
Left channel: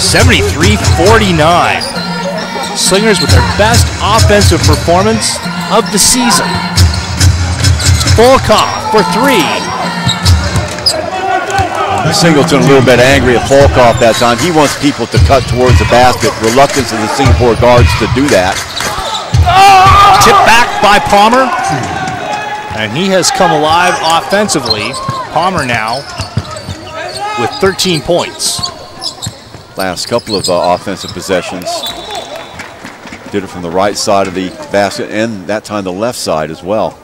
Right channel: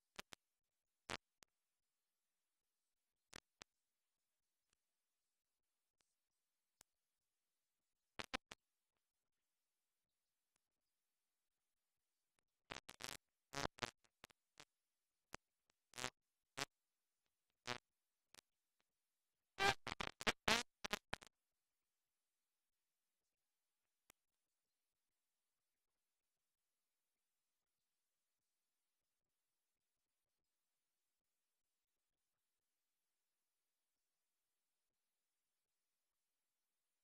73-49. Slingers with their best offensive performance of the season. Volkov for 3. Singleton a little bit angry at Volkov that time. He wants people to cut towards the basket. Reluctance of the Singapore guards to do that. Tip back by Palmer, and he has come alive offensively. Palmer now with 13 points. Last couple of offensive possessions. Did it from the right side of the basket, and that time the left side as well.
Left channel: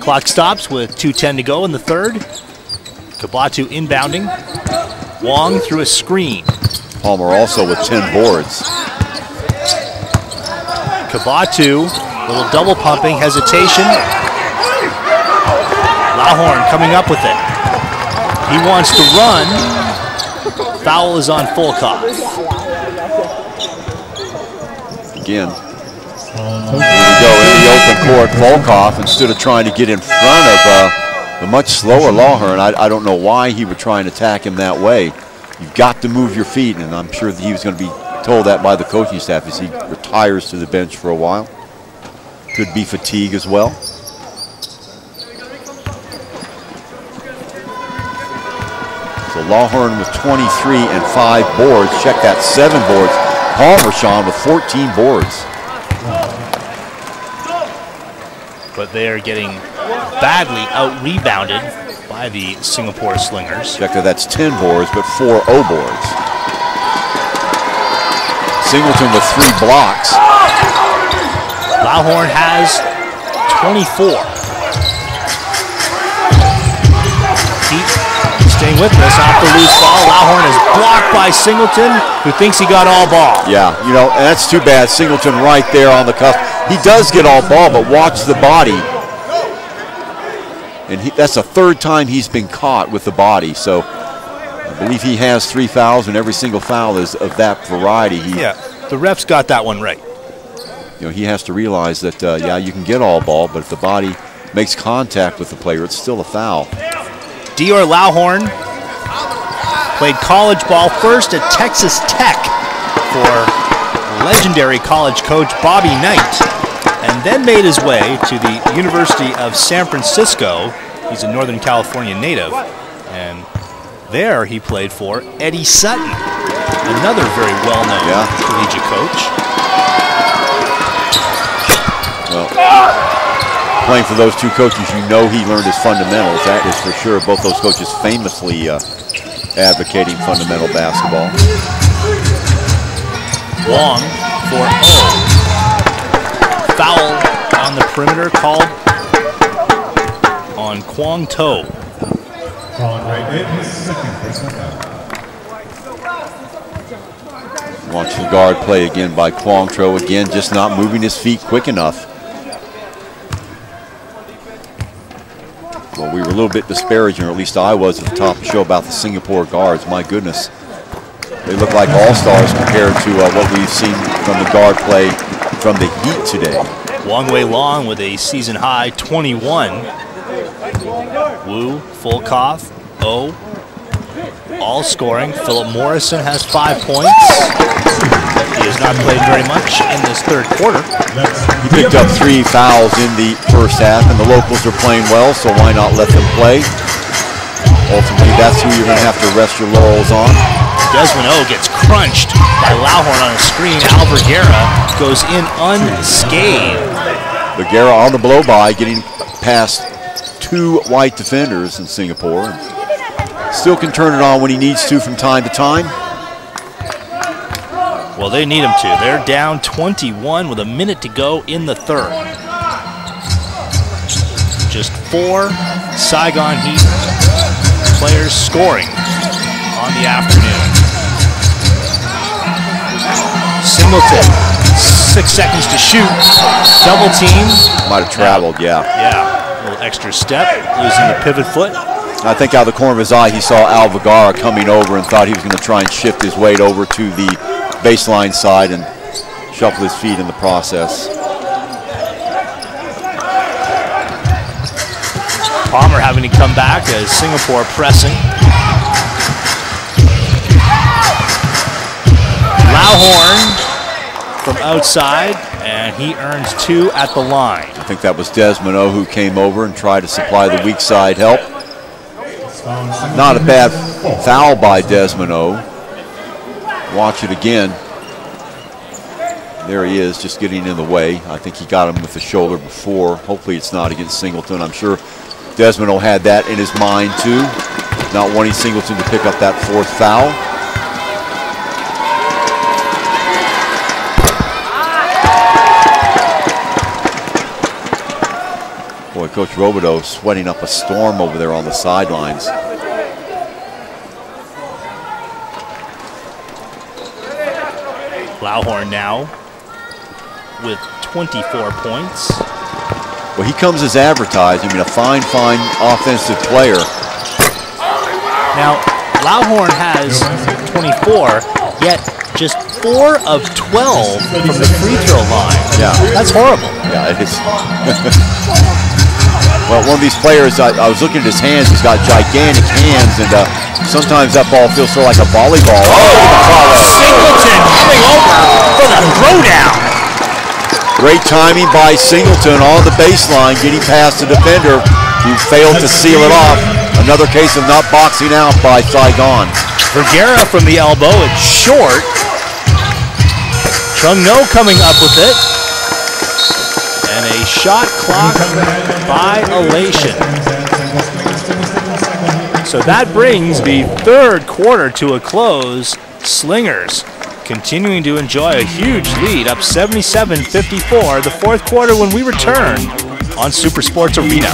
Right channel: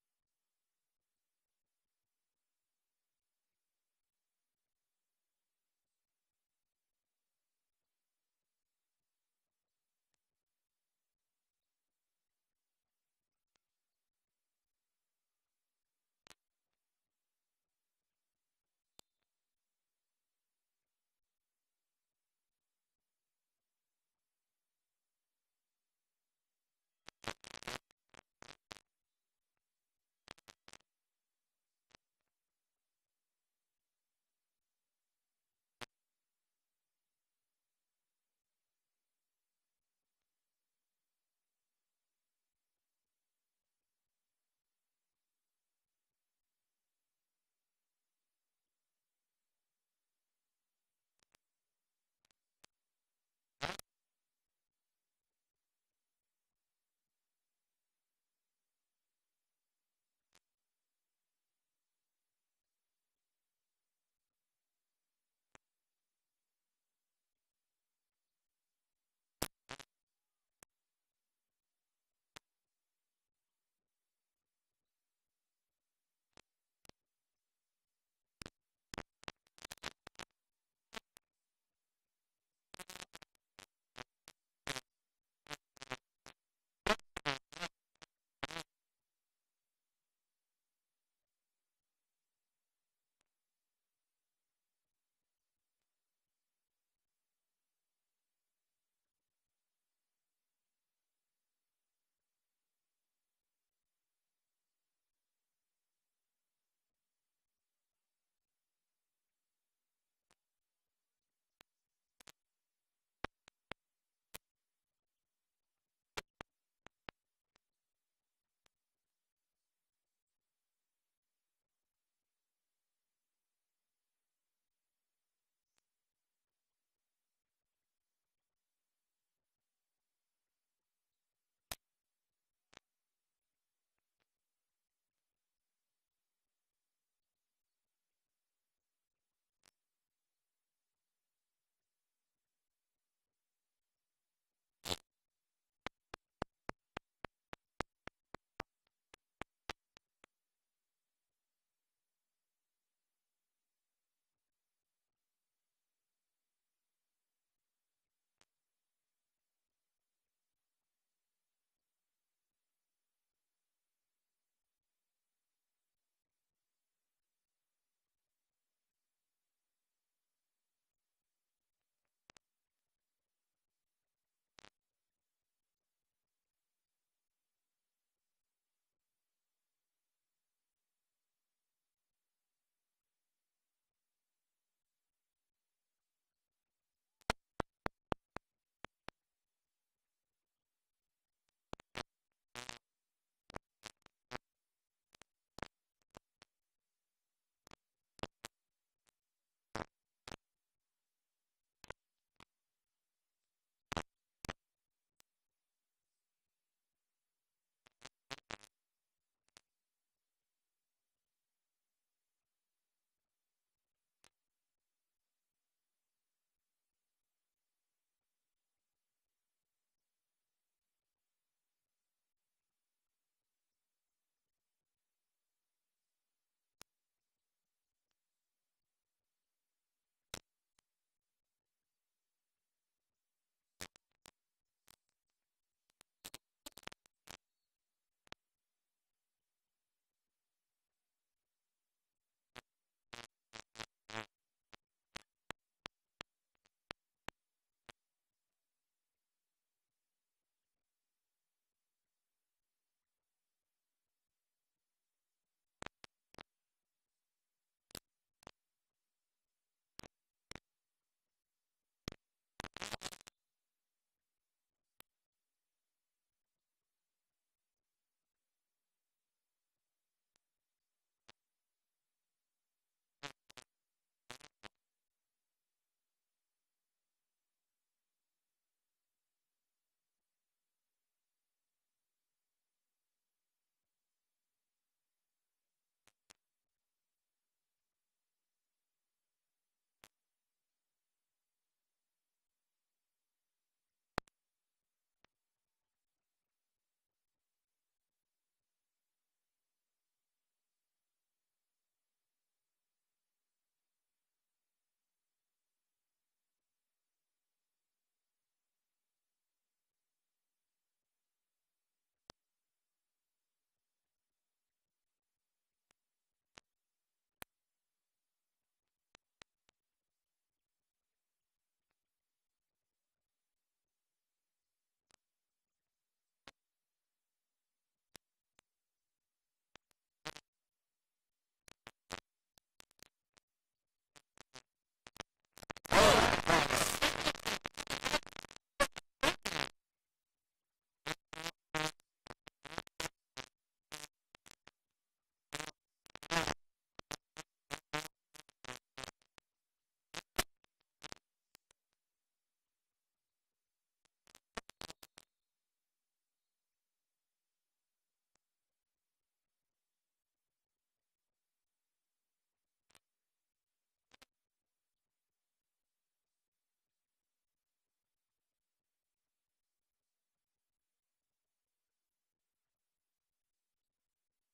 Clock stops with 2:10 to go in the third. Kabatu inbounding. Wong through a screen. Palmer also with 10 boards. Kabatu, little double pumping, hesitation. Lawhorn coming up with it. He wants to run. Foul is on Volkov. Again, here we go in the open court. Volkov, instead of trying to get in front of the much slower Lawhorn, I don't know why he would try and attack him that way. You've got to move your feet, and I'm sure that he was going to be told that by the coaching staff as he retires to the bench for a while. Could be fatigue as well. So Lawhorn with 23 and 5 boards. Check that, 7 boards. Palmer, Sean, with 14 boards. But they are getting badly out-rebounded by the Singapore Slingers. Check that, that's 10 boards, but 4 O boards. Singleton with 3 blocks. Lawhorn has 24. Heat staying with us off the loose ball. Lawhorn is blocked by Singleton, who thinks he got all ball. Yeah, you know, and that's too bad. Singleton right there on the cuff. He does get all ball, but watch the body. And that's the 3rd time he's been caught with the body. So I believe he has 3 fouls, and every single foul is of that variety. Yeah, the refs got that one right. You know, he has to realize that, yeah, you can get all ball, but if the body makes contact with the player, it's still a foul. Dior Lawhorn played college ball first at Texas Tech for legendary college coach Bobby Knight, and then made his way to the University of San Francisco. He's a Northern California native, and there he played for Eddie Sutton, another very well-known collegiate coach. Well, playing for those 2 coaches, you know he learned his fundamentals. That is for sure. Both those coaches famously advocating fundamental basketball. Wong for O. Foul on the perimeter called on Kwang To. Watch the guard play again by Kwang To. Again, just not moving his feet quick enough. Well, we were a little bit disparaging, or at least I was at the top of the show, about the Singapore guards. My goodness. They look like all-stars compared to what we've seen from the guard play from the Heat today. Wong Wei Long with a season-high 21. Wu, Volkov, O, all scoring. Philip Morrison has 5 points. He has not played very much in this 3rd quarter. He picked up 3 fouls in the first half, and the locals are playing well, so why not let them play? Ultimately, that's who you're going to have to rest your laurels on. Desmond O gets crunched by Lawhorn on a screen. Al Vergara goes in unscathed. Vergara on the blow-by, getting past 2 white defenders in Singapore. Still can turn it on when he needs to from time to time. Well, they need him to. They're down 21 with a minute to go in the 3rd. Just 4 Saigon Heat players scoring on the afternoon. Singleton, 6 seconds to shoot. Double team. Might have traveled, yeah. Yeah, a little extra step, losing the pivot foot. I think out of the corner of his eye, he saw Al Vergara coming over and thought he was going to try and shift his weight over to the baseline side and shuffle his feet in the process. Palmer having to come back as Singapore pressing. Lawhorn from outside, and he earns 2 at the line. I think that was Desmond O who came over and tried to supply the weak side help. Not a bad foul by Desmond O. Watch it again. There he is, just getting in the way. I think he got him with the shoulder before. Hopefully it's not against Singleton. I'm sure Desmond O had that in his mind too, not wanting Singleton to pick up that 4th foul. Boy, Coach Robideau sweating up a storm over there on the sidelines. Lauhorn now with 24 points. Well, he comes as advertised. I mean, a fine offensive player. Now, Lauhorn has 24, yet just 4 of 12 from the free throw line. Yeah. That's horrible. Yeah, it is. Well, one of these players, I was looking at his hands. He's got gigantic hands, and sometimes that ball feels sort of like a volleyball. Singleton coming over for the throwdown. Great timing by Singleton on the baseline, getting past the defender who failed to seal it off. Another case of not boxing out by Saigon. Vergara from the elbow, it's short. Chung-No coming up with it. And a shot clock violation. So that brings the third quarter to a close. Slingers continuing to enjoy a huge lead, up 77-54. The fourth quarter when we return on Super Sports Arena.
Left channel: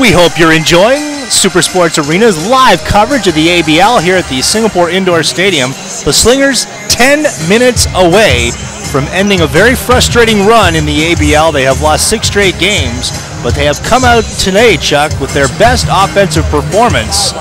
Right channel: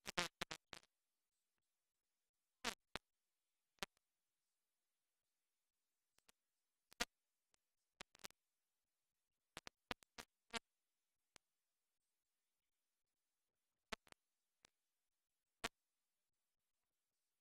We hope you're enjoying Super Sports Arena's live coverage of the ABL here at the Singapore Indoor Stadium. The Slingers 10 minutes away from ending a very frustrating run in the ABL. They have lost 6 straight games, but they have come out today, Chuck, with their best offensive performance.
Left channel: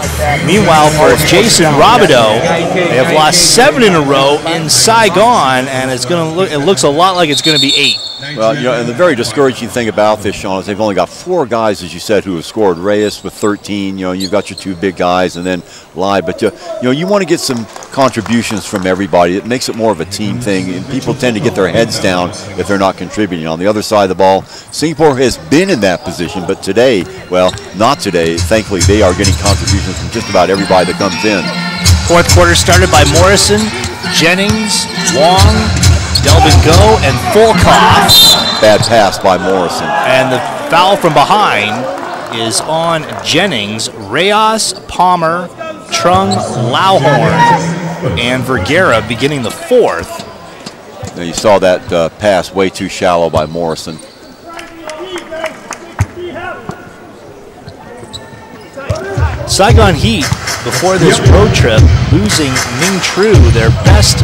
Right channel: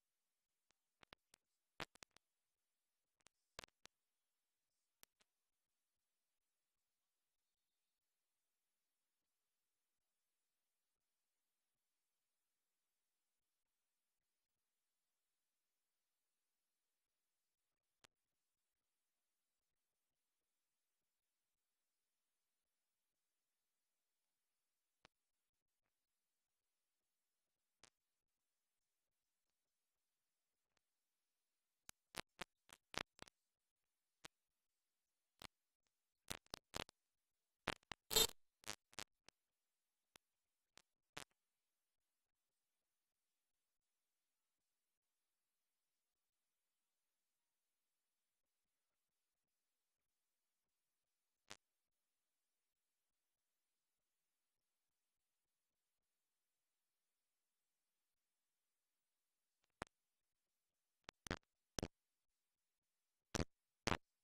Meanwhile, for Jason Robideau, they have lost 7 in a row in Saigon, and it looks a lot like it's going to be 8. Well, you know, and the very discouraging thing about this, Sean, is they've only got 4 guys, as you said, who have scored. Reyes with 13. You know, you've got your 2 big guys, and then Lai. But you know, you want to get some contributions from everybody. It makes it more of a team thing, and people tend to get their heads down if they're not contributing. On the other side of the ball, Singapore has been in that position, but today, well, not today. Thankfully, they are getting contributions from just about everybody that comes in. Fourth quarter started by Morrison, Jennings, Wong, Delvin Go, and Fulcoff. Bad pass by Morrison. And the foul from behind is on Jennings. Reyes, Palmer, Trung, Lauhorn, and Vergara beginning the fourth. Now you saw that pass way too shallow by Morrison. Saigon Heat, before this road trip, losing Ming Tru, their best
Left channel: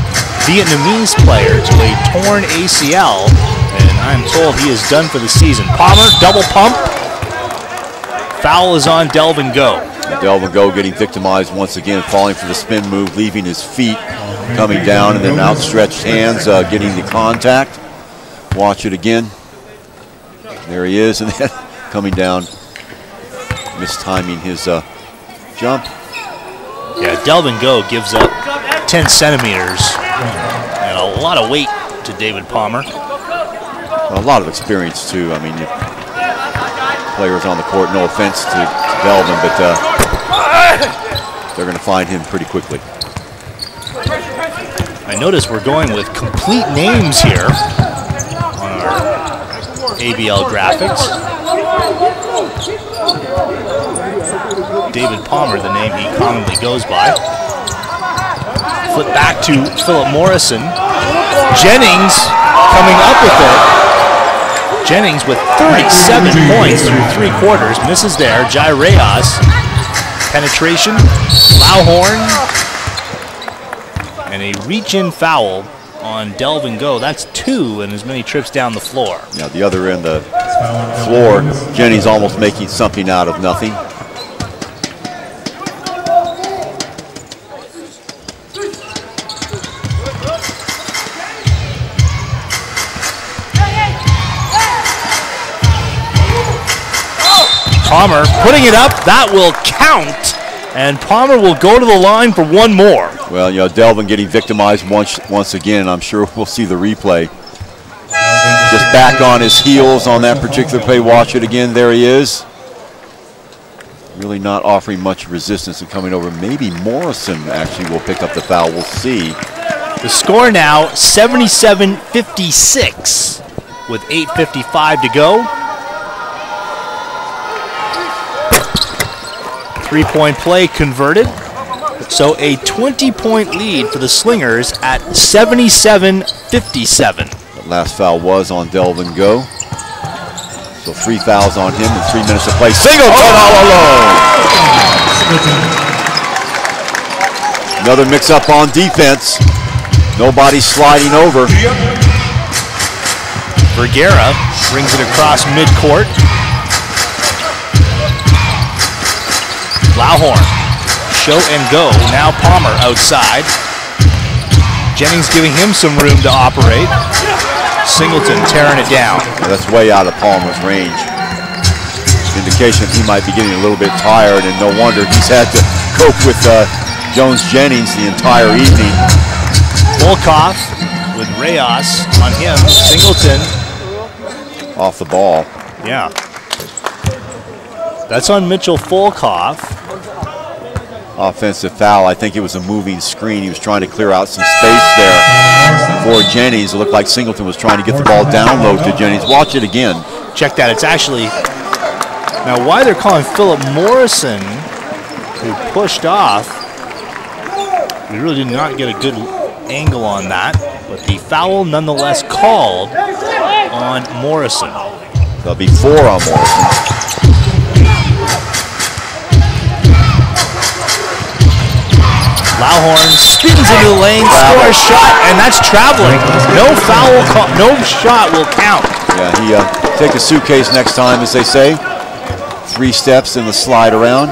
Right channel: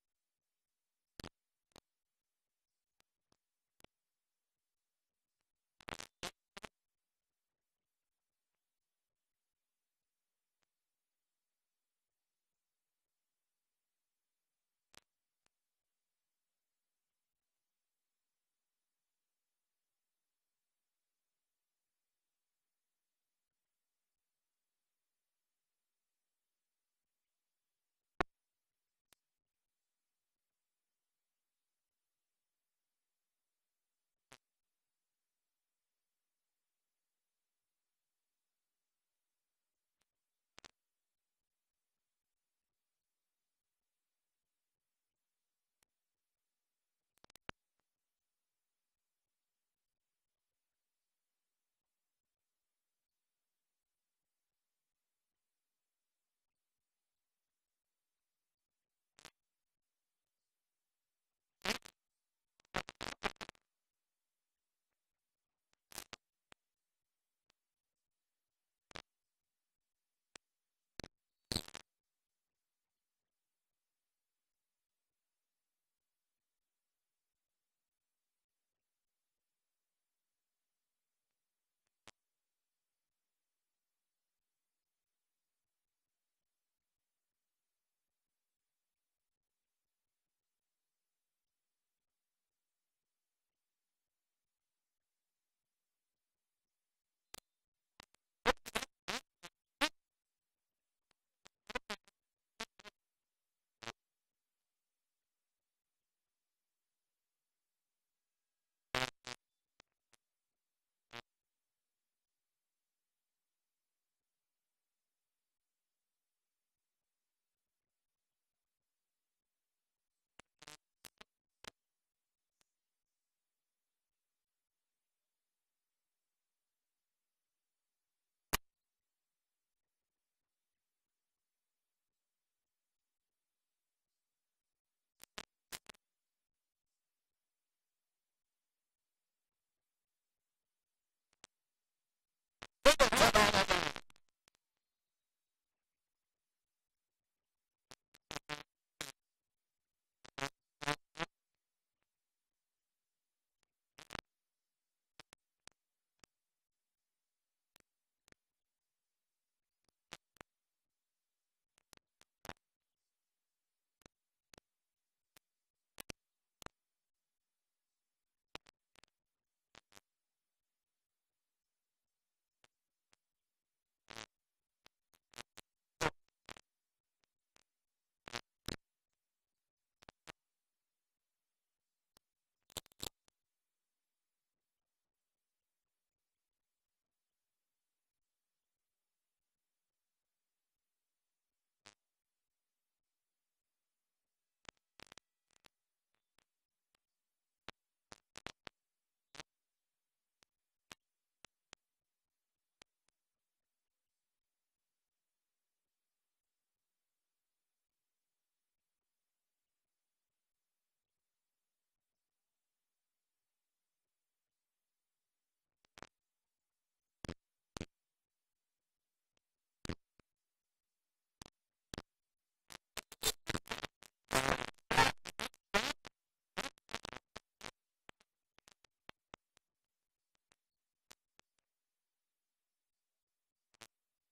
Vietnamese player, to a torn ACL, and I'm told he is done for the season. Palmer, double pump. Foul is on Delvin Go. Delvin Go getting victimized once again, falling for the spin move, leaving his feet, coming down, and then outstretched hands, getting the contact. Watch it again. There he is, and then coming down, mistiming his jump. Yeah, Delvin Go gives up 10 centimeters and a lot of weight to David Palmer. Well, a lot of experience, too. I mean, players on the court, no offense to Delvin, but they're going to find him pretty quickly. I notice we're going with complete names here on our ABL graphics. David Palmer, the name he commonly goes by. Flip back to Philip Morrison. Jennings coming up with it. Jennings with 37 points through 3 quarters. Misses there. Jai Reyes. Penetration. Lauhorn. And a reach-in foul on Delvin Go. That's 2 and as many trips down the floor. Yeah, the other end of the floor, Jennings almost making something out of nothing. Palmer putting it up, that will count, and Palmer will go to the line for one more. Well, you know, Delvin getting victimized once again. I'm sure we'll see the replay. Just back on his heels on that particular play. Watch it again. There he is. Really not offering much resistance and coming over. Maybe Morrison actually will pick up the foul. We'll see. The score now 77-56 with 8:55 to go. 3-point play converted. So a 20-point lead for the Slingers at 77-57. The last foul was on Delvin Go. So 3 fouls on him and 3 minutes to play. Singleton all alone. Another mix-up on defense. Nobody sliding over. Vergara brings it across midcourt. Lauhorn, show and go. Now Palmer outside. Jennings giving him some room to operate. Singleton tearing it down. That's way out of Palmer's range. Indication he might be getting a little bit tired, and no wonder he's had to cope with Jones-Jennings the entire evening. Volkov with Reyes on him. Singleton off the ball. Yeah. That's on Mitchell Volkov. Offensive foul. I think it was a moving screen. He was trying to clear out some space there for Jennings. It looked like Singleton was trying to get the ball down low to Jennings. Watch it again. Check that. It's actually, now why they're calling Philip Morrison, who pushed off, we really did not get a good angle on that, but the foul nonetheless called on Morrison. There'll be 4 on Morrison. Lauhorn spins into the lane, scores shot, and that's traveling. No foul call, no shot will count. Yeah, he take a suitcase next time, as they say. 3 steps in the slide around.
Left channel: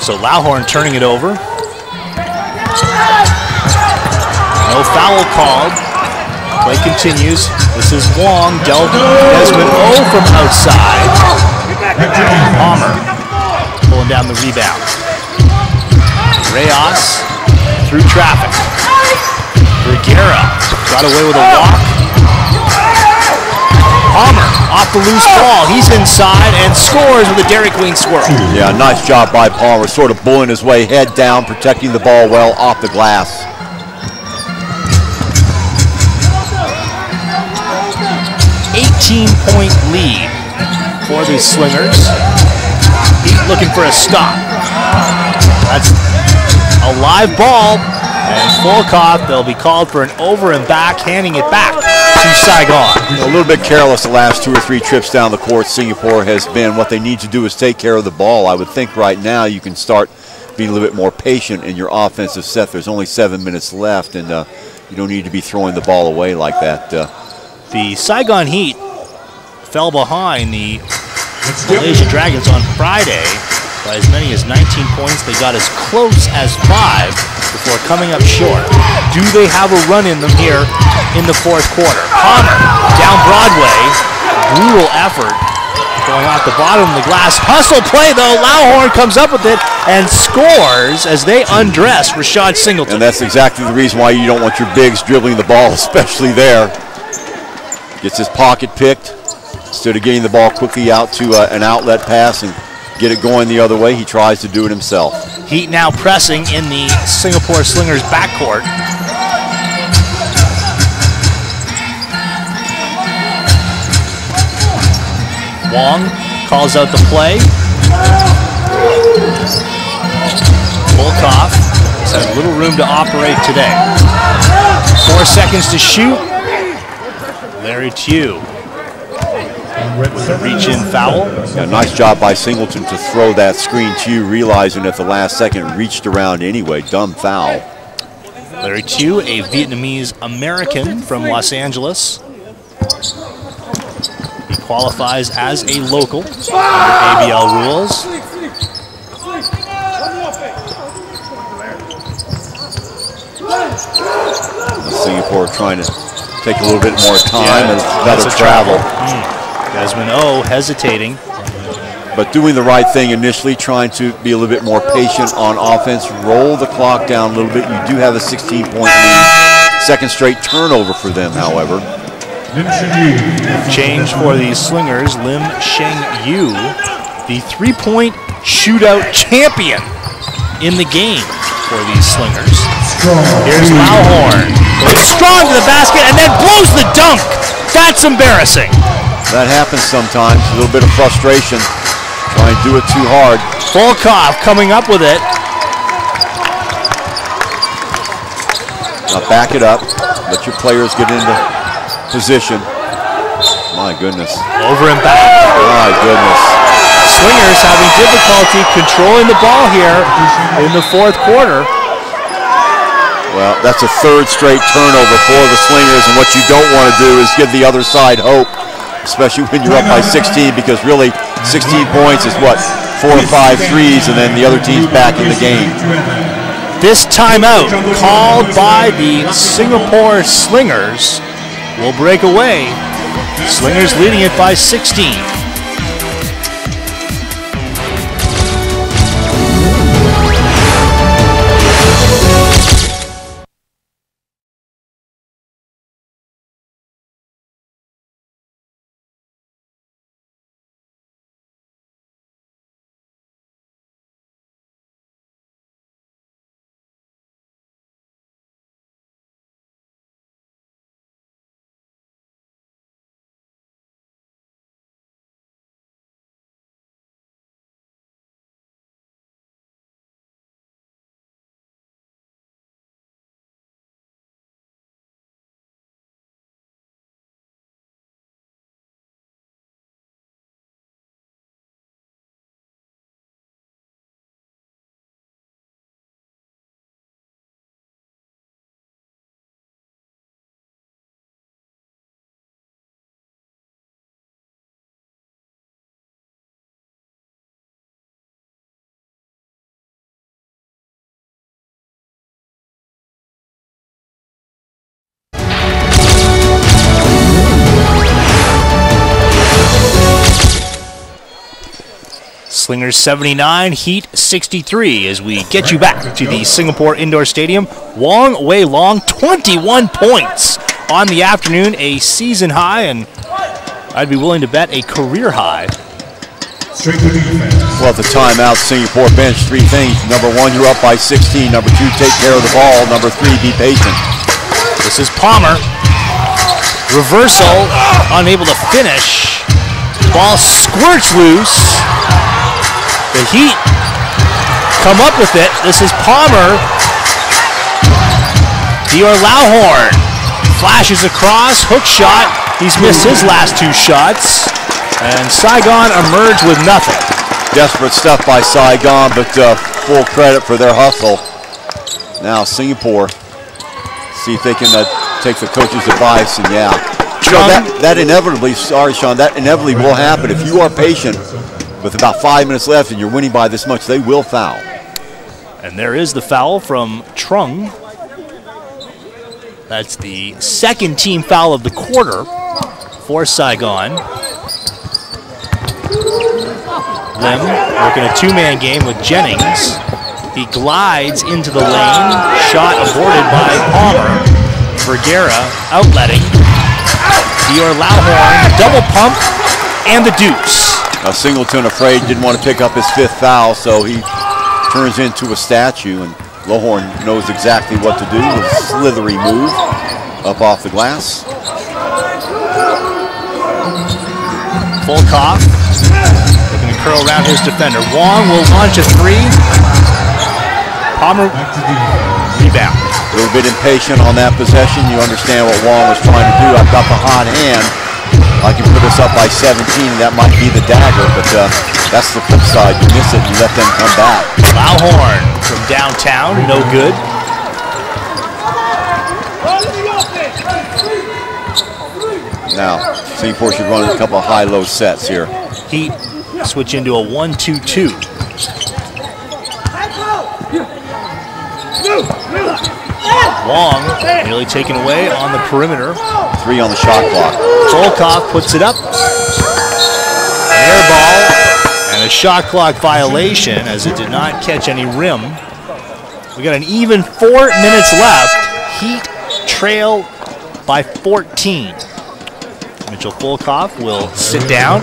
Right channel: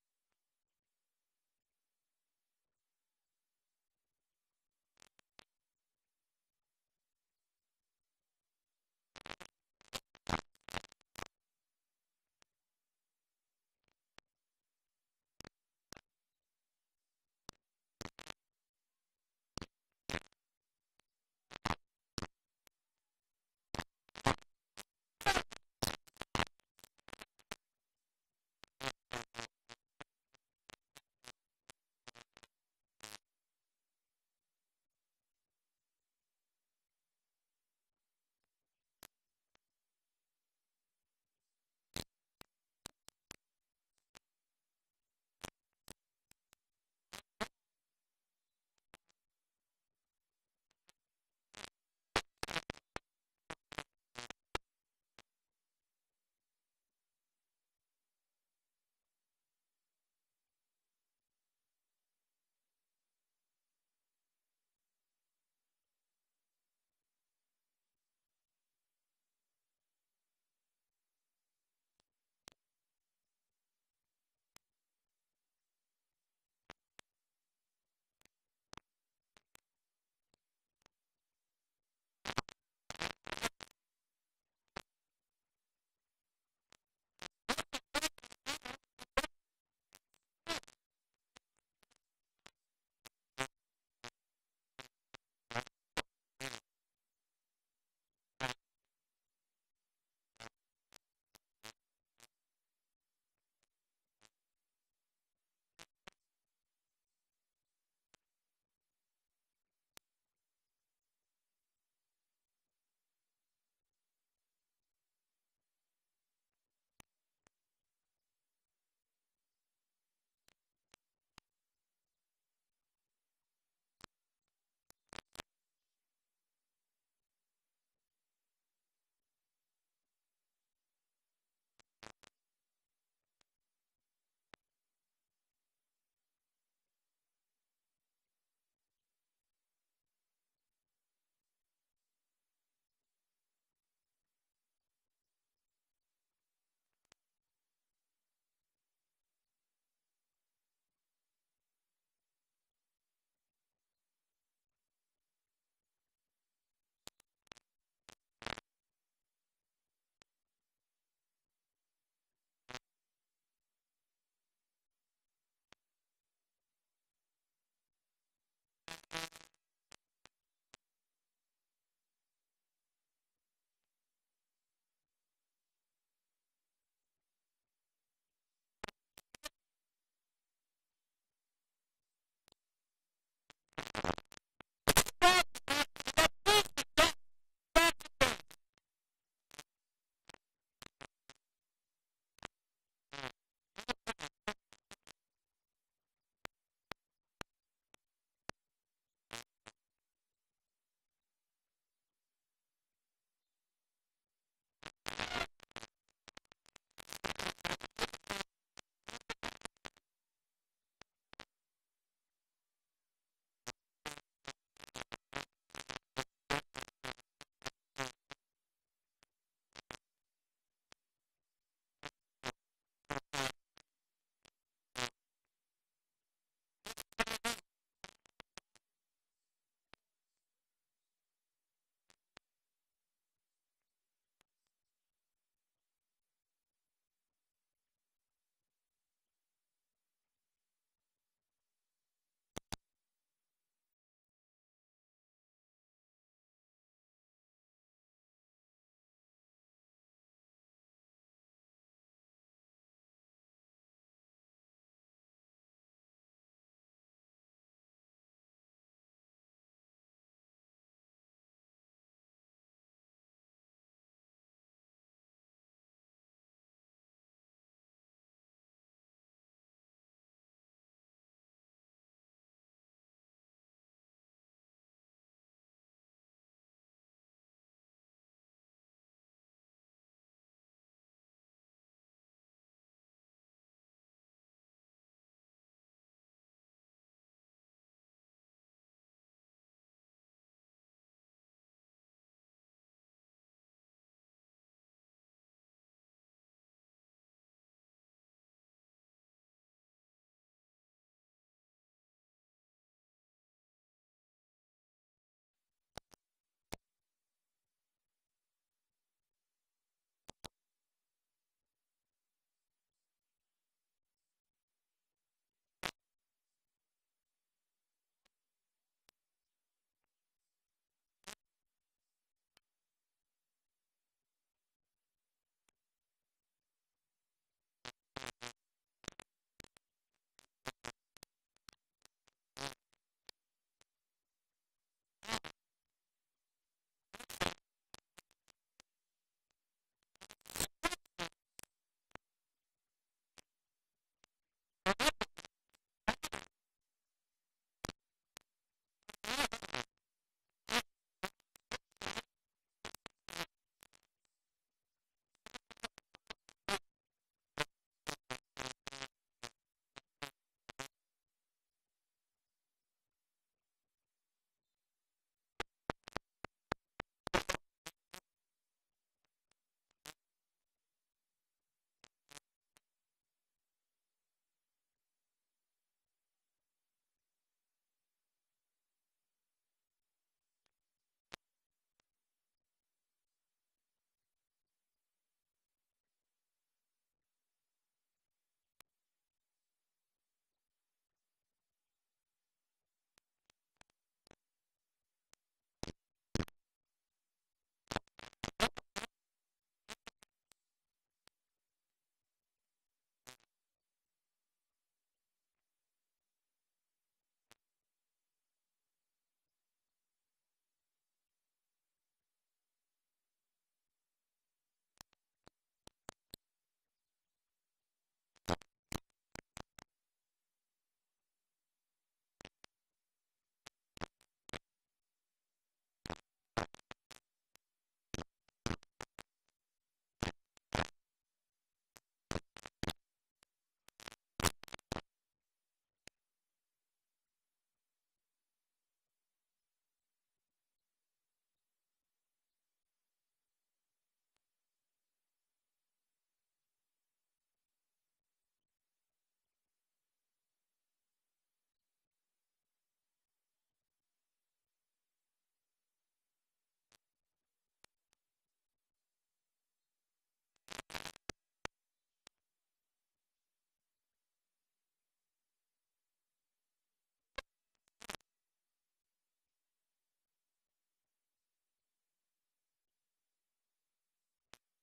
So Lauhorn turning it over. No foul called. Play continues. This is Wong, Delvin, Desmond, from outside. Palmer pulling down the rebound. Reyes through traffic. Vergara got away with a walk. Palmer off the loose ball. He's inside and scores with a Dairy Queen swirl. Yeah, nice job by Palmer, sort of bullying his way, head down, protecting the ball well off the glass. 18-point lead for the Slingers. Heat looking for a stop. That's a live ball, and Volkov, they'll be called for an over and back, handing it back to Saigon. A little bit careless the last 2 or 3 trips down the court. Singapore has been. What they need to do is take care of the ball. I would think right now you can start being a little bit more patient in your offensive set. There's only 7 minutes left, and you don't need to be throwing the ball away like that. The Saigon Heat fell behind the Malaysia Dragons on Friday by as many as 19 points. They got as close as 5 before coming up short. Do they have a run in them here in the 4th quarter? Palmer down Broadway. Brutal effort going off the bottom of the glass. Hustle play though. Lauhorn comes up with it and scores as they undress Rashad Singleton. And that's exactly the reason why you don't want your bigs dribbling the ball, especially there. Gets his pocket picked. Instead of getting the ball quickly out to an outlet pass and get it going the other way, he tries to do it himself. Heat now pressing in the Singapore Slingers backcourt. Wong calls out the play. Volkov has had little room to operate today. 4 seconds to shoot. Larry Tew with a reach-in foul. Yeah, nice job by Singleton to throw that screen to you, realizing at the last second reached around anyway. Dumb foul. Larry Chu, a Vietnamese American from Los Angeles. He qualifies as a local under ABL rules. Singapore trying to take a little bit more time and better travel. Desmond O hesitating. But doing the right thing initially, trying to be a little bit more patient on offense, roll the clock down a little bit. You do have a 16-point lead. Second straight turnover for them, however. Change for the Slingers, Lim Sheng Yu, the three-point shootout champion in the game for these Slingers. Here's Lauhorn, goes strong to the basket and then blows the dunk. That's embarrassing. That happens sometimes, a little bit of frustration. Try and do it too hard. Volkov coming up with it. Now back it up. Let your players get into position. My goodness. Over and back. My goodness. Slingers having difficulty controlling the ball here in the fourth quarter. Well, that's a third straight turnover for the Slingers, and what you don't want to do is give the other side hope, especially when you're up by 16, because really 16 points is what, 4 or 5 threes, and then the other team's back in the game. This timeout called by the Singapore Slingers will break away. Slingers leading it by 16. Slingers 79, Heat 63 as we get you back to the Singapore Indoor Stadium. Wong Wei Long, 21 points on the afternoon, a season high, and I'd be willing to bet a career high. Well, at the timeout, Singapore bench, 3 things. Number 1, you're up by 16. Number 2, take care of the ball. Number 3, be patient. This is Palmer. Reversal, unable to finish. Ball squirts loose. The Heat come up with it. This is Palmer. Dior Lauhorn flashes across, hook shot. He's missed his last 2 shots. And Saigon emerged with nothing. Desperate stuff by Saigon, but full credit for their hustle. Now Singapore, see if they can take the coach's advice, and yeah. You know, that inevitably, sorry Sean, that inevitably will happen. If you are patient, with about 5 minutes left and you're winning by this much, they will foul. And there is the foul from Trung. That's the second team foul of the quarter for Saigon. Lim working a 2-man game with Jennings. He glides into the lane. Shot aborted by Palmer. Vergara outletting. Dior Lauhorn, double pump, and the deuce. Singleton afraid, didn't want to pick up his 5th foul, so he turns into a statue, and Lauhorn knows exactly what to do with a slithery move up off the glass. Volkov looking to curl around his defender. Wong will launch a 3. Palmer rebound. A little bit impatient on that possession. You understand what Wong was trying to do. I've got the hot hand. I can put us up by 17. That might be the dagger, but that's the flip side. You miss it, you let them come back. Loudhorn from downtown, no good. Now, Singapore should run a couple of high-low sets here. Heat switch into a 1-2-2. Wong nearly taken away on the perimeter. 3 on the shot clock. Volkov puts it up. Air ball and a shot clock violation as it did not catch any rim. We got an even 4 minutes left. Heat trail by 14. Mitchell Volkov will sit down.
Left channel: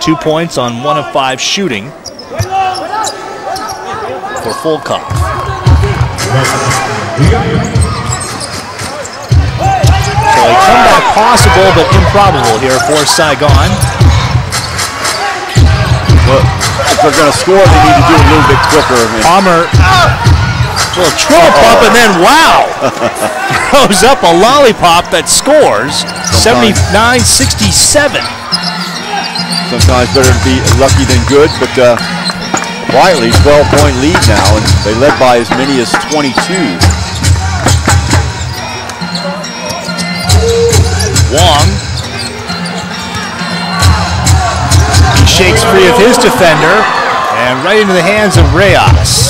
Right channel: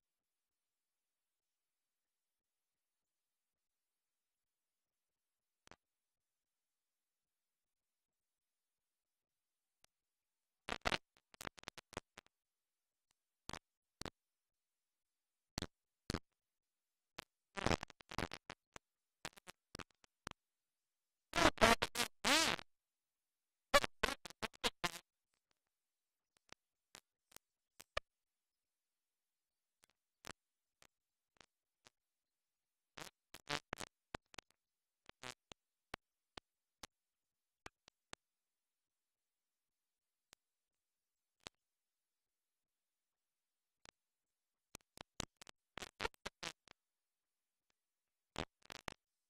2 points on 1 of 5 shooting for Volkov. So a comeback possible but improbable here for Saigon. Well, if they're going to score, they need to do it a little bit quicker. Palmer, little triple pump, and then wow, throws up a lollipop that scores. 79-67. Sometimes better to be lucky than good, but quietly 12-point lead now, and they led by as many as 22. Wong. He shakes free of his defender and right into the hands of Reyes.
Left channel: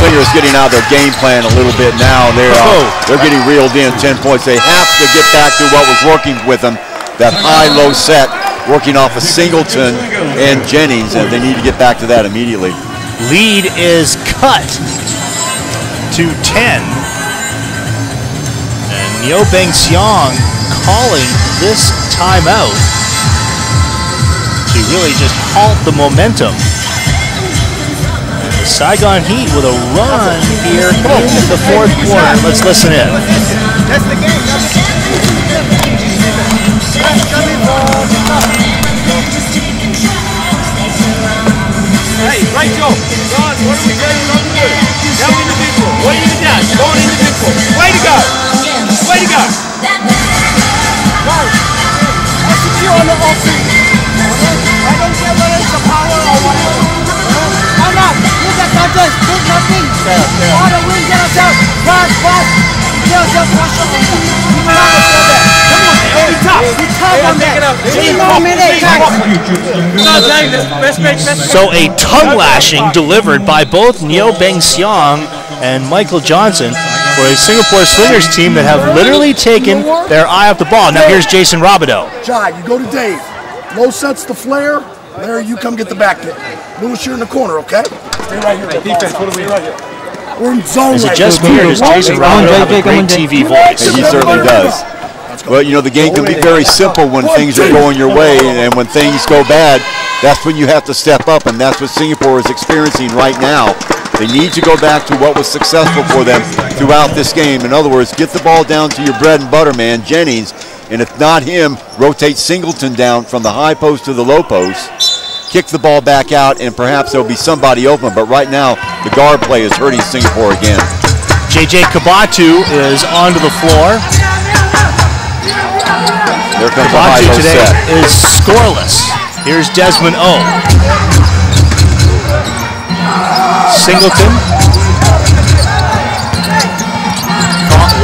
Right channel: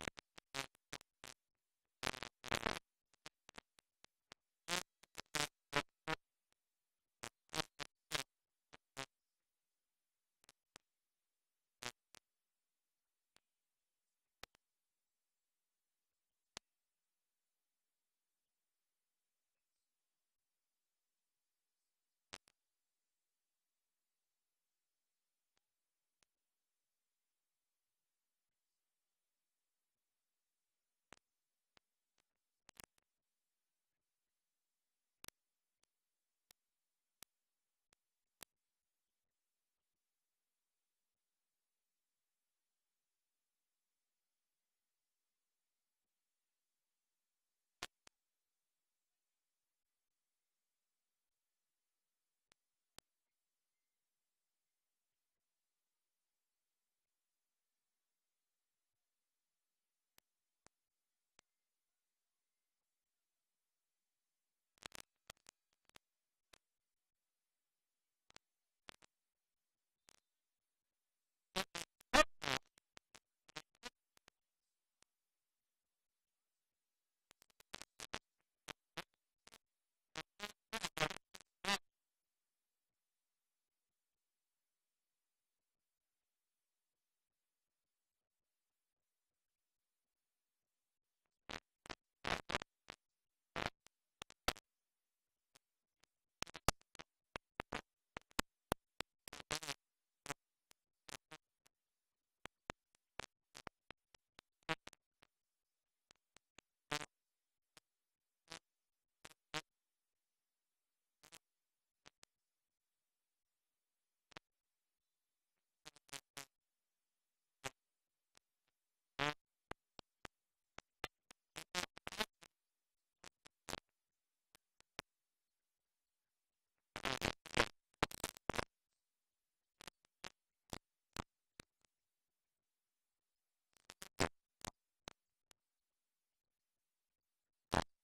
Slingers getting out of their game plan a little bit now. They're getting reeled in. 10 points. They have to get back to what was working with them, that high-low set, working off of Singleton and Jennings, and they need to get back to that immediately. Lead is cut to 10. And Neo Beng Xiong calling this timeout to really just halt the momentum. And the Saigon Heat with a run here in the 4th quarter. Let's listen in. That's the game. Hey, right, Joe. John, what are we doing? Now individual. What are you doing? Going individual. Way to go. Way to go. Execute on the offense. I don't care whether it's the power or whatever. Why not? Use that contest. Do nothing. All the wings get us out. Pass. Get us out. Push up on them. You know how to do that. Come on, man. Be tough. Be tough on that. 3 more minutes. So a tongue lashing delivered by both Neo Beng Xiong and Michael Johnson for a Singapore Slingers team that have literally taken their eye off the ball. Now here's Jason Robideau. Jai, you go to Dave. Low sets the flare. Larry, you come get the back pit. Lewis, you're in the corner, okay? Stay right here. Defense, what are we right here? We're in zone. Is it just me or does Jason Robideau have a great TV voice? And he certainly does. Well, you know, the game can be very simple when things are going your way, and when things go bad, that's when you have to step up, and that's what Singapore is experiencing right now. They need to go back to what was successful for them throughout this game. In other words, get the ball down to your bread and butter man, Jennings, and if not him, rotate Singleton down from the high post to the low post, kick the ball back out, and perhaps there'll be somebody open, but right now, the guard play is hurting Singapore again. JJ Kabatu is onto the floor. There comes Kabatu today set. is scoreless. Here's Desmond O. Singleton.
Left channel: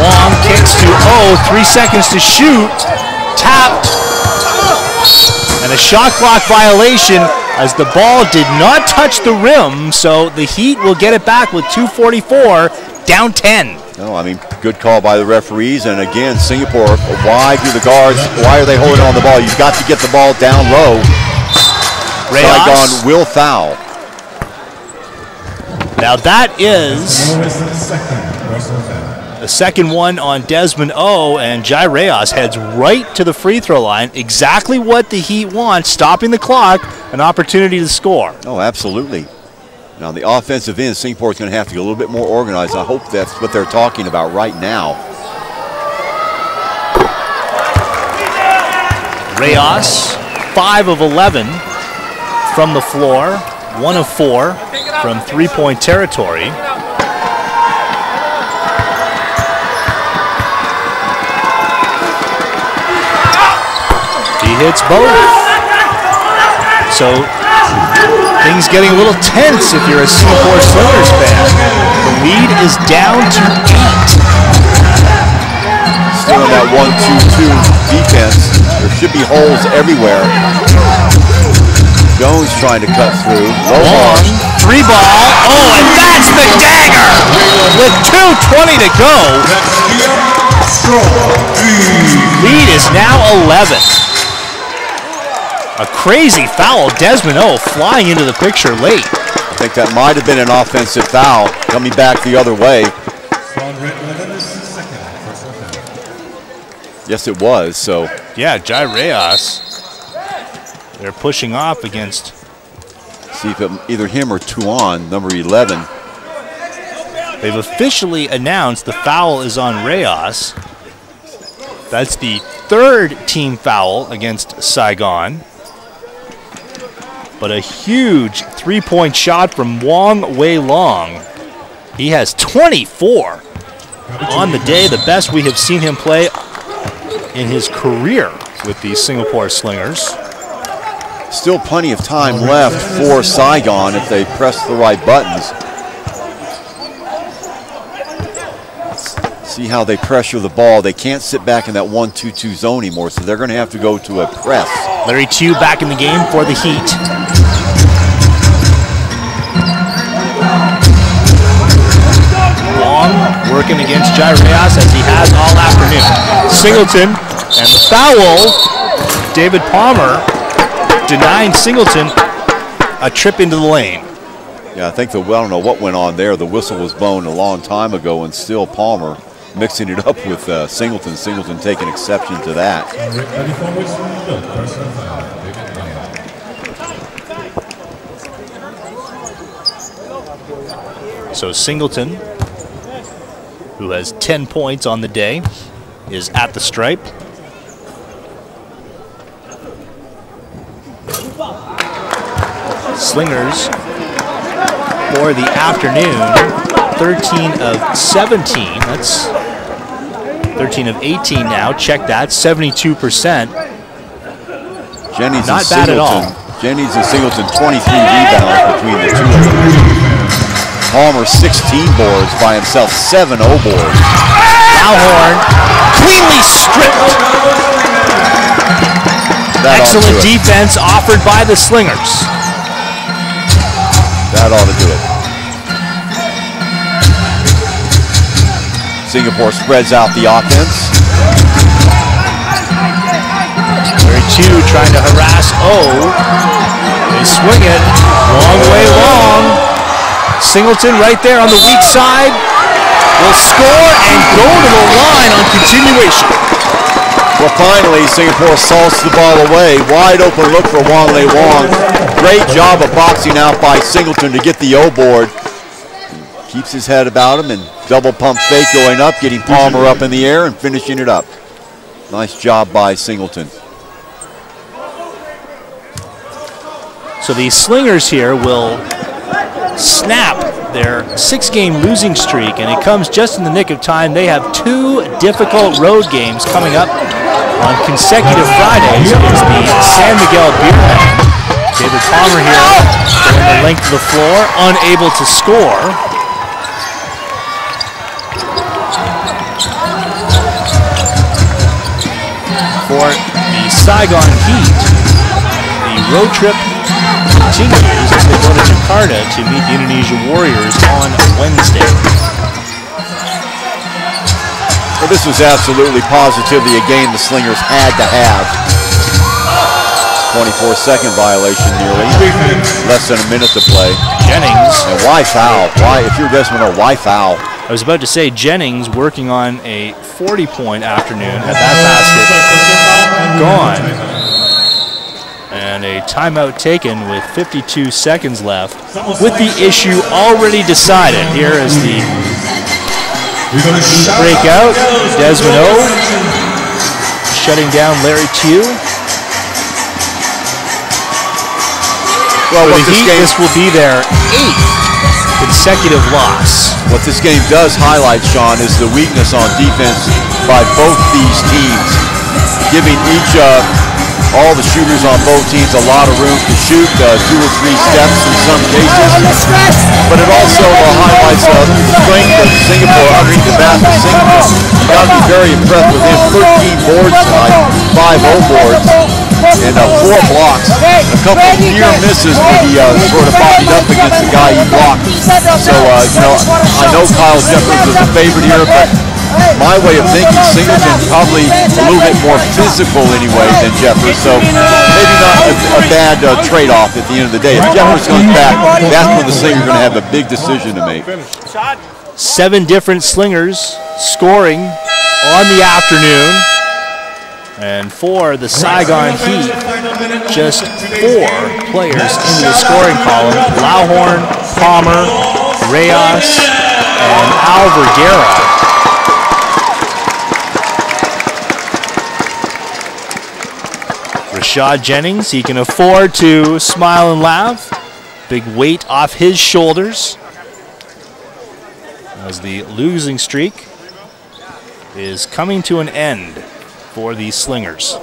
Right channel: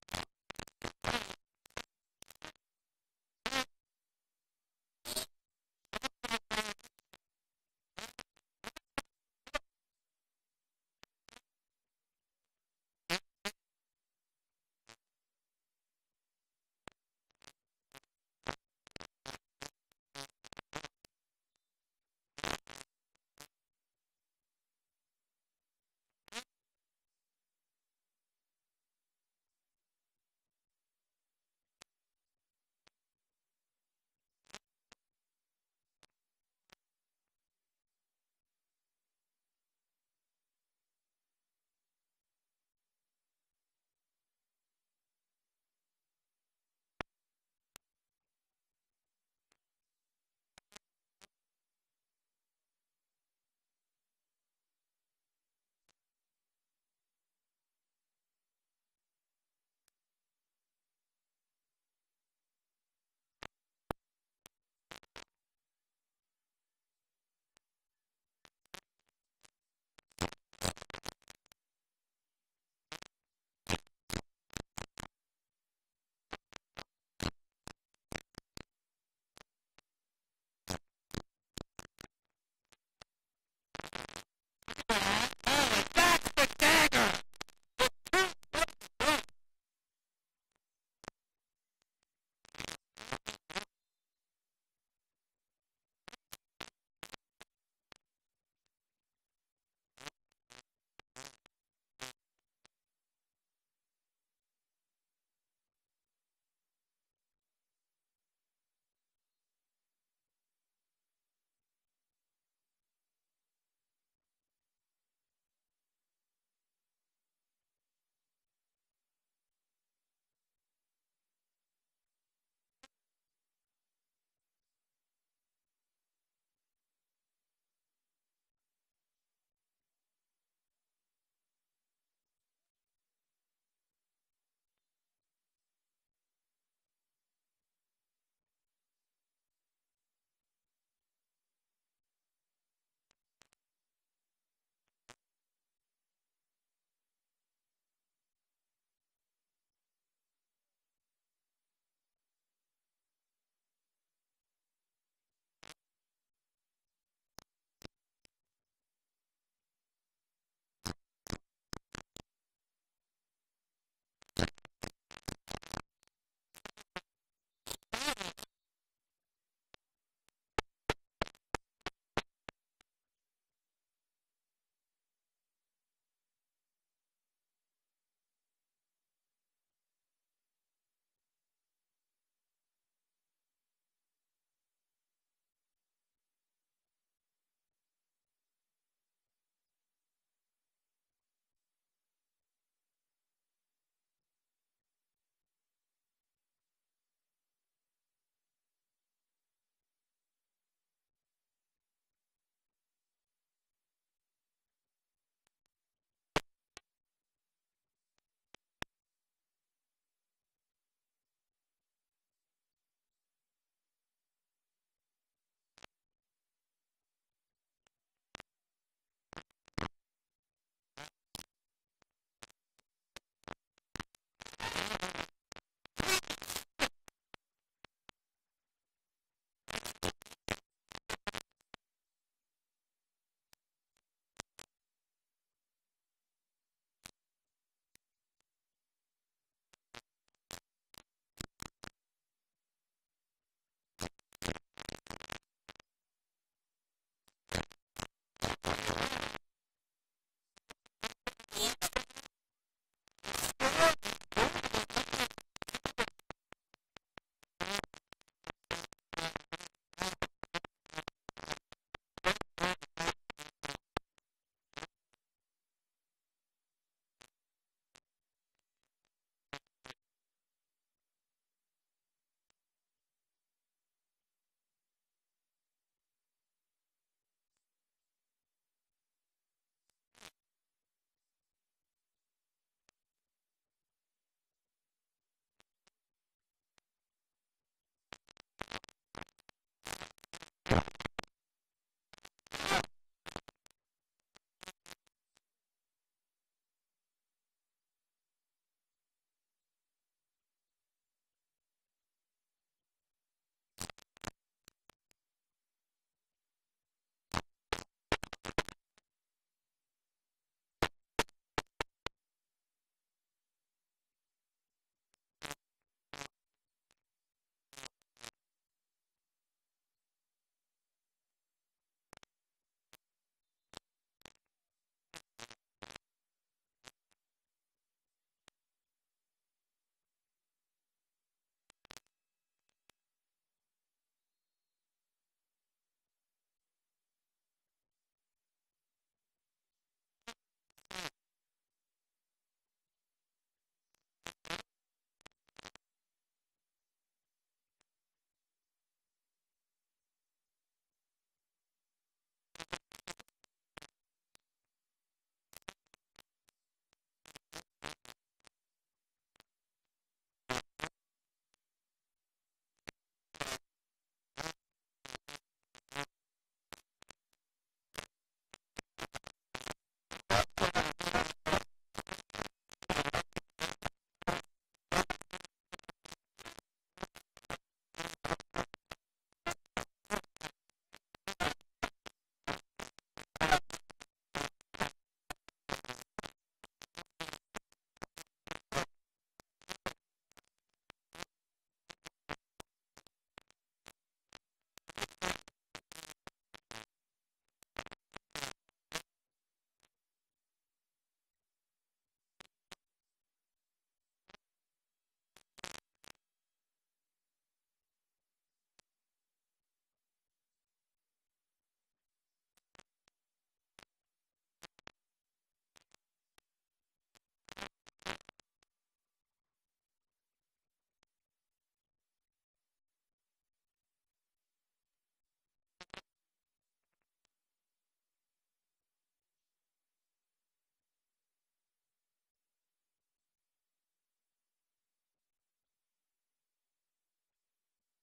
Wong kicks to O. 3 seconds to shoot. Tapped. And a shot clock violation as the ball did not touch the rim, so the Heat will get it back with 2:44, down 10. No, I mean, good call by the referees. And again, Singapore, why do the guards, why are they holding on the ball? You've got to get the ball down low. Saigon will foul. Now that is the second one on Desmond O, and Jai Reyes heads right to the free throw line. Exactly what the Heat want, stopping the clock, an opportunity to score. Oh, absolutely. Now, the offensive end, Singapore is going to have to get a little bit more organized. I hope that's what they're talking about right now. Reyes, 5 of 11 from the floor, 1 of 4 from three-point territory. hits both. So things getting a little tense if you're a Singapore Slingers fan. The lead is down to 8. Still in that 1-2-2 defense. There should be holes everywhere. Jones trying to cut through. Long, 3 ball. Oh, and that's the dagger! With 2:20 to go. Lead is now 11. A crazy foul. Desmond O flying into the picture late. I think that might have been an offensive foul coming back the other way. Yes, it was. So yeah, Jai Reyes. They're pushing off against. See if either him or Tuan, number 11. They've officially announced the foul is on Reyes. That's the 3rd team foul against Saigon. But a huge 3-point shot from Wong Wei Long. He has 24 on the day, the best we have seen him play in his career with the Singapore Slingers. Still plenty of time left for Saigon if they press the right buttons. See how they pressure the ball. They can't sit back in that 1-2-2 zone anymore, so they're going to have to go to a press. Larry Chu back in the game for the Heat. Long working against Jai Reyes as he has all afternoon. Singleton and the foul. David Palmer denying Singleton a trip into the lane. Yeah, I think I don't know what went on there. The whistle was blown a long time ago, and still Palmer mixing it up with Singleton. Singleton taking exception to that. So Singleton, who has 10 points on the day, is at the stripe. Slingers for the afternoon, 13 of 17. That's 13 of 18 now. Check that, 72%. Jennings Not and bad Singleton. at all. Jennings and Singleton, 23 rebounds between the two of them. Palmer, 16 boards by himself, 7 O boards. Alhorn, cleanly stripped. Excellent defense offered by the Slingers. That ought to do it. Singapore spreads out the offense. Larry Chu trying to harass O. They swing it. Long way long. Singleton right there on the weak side will score and go to the line on continuation. Well, finally, Singapore salts the ball away. Wide open look for Wong Lei Wong. Great job of boxing out by Singleton to get the O board. Keeps his head about him and double pump fake going up, getting Palmer up in the air and finishing it up. Nice job by Singleton. So the Slingers here will snap their 6-game losing streak, and it comes just in the nick of time. They have 2 difficult road games coming up on consecutive Fridays against the San Miguel Beermen. David Palmer here going the length of the floor, unable to score. For the Saigon Heat, the road trip continues as they go to Jakarta to meet the Indonesia Warriors on Wednesday. Well, this was absolutely positively a game the Slingers had to have. 24-second violation nearly. Less than a minute to play. Jennings. And why foul? Why, if you're Desmond, why foul? I was about to say Jennings working on a 40-point afternoon, had that basket gone. And a timeout taken with 52 seconds left with the issue already decided. Here is the breakout. Desmond O shutting down Larry Chu. Well, For the Heat, this will be their 8th consecutive loss. What this game does highlight, Sean, is the weakness on defense by both these teams, giving each all the shooters on both teams a lot of room to shoot, 2 or 3 steps in some cases. But it also highlights the strength of Singapore underneath the basket. Singapore, you got to be very impressed with him. 13 boards tonight, 5 O boards, and 4 blocks. A couple of near misses where he sort of bodied up against the guy he blocked. So, I know Kyle Jeffers was a favorite here, but my way of thinking, Singleton probably a little bit more physical anyway than Jeffers, so maybe not a bad trade-off at the end of the day. If Jeffers comes back, that's when the Slingers are going to have a big decision to make. 7 different Slingers scoring on the afternoon. And for the Saigon Heat, just 4 players into the scoring column. Lauhorn, Palmer, Reyes, and Al Vergara. Rashad Jennings, he can afford to smile and laugh. Big weight off his shoulders as the losing streak is coming to an end for the Slingers.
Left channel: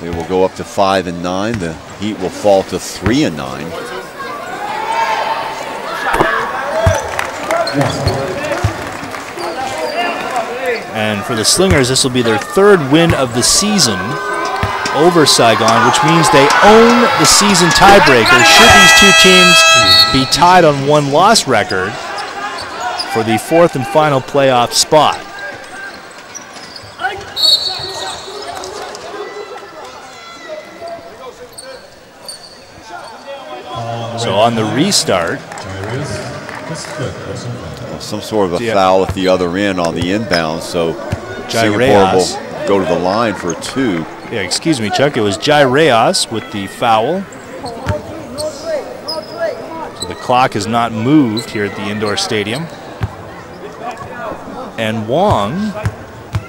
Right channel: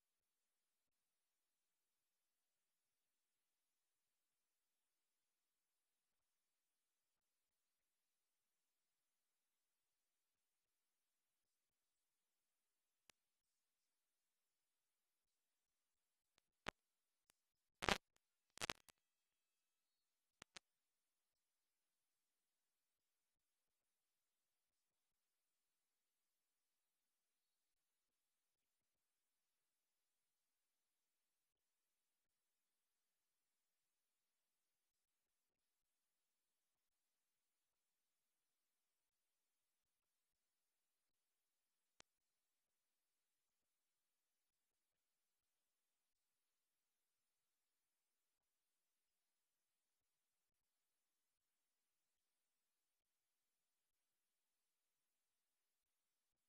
They will go up to 5-9. The Heat will fall to 3-9. And for the Slingers, this will be their 3rd win of the season over Saigon, which means they own the season tiebreaker should these 2 teams be tied on 1-loss record for the 4th and final playoff spot. So on the restart, some sort of a foul at the other end on the inbound, so Singapore Reyes will go to the line for a 2. Yeah, excuse me, Chuck. It was Jai Reyes with the foul. So the clock has not moved here at the indoor stadium. And Wong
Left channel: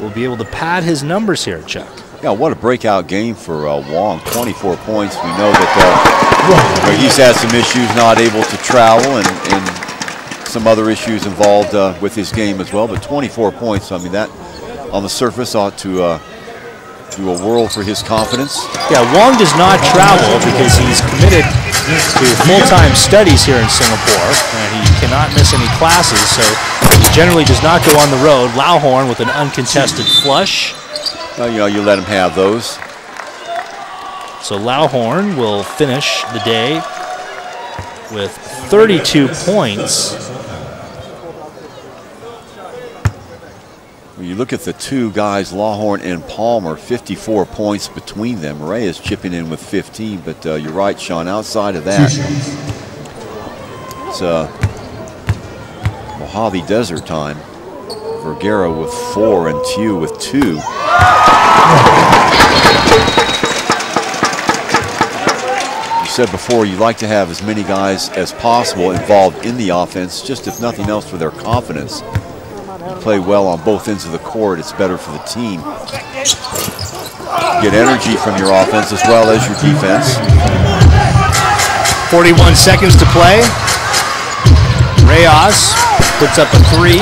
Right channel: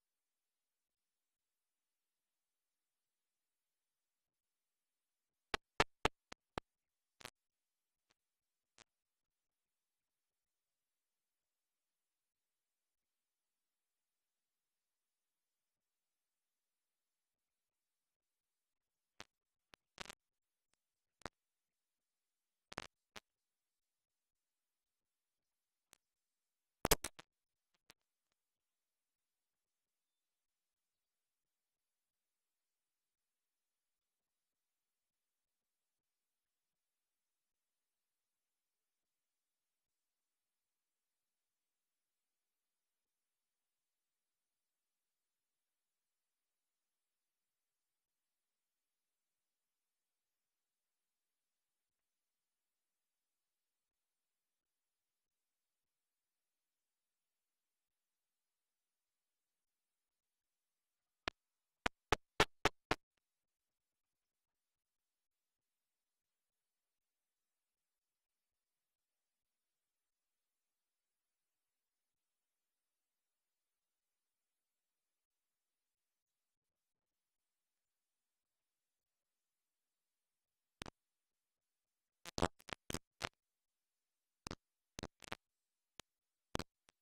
will be able to pad his numbers here, Chuck. Yeah, what a breakout game for Wong. 24 points. We know that he's had some issues, not able to travel, and some other issues involved with his game as well. But 24 points, I mean, that on the surface ought to do a world for his confidence. Yeah, Wong does not travel because he's committed to full-time studies here in Singapore, and he cannot miss any classes, so he generally does not go on the road. Lauhorn with an uncontested flush. You let him have those. So Lauhorn will finish the day with 32 points. When you look at the 2 guys, Lauhorn and Palmer, 54 points between them. Ray is chipping in with 15, but you're right, Sean, outside of that, it's Mojave Desert time. Vergara with 4 and Tew with 2. You said before you like to have as many guys as possible involved in the offense, just if nothing else for their confidence. You play well on both ends of the court, it's better for the team. Get energy from your offense as well as your defense. 41 seconds to play. Reyes puts up a 3.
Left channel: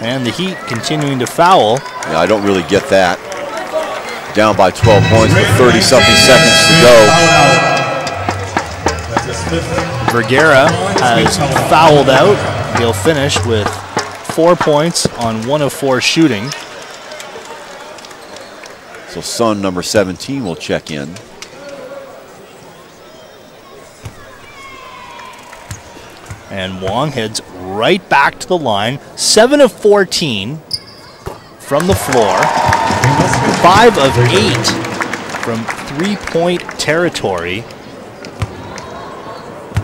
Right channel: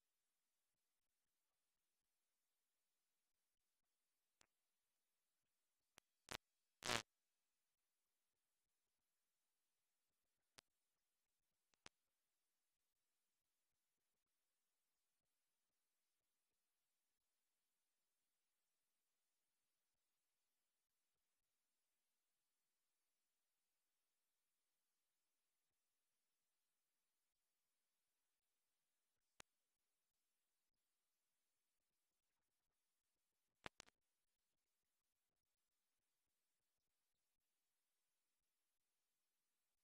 And the Heat continuing to foul. Yeah, I don't really get that. Down by 12 points with 30-something seconds to go. Vergara has fouled out. He'll finish with 4 points on 1 of 4 shooting. So Sun number 17 will check in. And Wong heads right back to the line. 7 of 14 from the floor. 5 of 8 from three-point territory.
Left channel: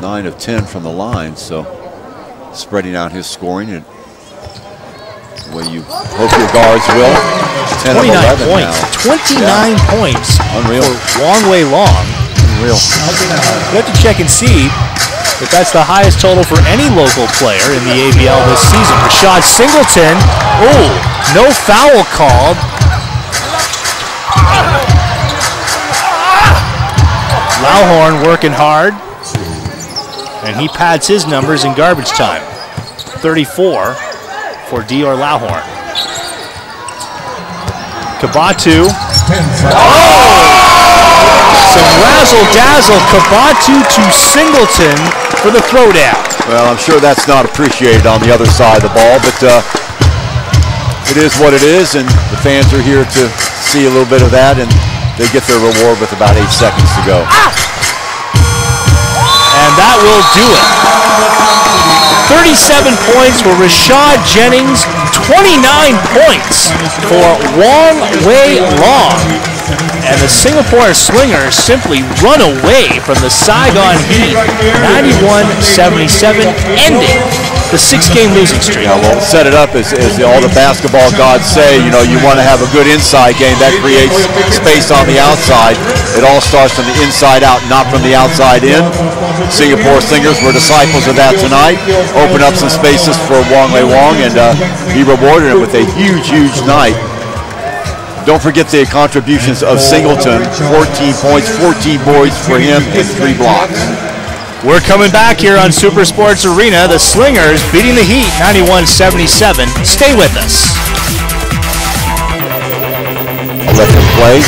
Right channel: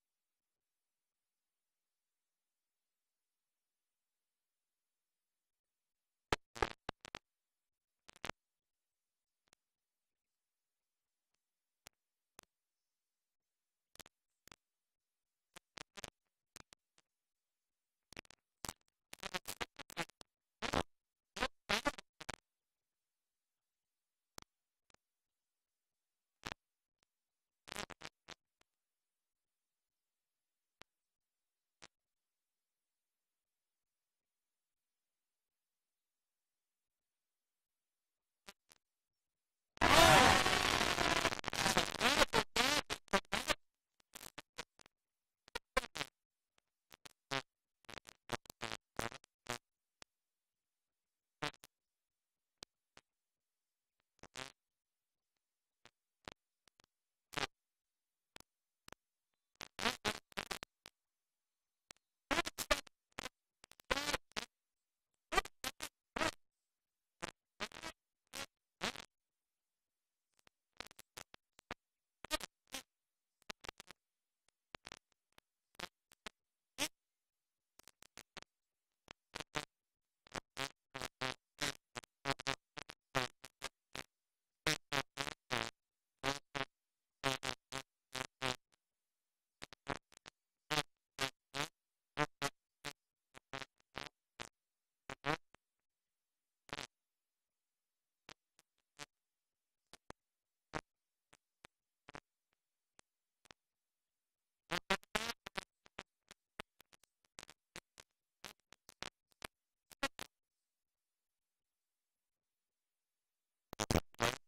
9 of 10 from the line, so spreading out his scoring and well, you hope your guards will. 10 of 11 points. Now. 29 points. Unreal. For Wong Wei Long. Unreal. We have to check and see if that's the highest total for any local player in the ABL this season. Rashad Singleton. Oh, no foul called. Lauhorn working hard. And he pads his numbers in garbage time. 34 for Dior Lauhorn. Kabatu. Some razzle-dazzle. Kabatu to Singleton for the throwdown. Well, I'm sure that's not appreciated on the other side of the ball, but it is what it is, and the fans are here to see a little bit of that, and they get their reward with about 8 seconds to go. And that will do it. 37 points for Rashad Jennings, 29 points for Wong Wei Long. And the Singapore Slingers simply run away from the Saigon Heat, 91-77, ending the 6-game losing streak. Yeah, well, set it up as all the basketball gods say. You know, you want to have a good inside game that creates space on the outside. It all starts from the inside out, not from the outside in. Singapore Slingers were disciples of that tonight. Opened up some spaces for Wong Wei Wong, and he rewarded him with a huge, huge night. Don't forget the contributions of Singleton, 14 points, 14 boards for him, and 3 blocks. We're coming back here on Super Sports Arena. The Slingers beating the Heat 91-77. Stay with us. Let them play.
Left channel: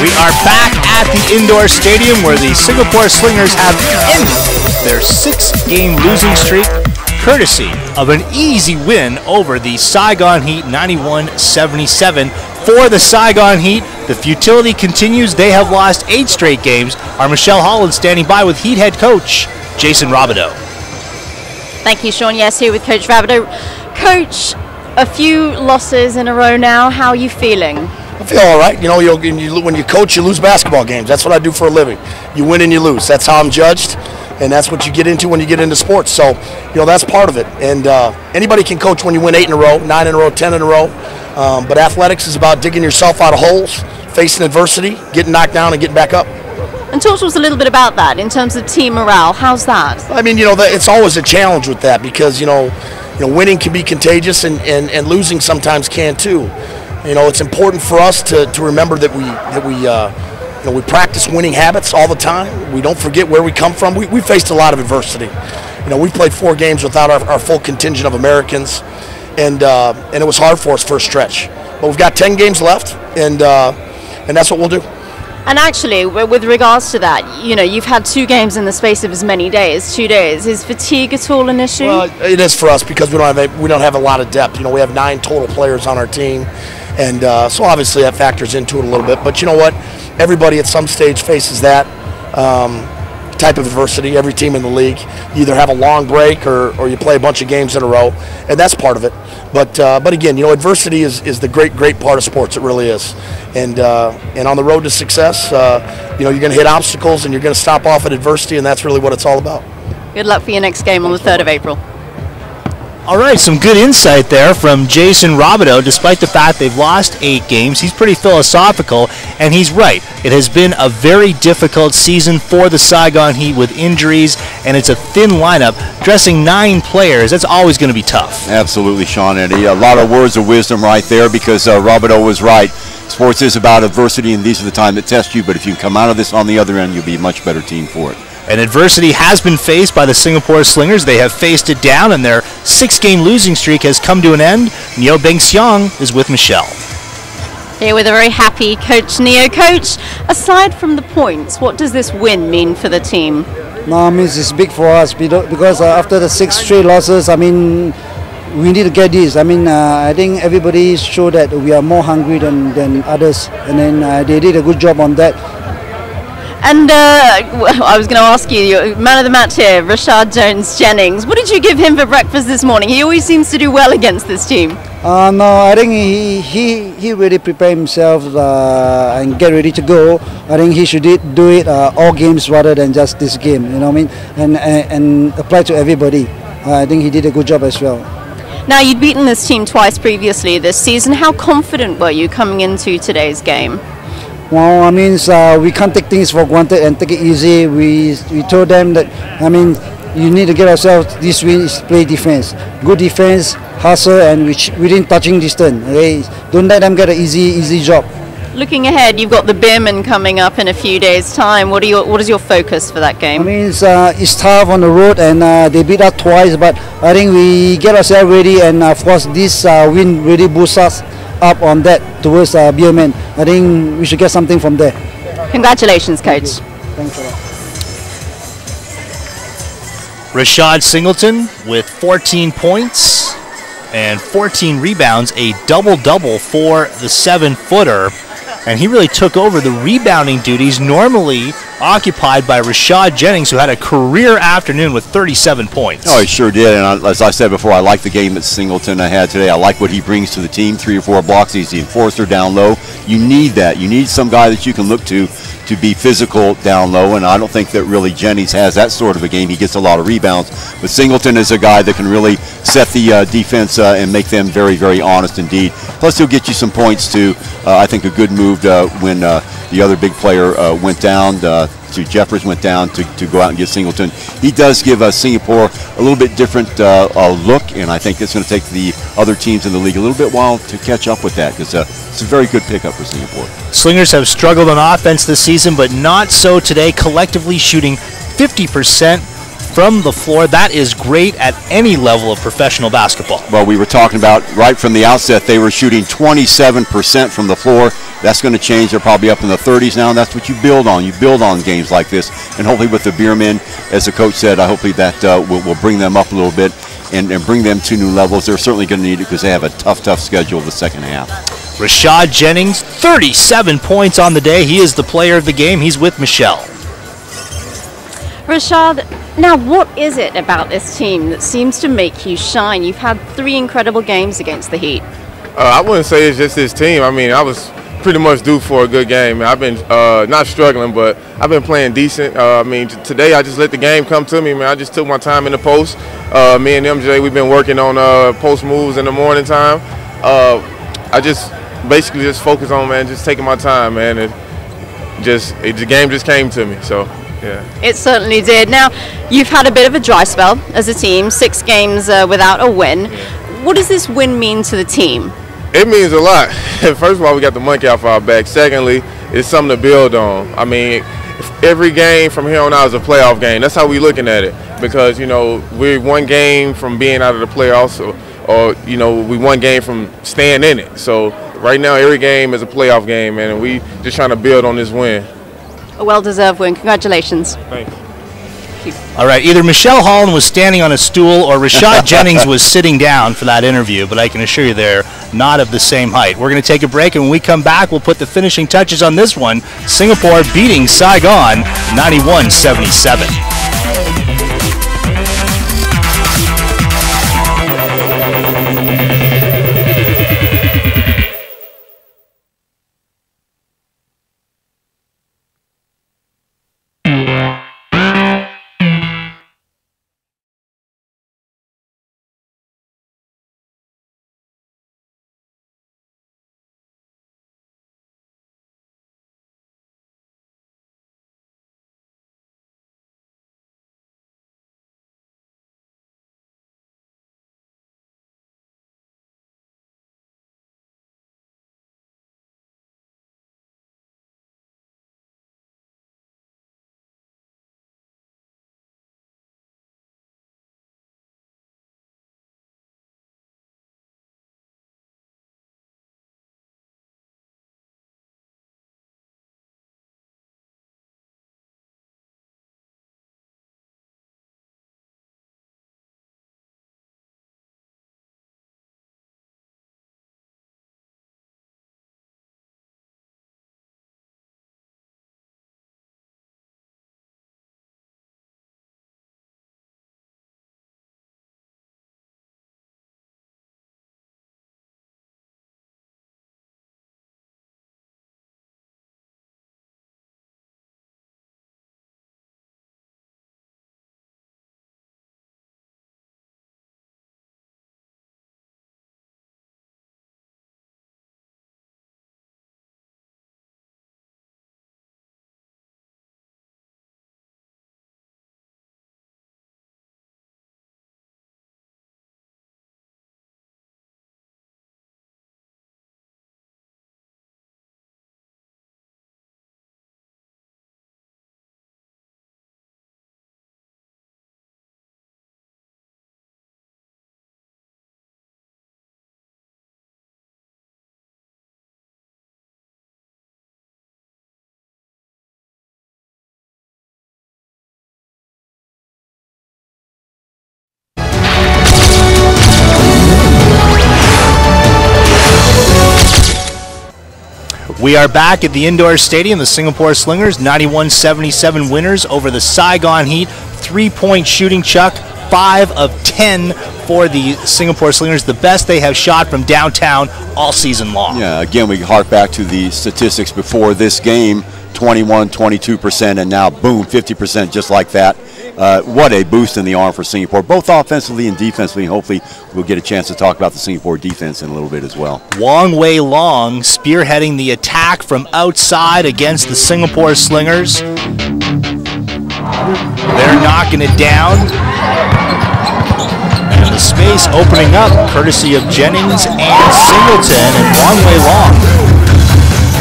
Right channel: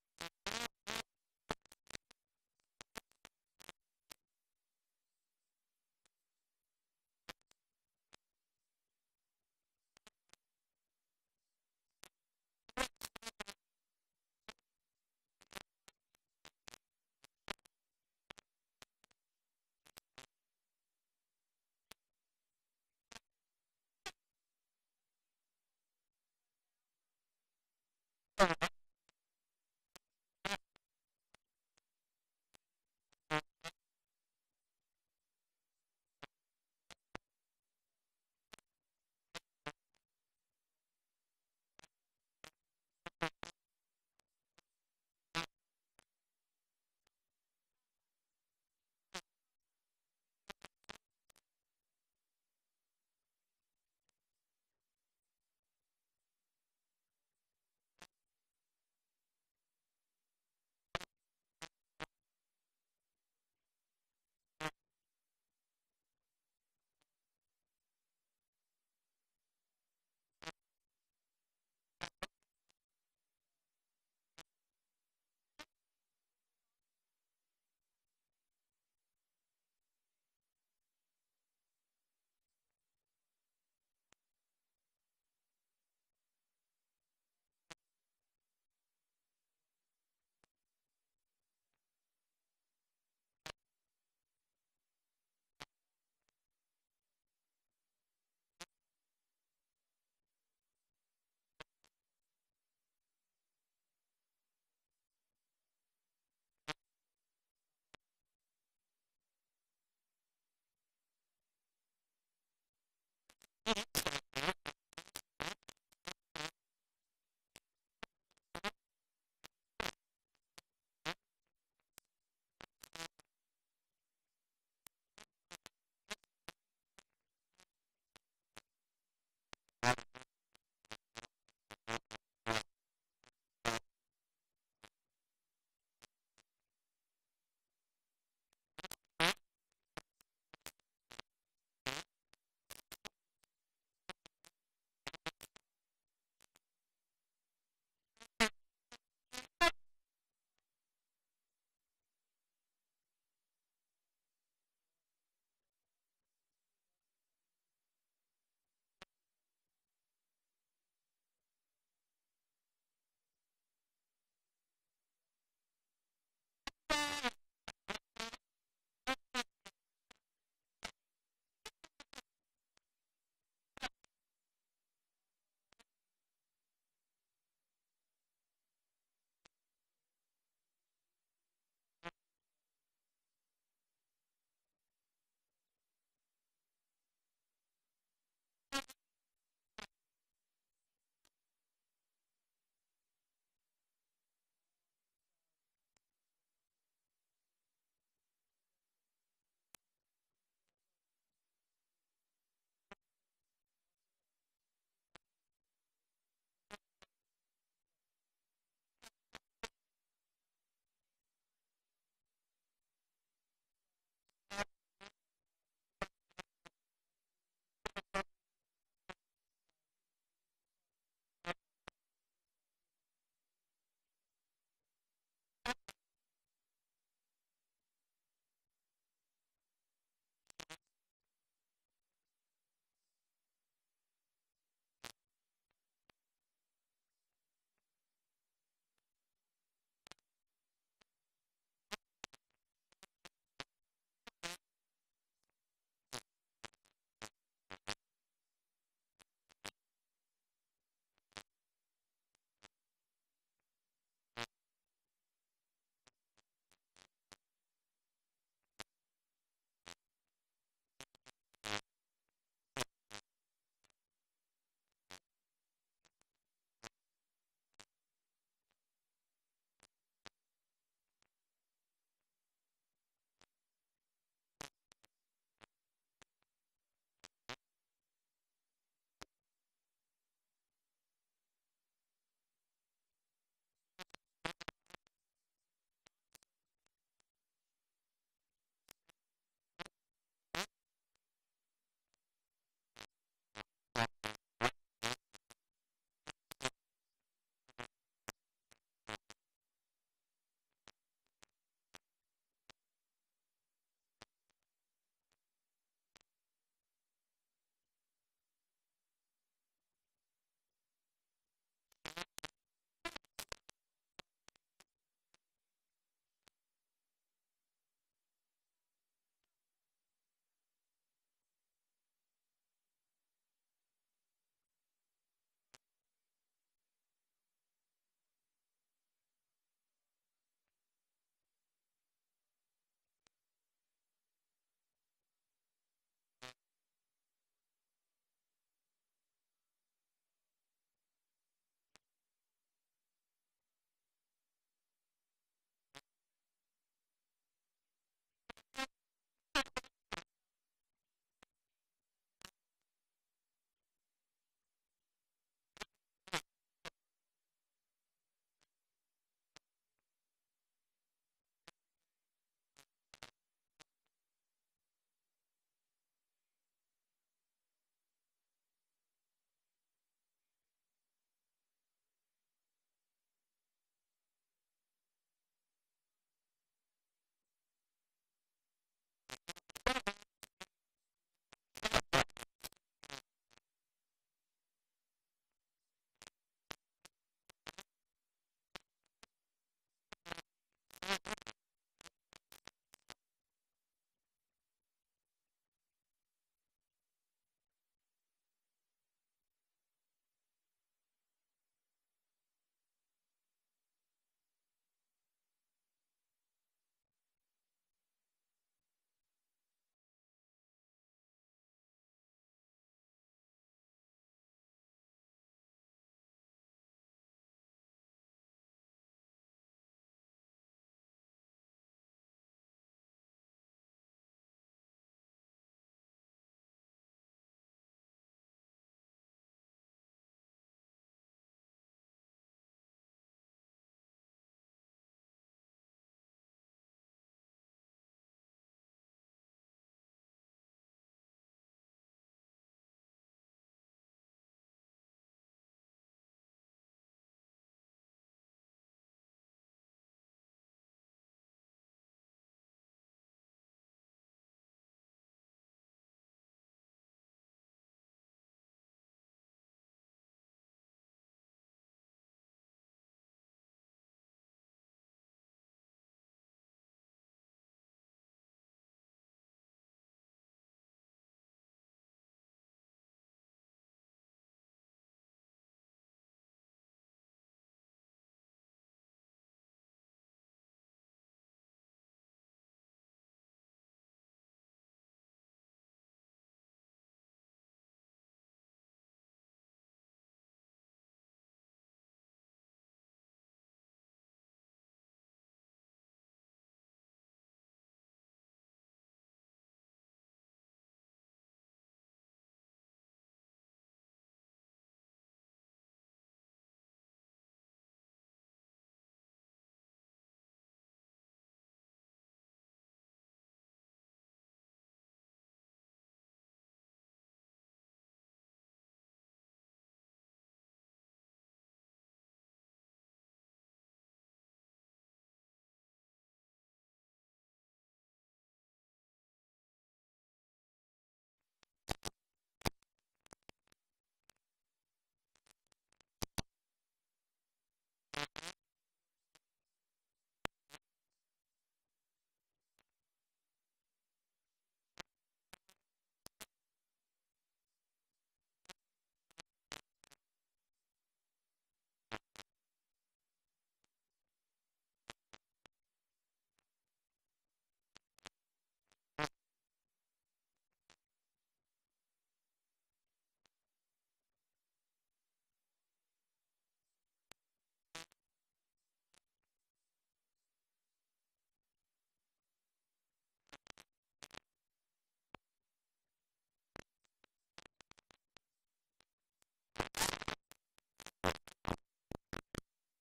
We are back at the indoor stadium where the Singapore Slingers have ended their 6-game losing streak, courtesy of an easy win over the Saigon Heat, 91-77. For the Saigon Heat, the futility continues. They have lost 8 straight games. Our Michelle Holland standing by with Heat head coach Jason Robideau. Thank you, Sean. Yes, here with Coach Robideau. Coach, a few losses in a row now. How are you feeling? I feel all right. You know, when you coach, you lose basketball games. That's what I do for a living. You win and you lose. That's how I'm judged, and that's what you get into when you get into sports. So, you know, that's part of it. And anybody can coach when you win 8 in a row, 9 in a row, 10 in a row. But athletics is about digging yourself out of holes, facing adversity, getting knocked down, and getting back up. And talk to us a little bit about that in terms of team morale. How's that? I mean, you know, it's always a challenge with that because, you know, winning can be contagious and losing sometimes can too. You know, it's important for us to remember that we practice winning habits all the time. We don't forget where we come from. We faced a lot of adversity. You know, we played 4 games without our full contingent of Americans, and it was hard for us for a stretch. But we've got 10 games left, and that's what we'll do. And actually, with regards to that, you know, you've had 2 games in the space of as many days, 2 days. Is fatigue at all an issue? Well, it is for us because we don't have a lot of depth. You know, we have 9 total players on our team. And so obviously that factors into it a little bit. But you know what? Everybody at some stage faces that type of adversity. Every team in the league. You either have a long break or you play a bunch of games in a row. And that's part of it. But again, you know, adversity is the great part of sports. It really is. And on the road to success, you know, you're going to hit obstacles and you're going to stop off at adversity. And that's really what it's all about. Good luck for your next game on the 3rd of April. All right, some good insight there from Jason Robideau. Despite the fact they've lost 8 games, he's pretty philosophical, and he's right. It has been a very difficult season for the Saigon Heat with injuries, and it's a thin lineup. Dressing 9 players, that's always going to be tough. Absolutely, Sean, and a lot of words of wisdom right there because Robideau was right. sports is about adversity, and these are the time that test you. But if you come out of this on the other end, you'll be a much better team for it. And adversity has been faced by the Singapore Slingers. They have faced it down, and their 6-game losing streak has come to an end. Neo Beng Xiang is with Michelle. Here with a very happy Coach Neo. Coach, aside from the points, what does this win mean for the team? No, I mean, it's big for us because after the 6 straight losses, I mean, we need to get this. I mean, I think everybody showed that we are more hungry than others, and then they did a good job on that. And I was going to ask you, your man of the match here, Rashad Jones-Jennings. What did you give him for breakfast this morning? He always seems to do well against this team. No, I think he really prepared himself and get ready to go. I think he should do it all games rather than just this game. You know what I mean? And apply to everybody. I think he did a good job as well. Now, you'd beaten this team twice previously this season. How confident were you coming into today's game? Well, I mean, we can't take things for granted and take it easy. We told them that, I mean, you need to get ourselves this win is play defense. Good defense, hustle, and within touching distance. Okay? Don't let them get an easy job. Looking ahead, you've got the Beermen coming up in a few days' time. What is your focus for that game? I mean, it's tough on the road, and they beat us twice, but I think we get ourselves ready, and of course, this win really boosts us up on that towards Beermen. I think we should get something from there. Congratulations, Coach. Thanks a lot. Rashad Singleton with 14 points and 14 rebounds, a double-double for the 7-footer. And he really took over the rebounding duties normally occupied by Rashad Jennings, who had a career afternoon with 37 points. Oh, he sure did. And as I said before, I like the game that Singleton had today. I like what he brings to the team. 3 or 4 blocks. He's the enforcer down low. You need that. You need some guy that you can look to be physical down low, and I don't think that really Jennings has that sort of a game. He gets a lot of rebounds, but Singleton is a guy that can really set the defense and make them very, very honest indeed. Plus, he'll get you some points too. I think a good move when the other big player went down, Jeffers went down to go out and get Singleton. He does give Singapore a little bit different look, and I think it's going to take the other teams in the league a little bit while to catch up with that, because it's a very good pickup for Singapore. Slingers have struggled on offense this season, but not so today, collectively shooting 50% from the floor. That is great at any level of professional basketball. Well, we were talking about right from the outset, they were shooting 27% from the floor. That's going to change. They're probably up in the 30s now, and that's what you build on. You build on games like this, and hopefully with the Beermen, as the coach said, hopefully that will bring them up a little bit and bring them to new levels. They're certainly going to need it because they have a tough schedule the second half. Rashad Jennings, 37 points on the day. He is the player of the game. He's with Michelle. Rashad, now what is it about this team that seems to make you shine? You've had 3 incredible games against the Heat. I wouldn't say it's just this team. I mean, I was pretty much due for a good game. I've been not struggling, but I've been playing decent. I mean, today I just let the game come to me, man. I just took my time in the post. Me and MJ, we've been working on post moves in the morning time. I just basically just focus on, man, just taking my time, man. The game just came to me, so. Yeah. It certainly did. Now, you've had a bit of a dry spell as a team, 6 games without a win. What does this win mean to the team? It means a lot. First of all, we got the monkey off our back. Secondly, it's something to build on. I mean, every game from here on out is a playoff game. That's how we're looking at it, because, you know, we're 1 game from being out of the playoffs, or you know, we 1 game from staying in it. So right now, every game is a playoff game, man, and we just trying to build on this win. A well-deserved win. Congratulations. Thanks. All right, either Michelle Holland was standing on a stool or Rashad Jennings was sitting down for that interview, but I can assure you they're not of the same height. We're going to take a break, and when we come back, we'll put the finishing touches on this one. Singapore beating Saigon 91-77. We are back at the indoor stadium. The Singapore Slingers, 91-77 winners over the Saigon Heat. 3-point shooting, Chuck. 5 of 10 for the Singapore Slingers, the best they have shot from downtown all season long. Yeah, again, we hark back to the statistics before this game, 21, 22%, and now, boom, 50% just like that. What a boost in the arm for Singapore, both offensively and defensively. Hopefully we'll get a chance to talk about the Singapore defense in a little bit as well. Wong Wei Long spearheading the attack from outside against the Singapore Slingers. They're knocking it down. And the space opening up courtesy of Jennings and Singleton and Wong Wei Long.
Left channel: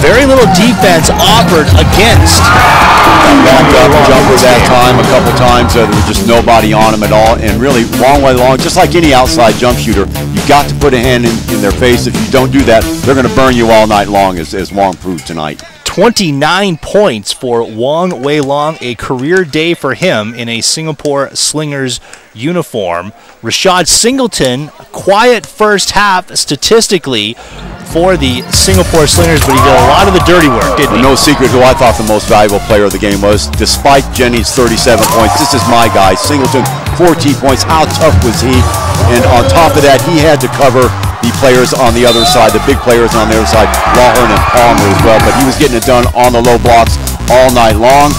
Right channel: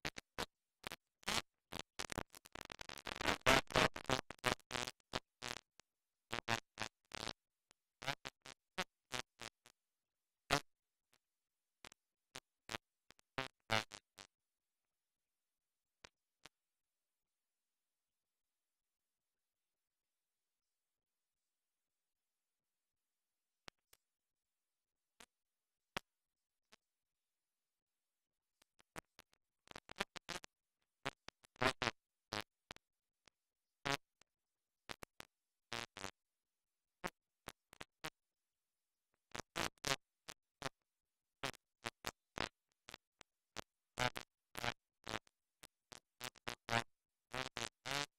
Very little defense offered against. Backed up, jumper that time a couple times. There was just nobody on him at all. And really, Wong Wei Long, just like any outside jump shooter, you've got to put a hand in their face. If you don't do that, they're going to burn you all night long, as Wong proved tonight. 29 points for Wong Wei Long, a career day for him in a Singapore Slingers uniform. Rashad Singleton, quiet first half statistically for the Singapore Slingers, but he did a lot of the dirty work, didn't he? No secret who I thought the most valuable player of the game was. Despite Jennings' 37 points, this is my guy. Singleton, 14 points. How tough was he? And on top of that, he had to cover the players on the other side, the big players on the other side, Lawhorn and Palmer as well. But he was getting it done on the low blocks all night long.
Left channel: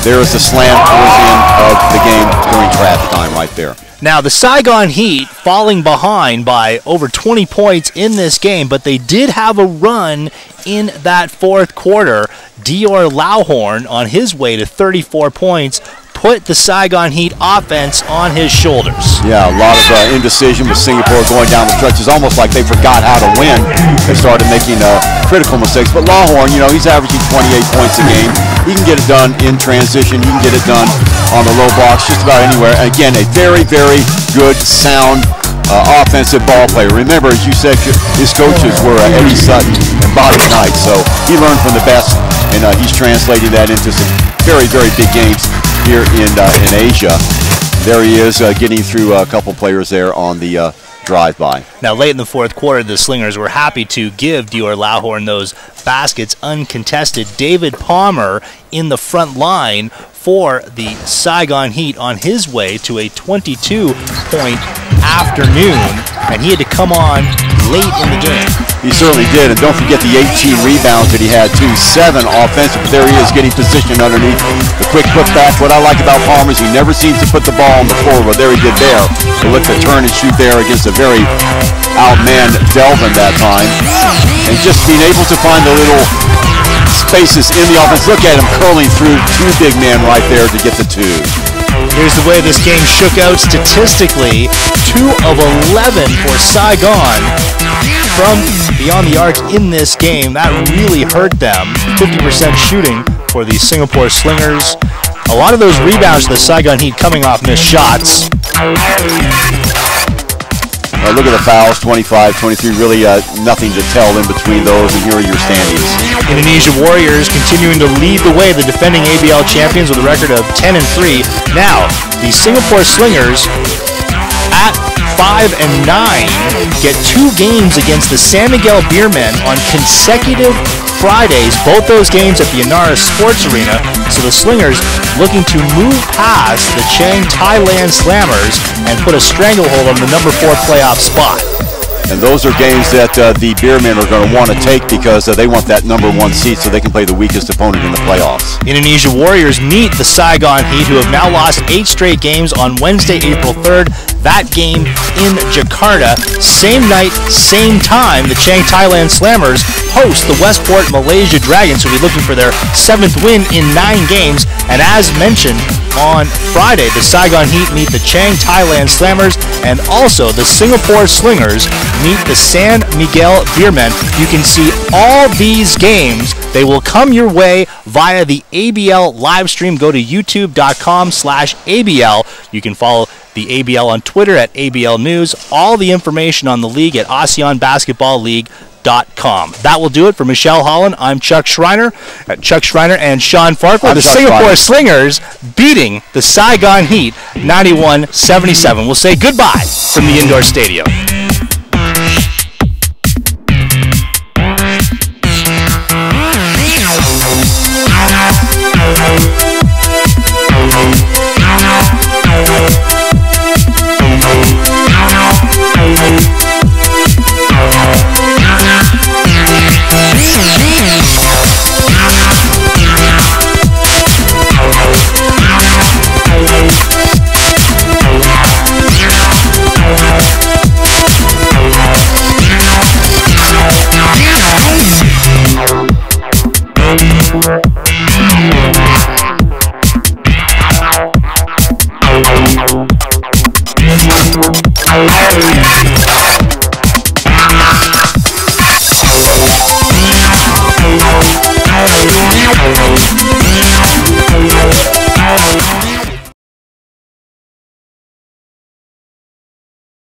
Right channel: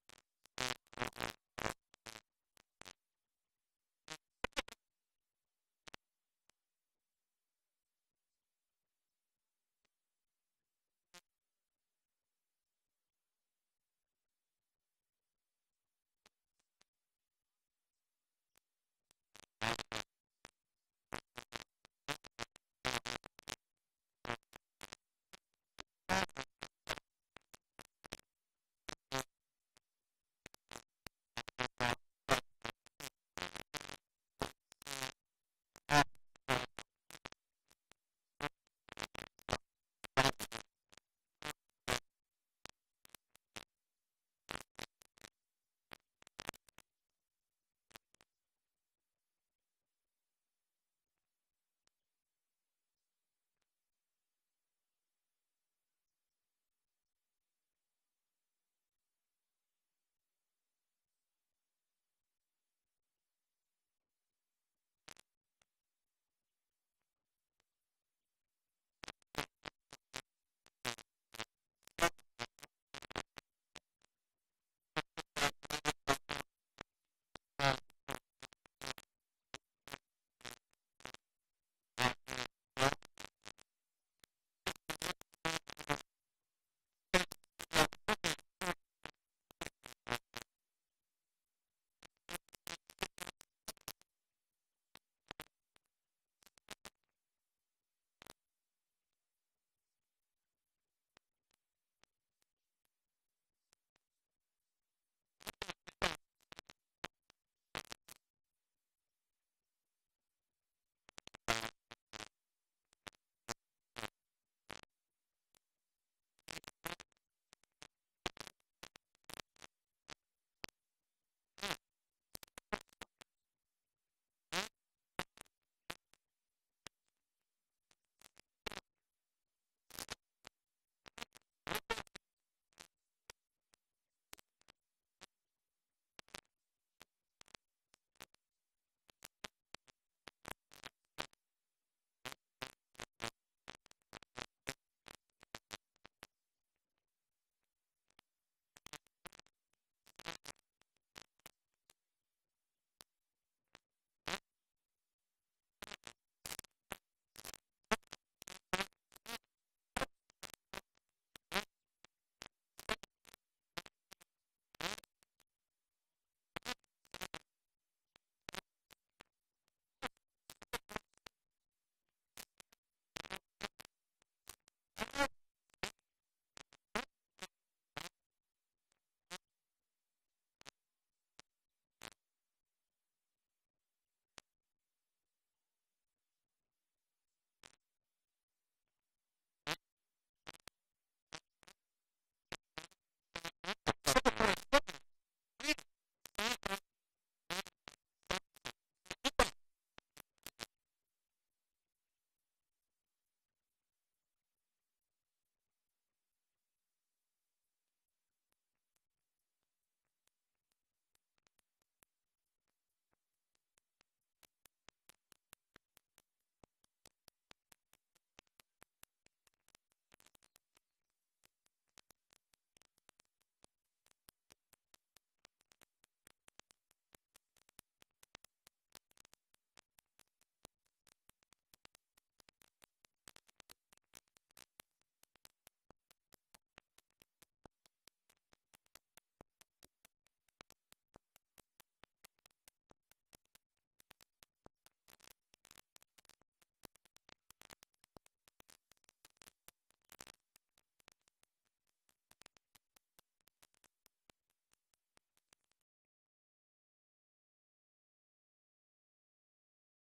There's the slam towards the end of the game during trash time right there. Now, the Saigon Heat falling behind by over 20 points in this game, but they did have a run in that fourth quarter. Dior Lawhorn, on his way to 34 points, put the Saigon Heat offense on his shoulders. Yeah, a lot of indecision with Singapore going down the stretch. It's almost like they forgot how to win. They started making critical mistakes. But Lawhorn, you know, he's averaging 28 points a game. He can get it done in transition. He can get it done on the low blocks just about anywhere. And again, a very, very good, sound offensive ball player. Remember, as you said, his coaches were Eddie Sutton and Bobby Knight. So he learned from the best, and he's translating that into some very, very big games here in Asia. There he is getting through a couple players there on the drive-by. Now, late in the fourth quarter, the Slingers were happy to give Dior Lawhorn those baskets uncontested. David Palmer in the front line for the Saigon Heat on his way to a 22-point afternoon, and he had to come on late in the game. He certainly did, and don't forget the 18 rebounds that he had too. 7 offensive. There he is getting positioned underneath the quick putback. What I like about Palmer is he never seems to put the ball on the floor. Well, there he did there. So look to turn and shoot there against a very outmanned Delvin that time. And just being able to find the little spaces in the offense. Look at him curling through 2 big men right there to get the 2. Here's the way this game shook out statistically. 2 of 11 for Saigon from beyond the arc in this game. That really hurt them. 50% shooting for the Singapore Slingers. A lot of those rebounds to the Saigon Heat coming off missed shots. Look at the fouls, 25, 23, really nothing to tell in between those, and here are your standings. Indonesia Warriors continuing to lead the way, the defending ABL champions with a record of 10-3. Now, the Singapore Slingers at 5-9 get 2 games against the San Miguel Beermen on consecutive Fridays, both those games at the Inara Sports Arena. So the Slingers looking to move past the Chiang Thailand Slammers and put a stranglehold on the number 4 playoff spot. And those are games that the Beermen are going to want to take because they want that number 1 seed so they can play the weakest opponent in the playoffs. Indonesia Warriors meet the Saigon Heat, who have now lost 8 straight games on Wednesday, April 3rd. That game in Jakarta. Same night, same time, the Chiang Thailand Slammers host the Westport Malaysia Dragons, who will be looking for their 7th win in 9 games. And as mentioned, on Friday, the Saigon Heat meet the Chiang Thailand Slammers, and also the Singapore Slingers meet the San Miguel Beermen. You can see all these games. They will come your way via the ABL live stream. Go to youtube.com/ABL. You can follow the ABL on Twitter at ABL News. All the information on the league at ASEANBasketballLeague.com. That will do it for Michelle Holland. I'm Chuck Schreiner. Chuck Schreiner and Sean Farquhar. The Singapore Slingers beating the Saigon Heat 91-77. We'll say goodbye from the indoor stadium.